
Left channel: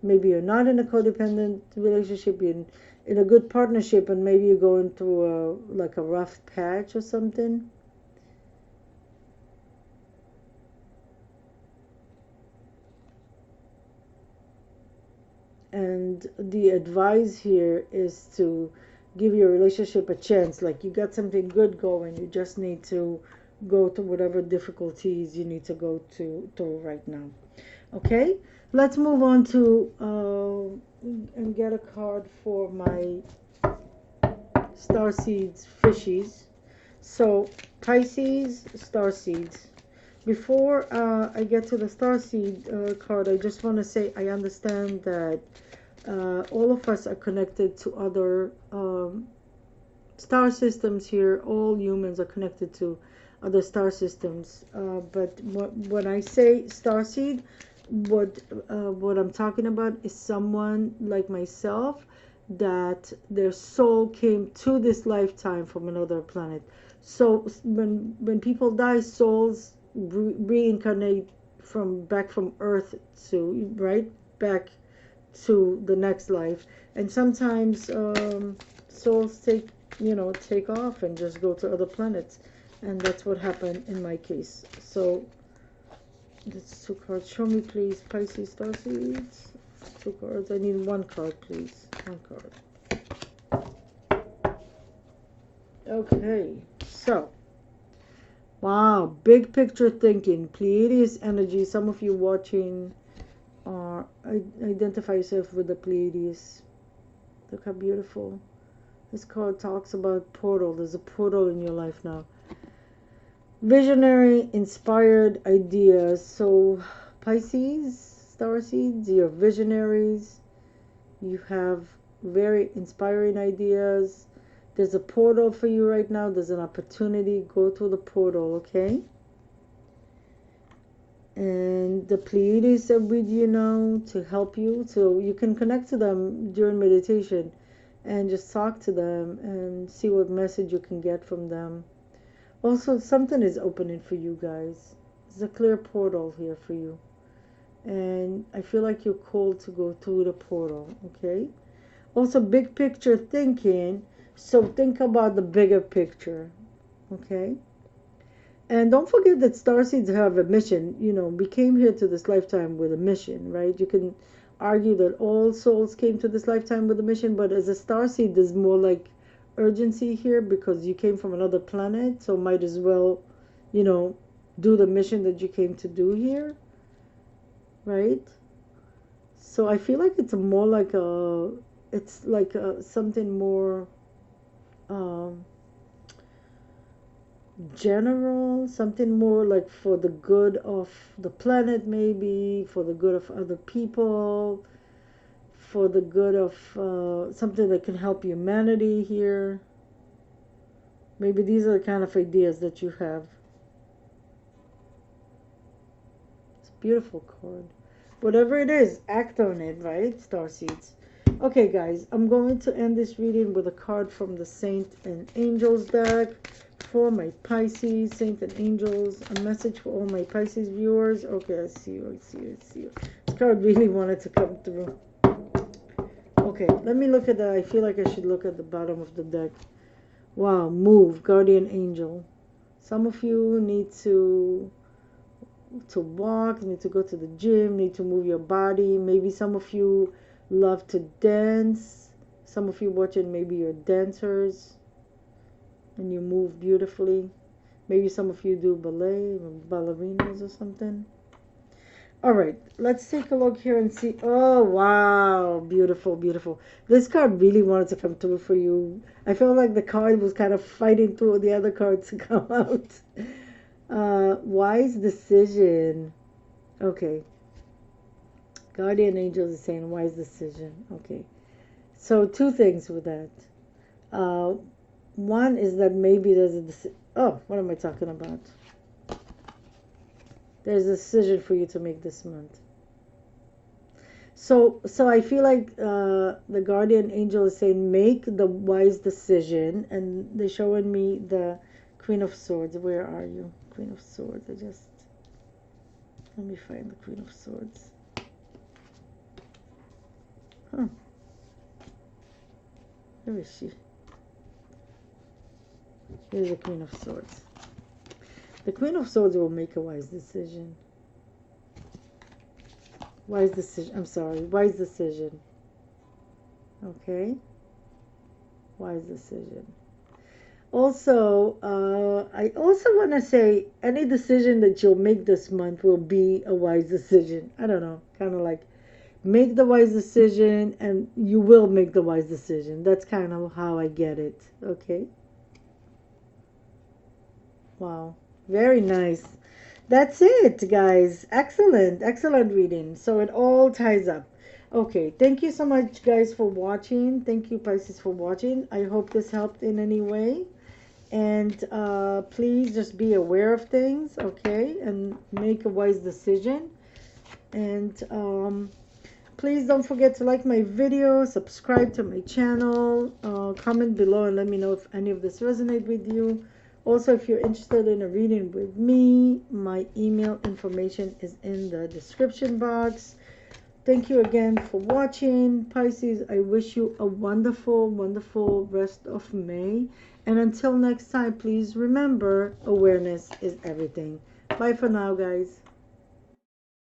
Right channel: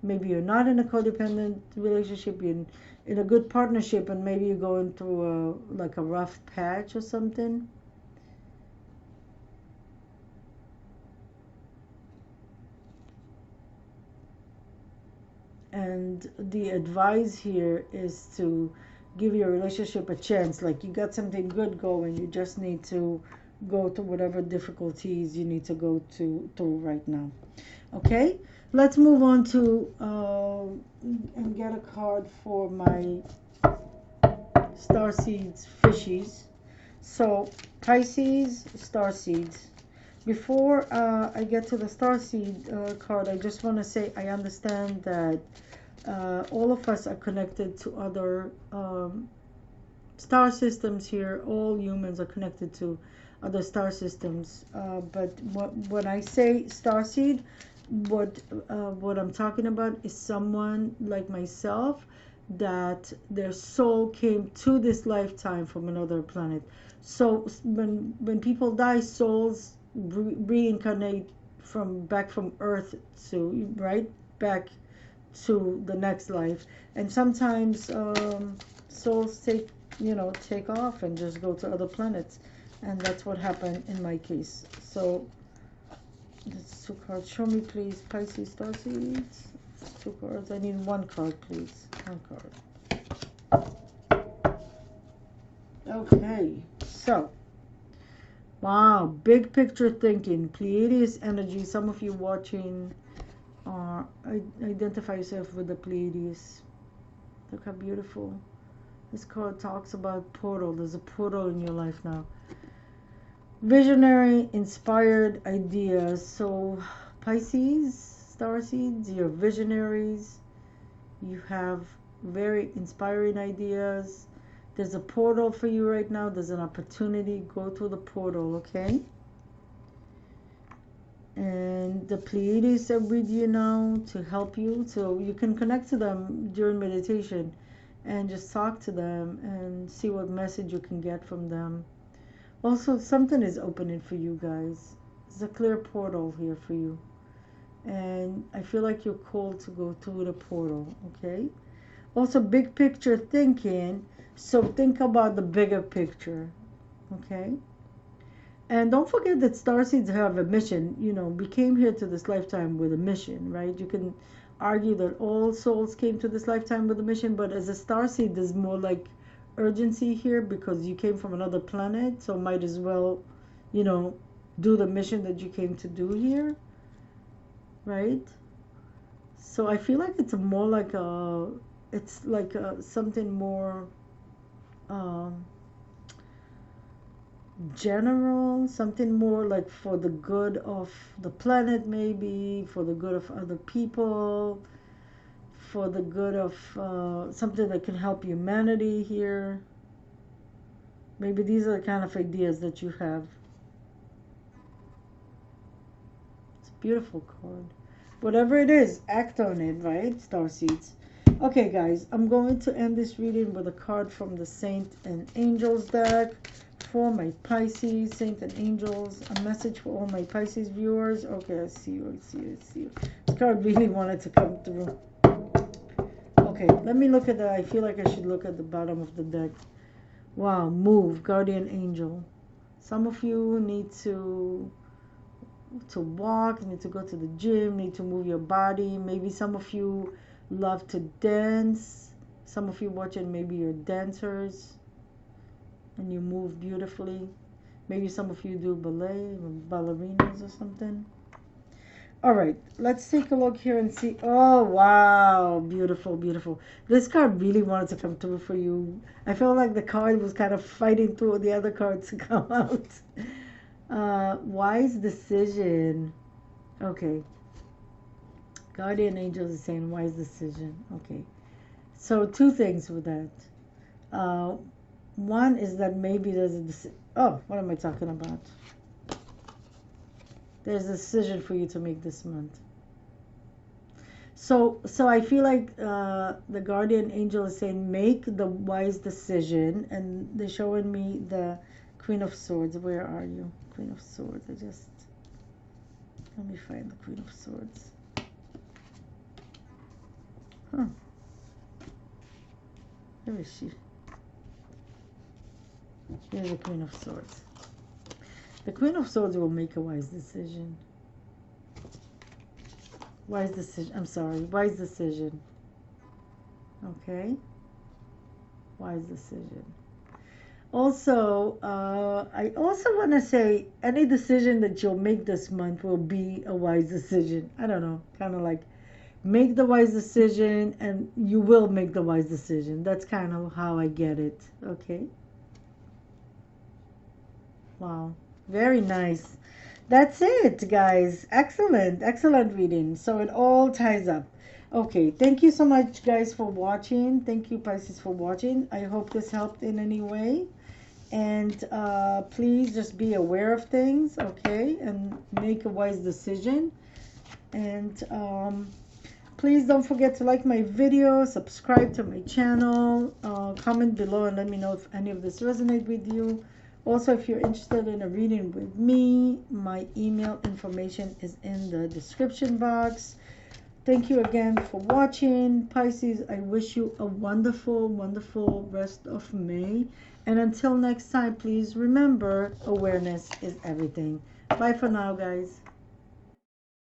Maybe you're not in a codependent relationship, you're in a good partnership, and maybe you're going through like a rough patch or something. And the advice here is to give your relationship a chance. Like you got something good going, you just need to go to whatever difficulties you need to go to right now. Okay, let's move on to and get a card for my StarSeeds fishies. So Pisces StarSeeds. Before I get to the Starseed card, I just want to say I understand that all of us are connected to other star systems here. All humans are connected to other star systems. But when I say starseed, what I'm talking about is someone like myself that their soul came to this lifetime from another planet. So when people die, souls reincarnate from Earth to right back to the next life. And sometimes souls take off and just go to other planets. And that's what happened in my case. So that's 2 cards. Show me, please, Pisces starseeds. 2 cards. I need 1 card, please. 1 card. Okay, so wow, big picture thinking, Pleiades energy. Some of you watching identify yourself with the Pleiades. Look how beautiful. This card talks about portal. There's a portal in your life now. Visionary, inspired ideas. So Pisces, starseeds, you're visionaries. You have very inspiring ideas. There's a portal for you right now. There's an opportunity. Go through the portal, okay? And the Pleiades are with you now to help you. So you can connect to them during meditation and just talk to them and see what message you can get from them. Also, something is opening for you guys. There's a clear portal here for you. And I feel like you're called to go through the portal, okay? Also, big picture thinking. So think about the bigger picture, okay? And don't forget that starseeds have a mission. You know, we came here to this lifetime with a mission, right? You can argue that all souls came to this lifetime with a mission, but as a starseed, there's more like urgency here because you came from another planet, so might as well, you know, do the mission that you came to do here, right? So I feel like it's more like a, it's like something more general, something more like for the good of the planet, maybe for the good of other people, for the good of something that can help humanity here. Maybe these are the kind of ideas that you have. It's a beautiful card. Whatever it is, act on it, right? Starseeds. Okay, guys, I'm going to end this reading with a card from the Saint and Angels deck for my Pisces, Saint and Angels. A message for all my Pisces viewers. Okay, I see you, I see you, I see you. This card really wanted to come through. Okay, let me look at that. I feel like I should look at the bottom of the deck. Wow, move, guardian angel. Some of you need to walk, need to go to the gym, need to move your body. Maybe some of you love to dance. Some of you watching, maybe you're dancers and you move beautifully. Maybe some of you do ballet or ballerinas or something. All right, let's take a look here and see. Oh, wow, beautiful, beautiful. This card really wanted to come through for you. I felt like the card was kind of fighting through the other cards to come out. Wise decision. Okay. Guardian angel is saying wise decision. Okay. So 2 things with that. One is that maybe there's a decision. Oh, what am I talking about? There's a decision for you to make this month. So I feel like the guardian angel is saying make the wise decision, and they're showing me the Queen of Swords. Where are you? Queen of Swords. Let me find the Queen of Swords. Huh. Where is she? Here's the Queen of Swords. The Queen of Swords will make a wise decision. Wise decision. I'm sorry. Wise decision. Okay. Wise decision. Also, I also want to say any decision that you'll make this month will be a wise decision. I don't know. Kind of like make the wise decision and you will make the wise decision. That's kind of how I get it. Okay. Wow. Very nice. That's it, guys. Excellent. Excellent reading. So it all ties up. Okay. Thank you so much, guys, for watching. Thank you, Pisces, for watching. I hope this helped in any way. And please just be aware of things, okay? And make a wise decision. And please don't forget to like my video, subscribe to my channel, comment below and let me know if any of this resonates with you. Also, if you're interested in a reading with me, my email information is in the description box. thank you again for watching, Pisces. I wish you a wonderful, wonderful rest of May. And until next time, please remember, awareness is everything. Bye for now, guys.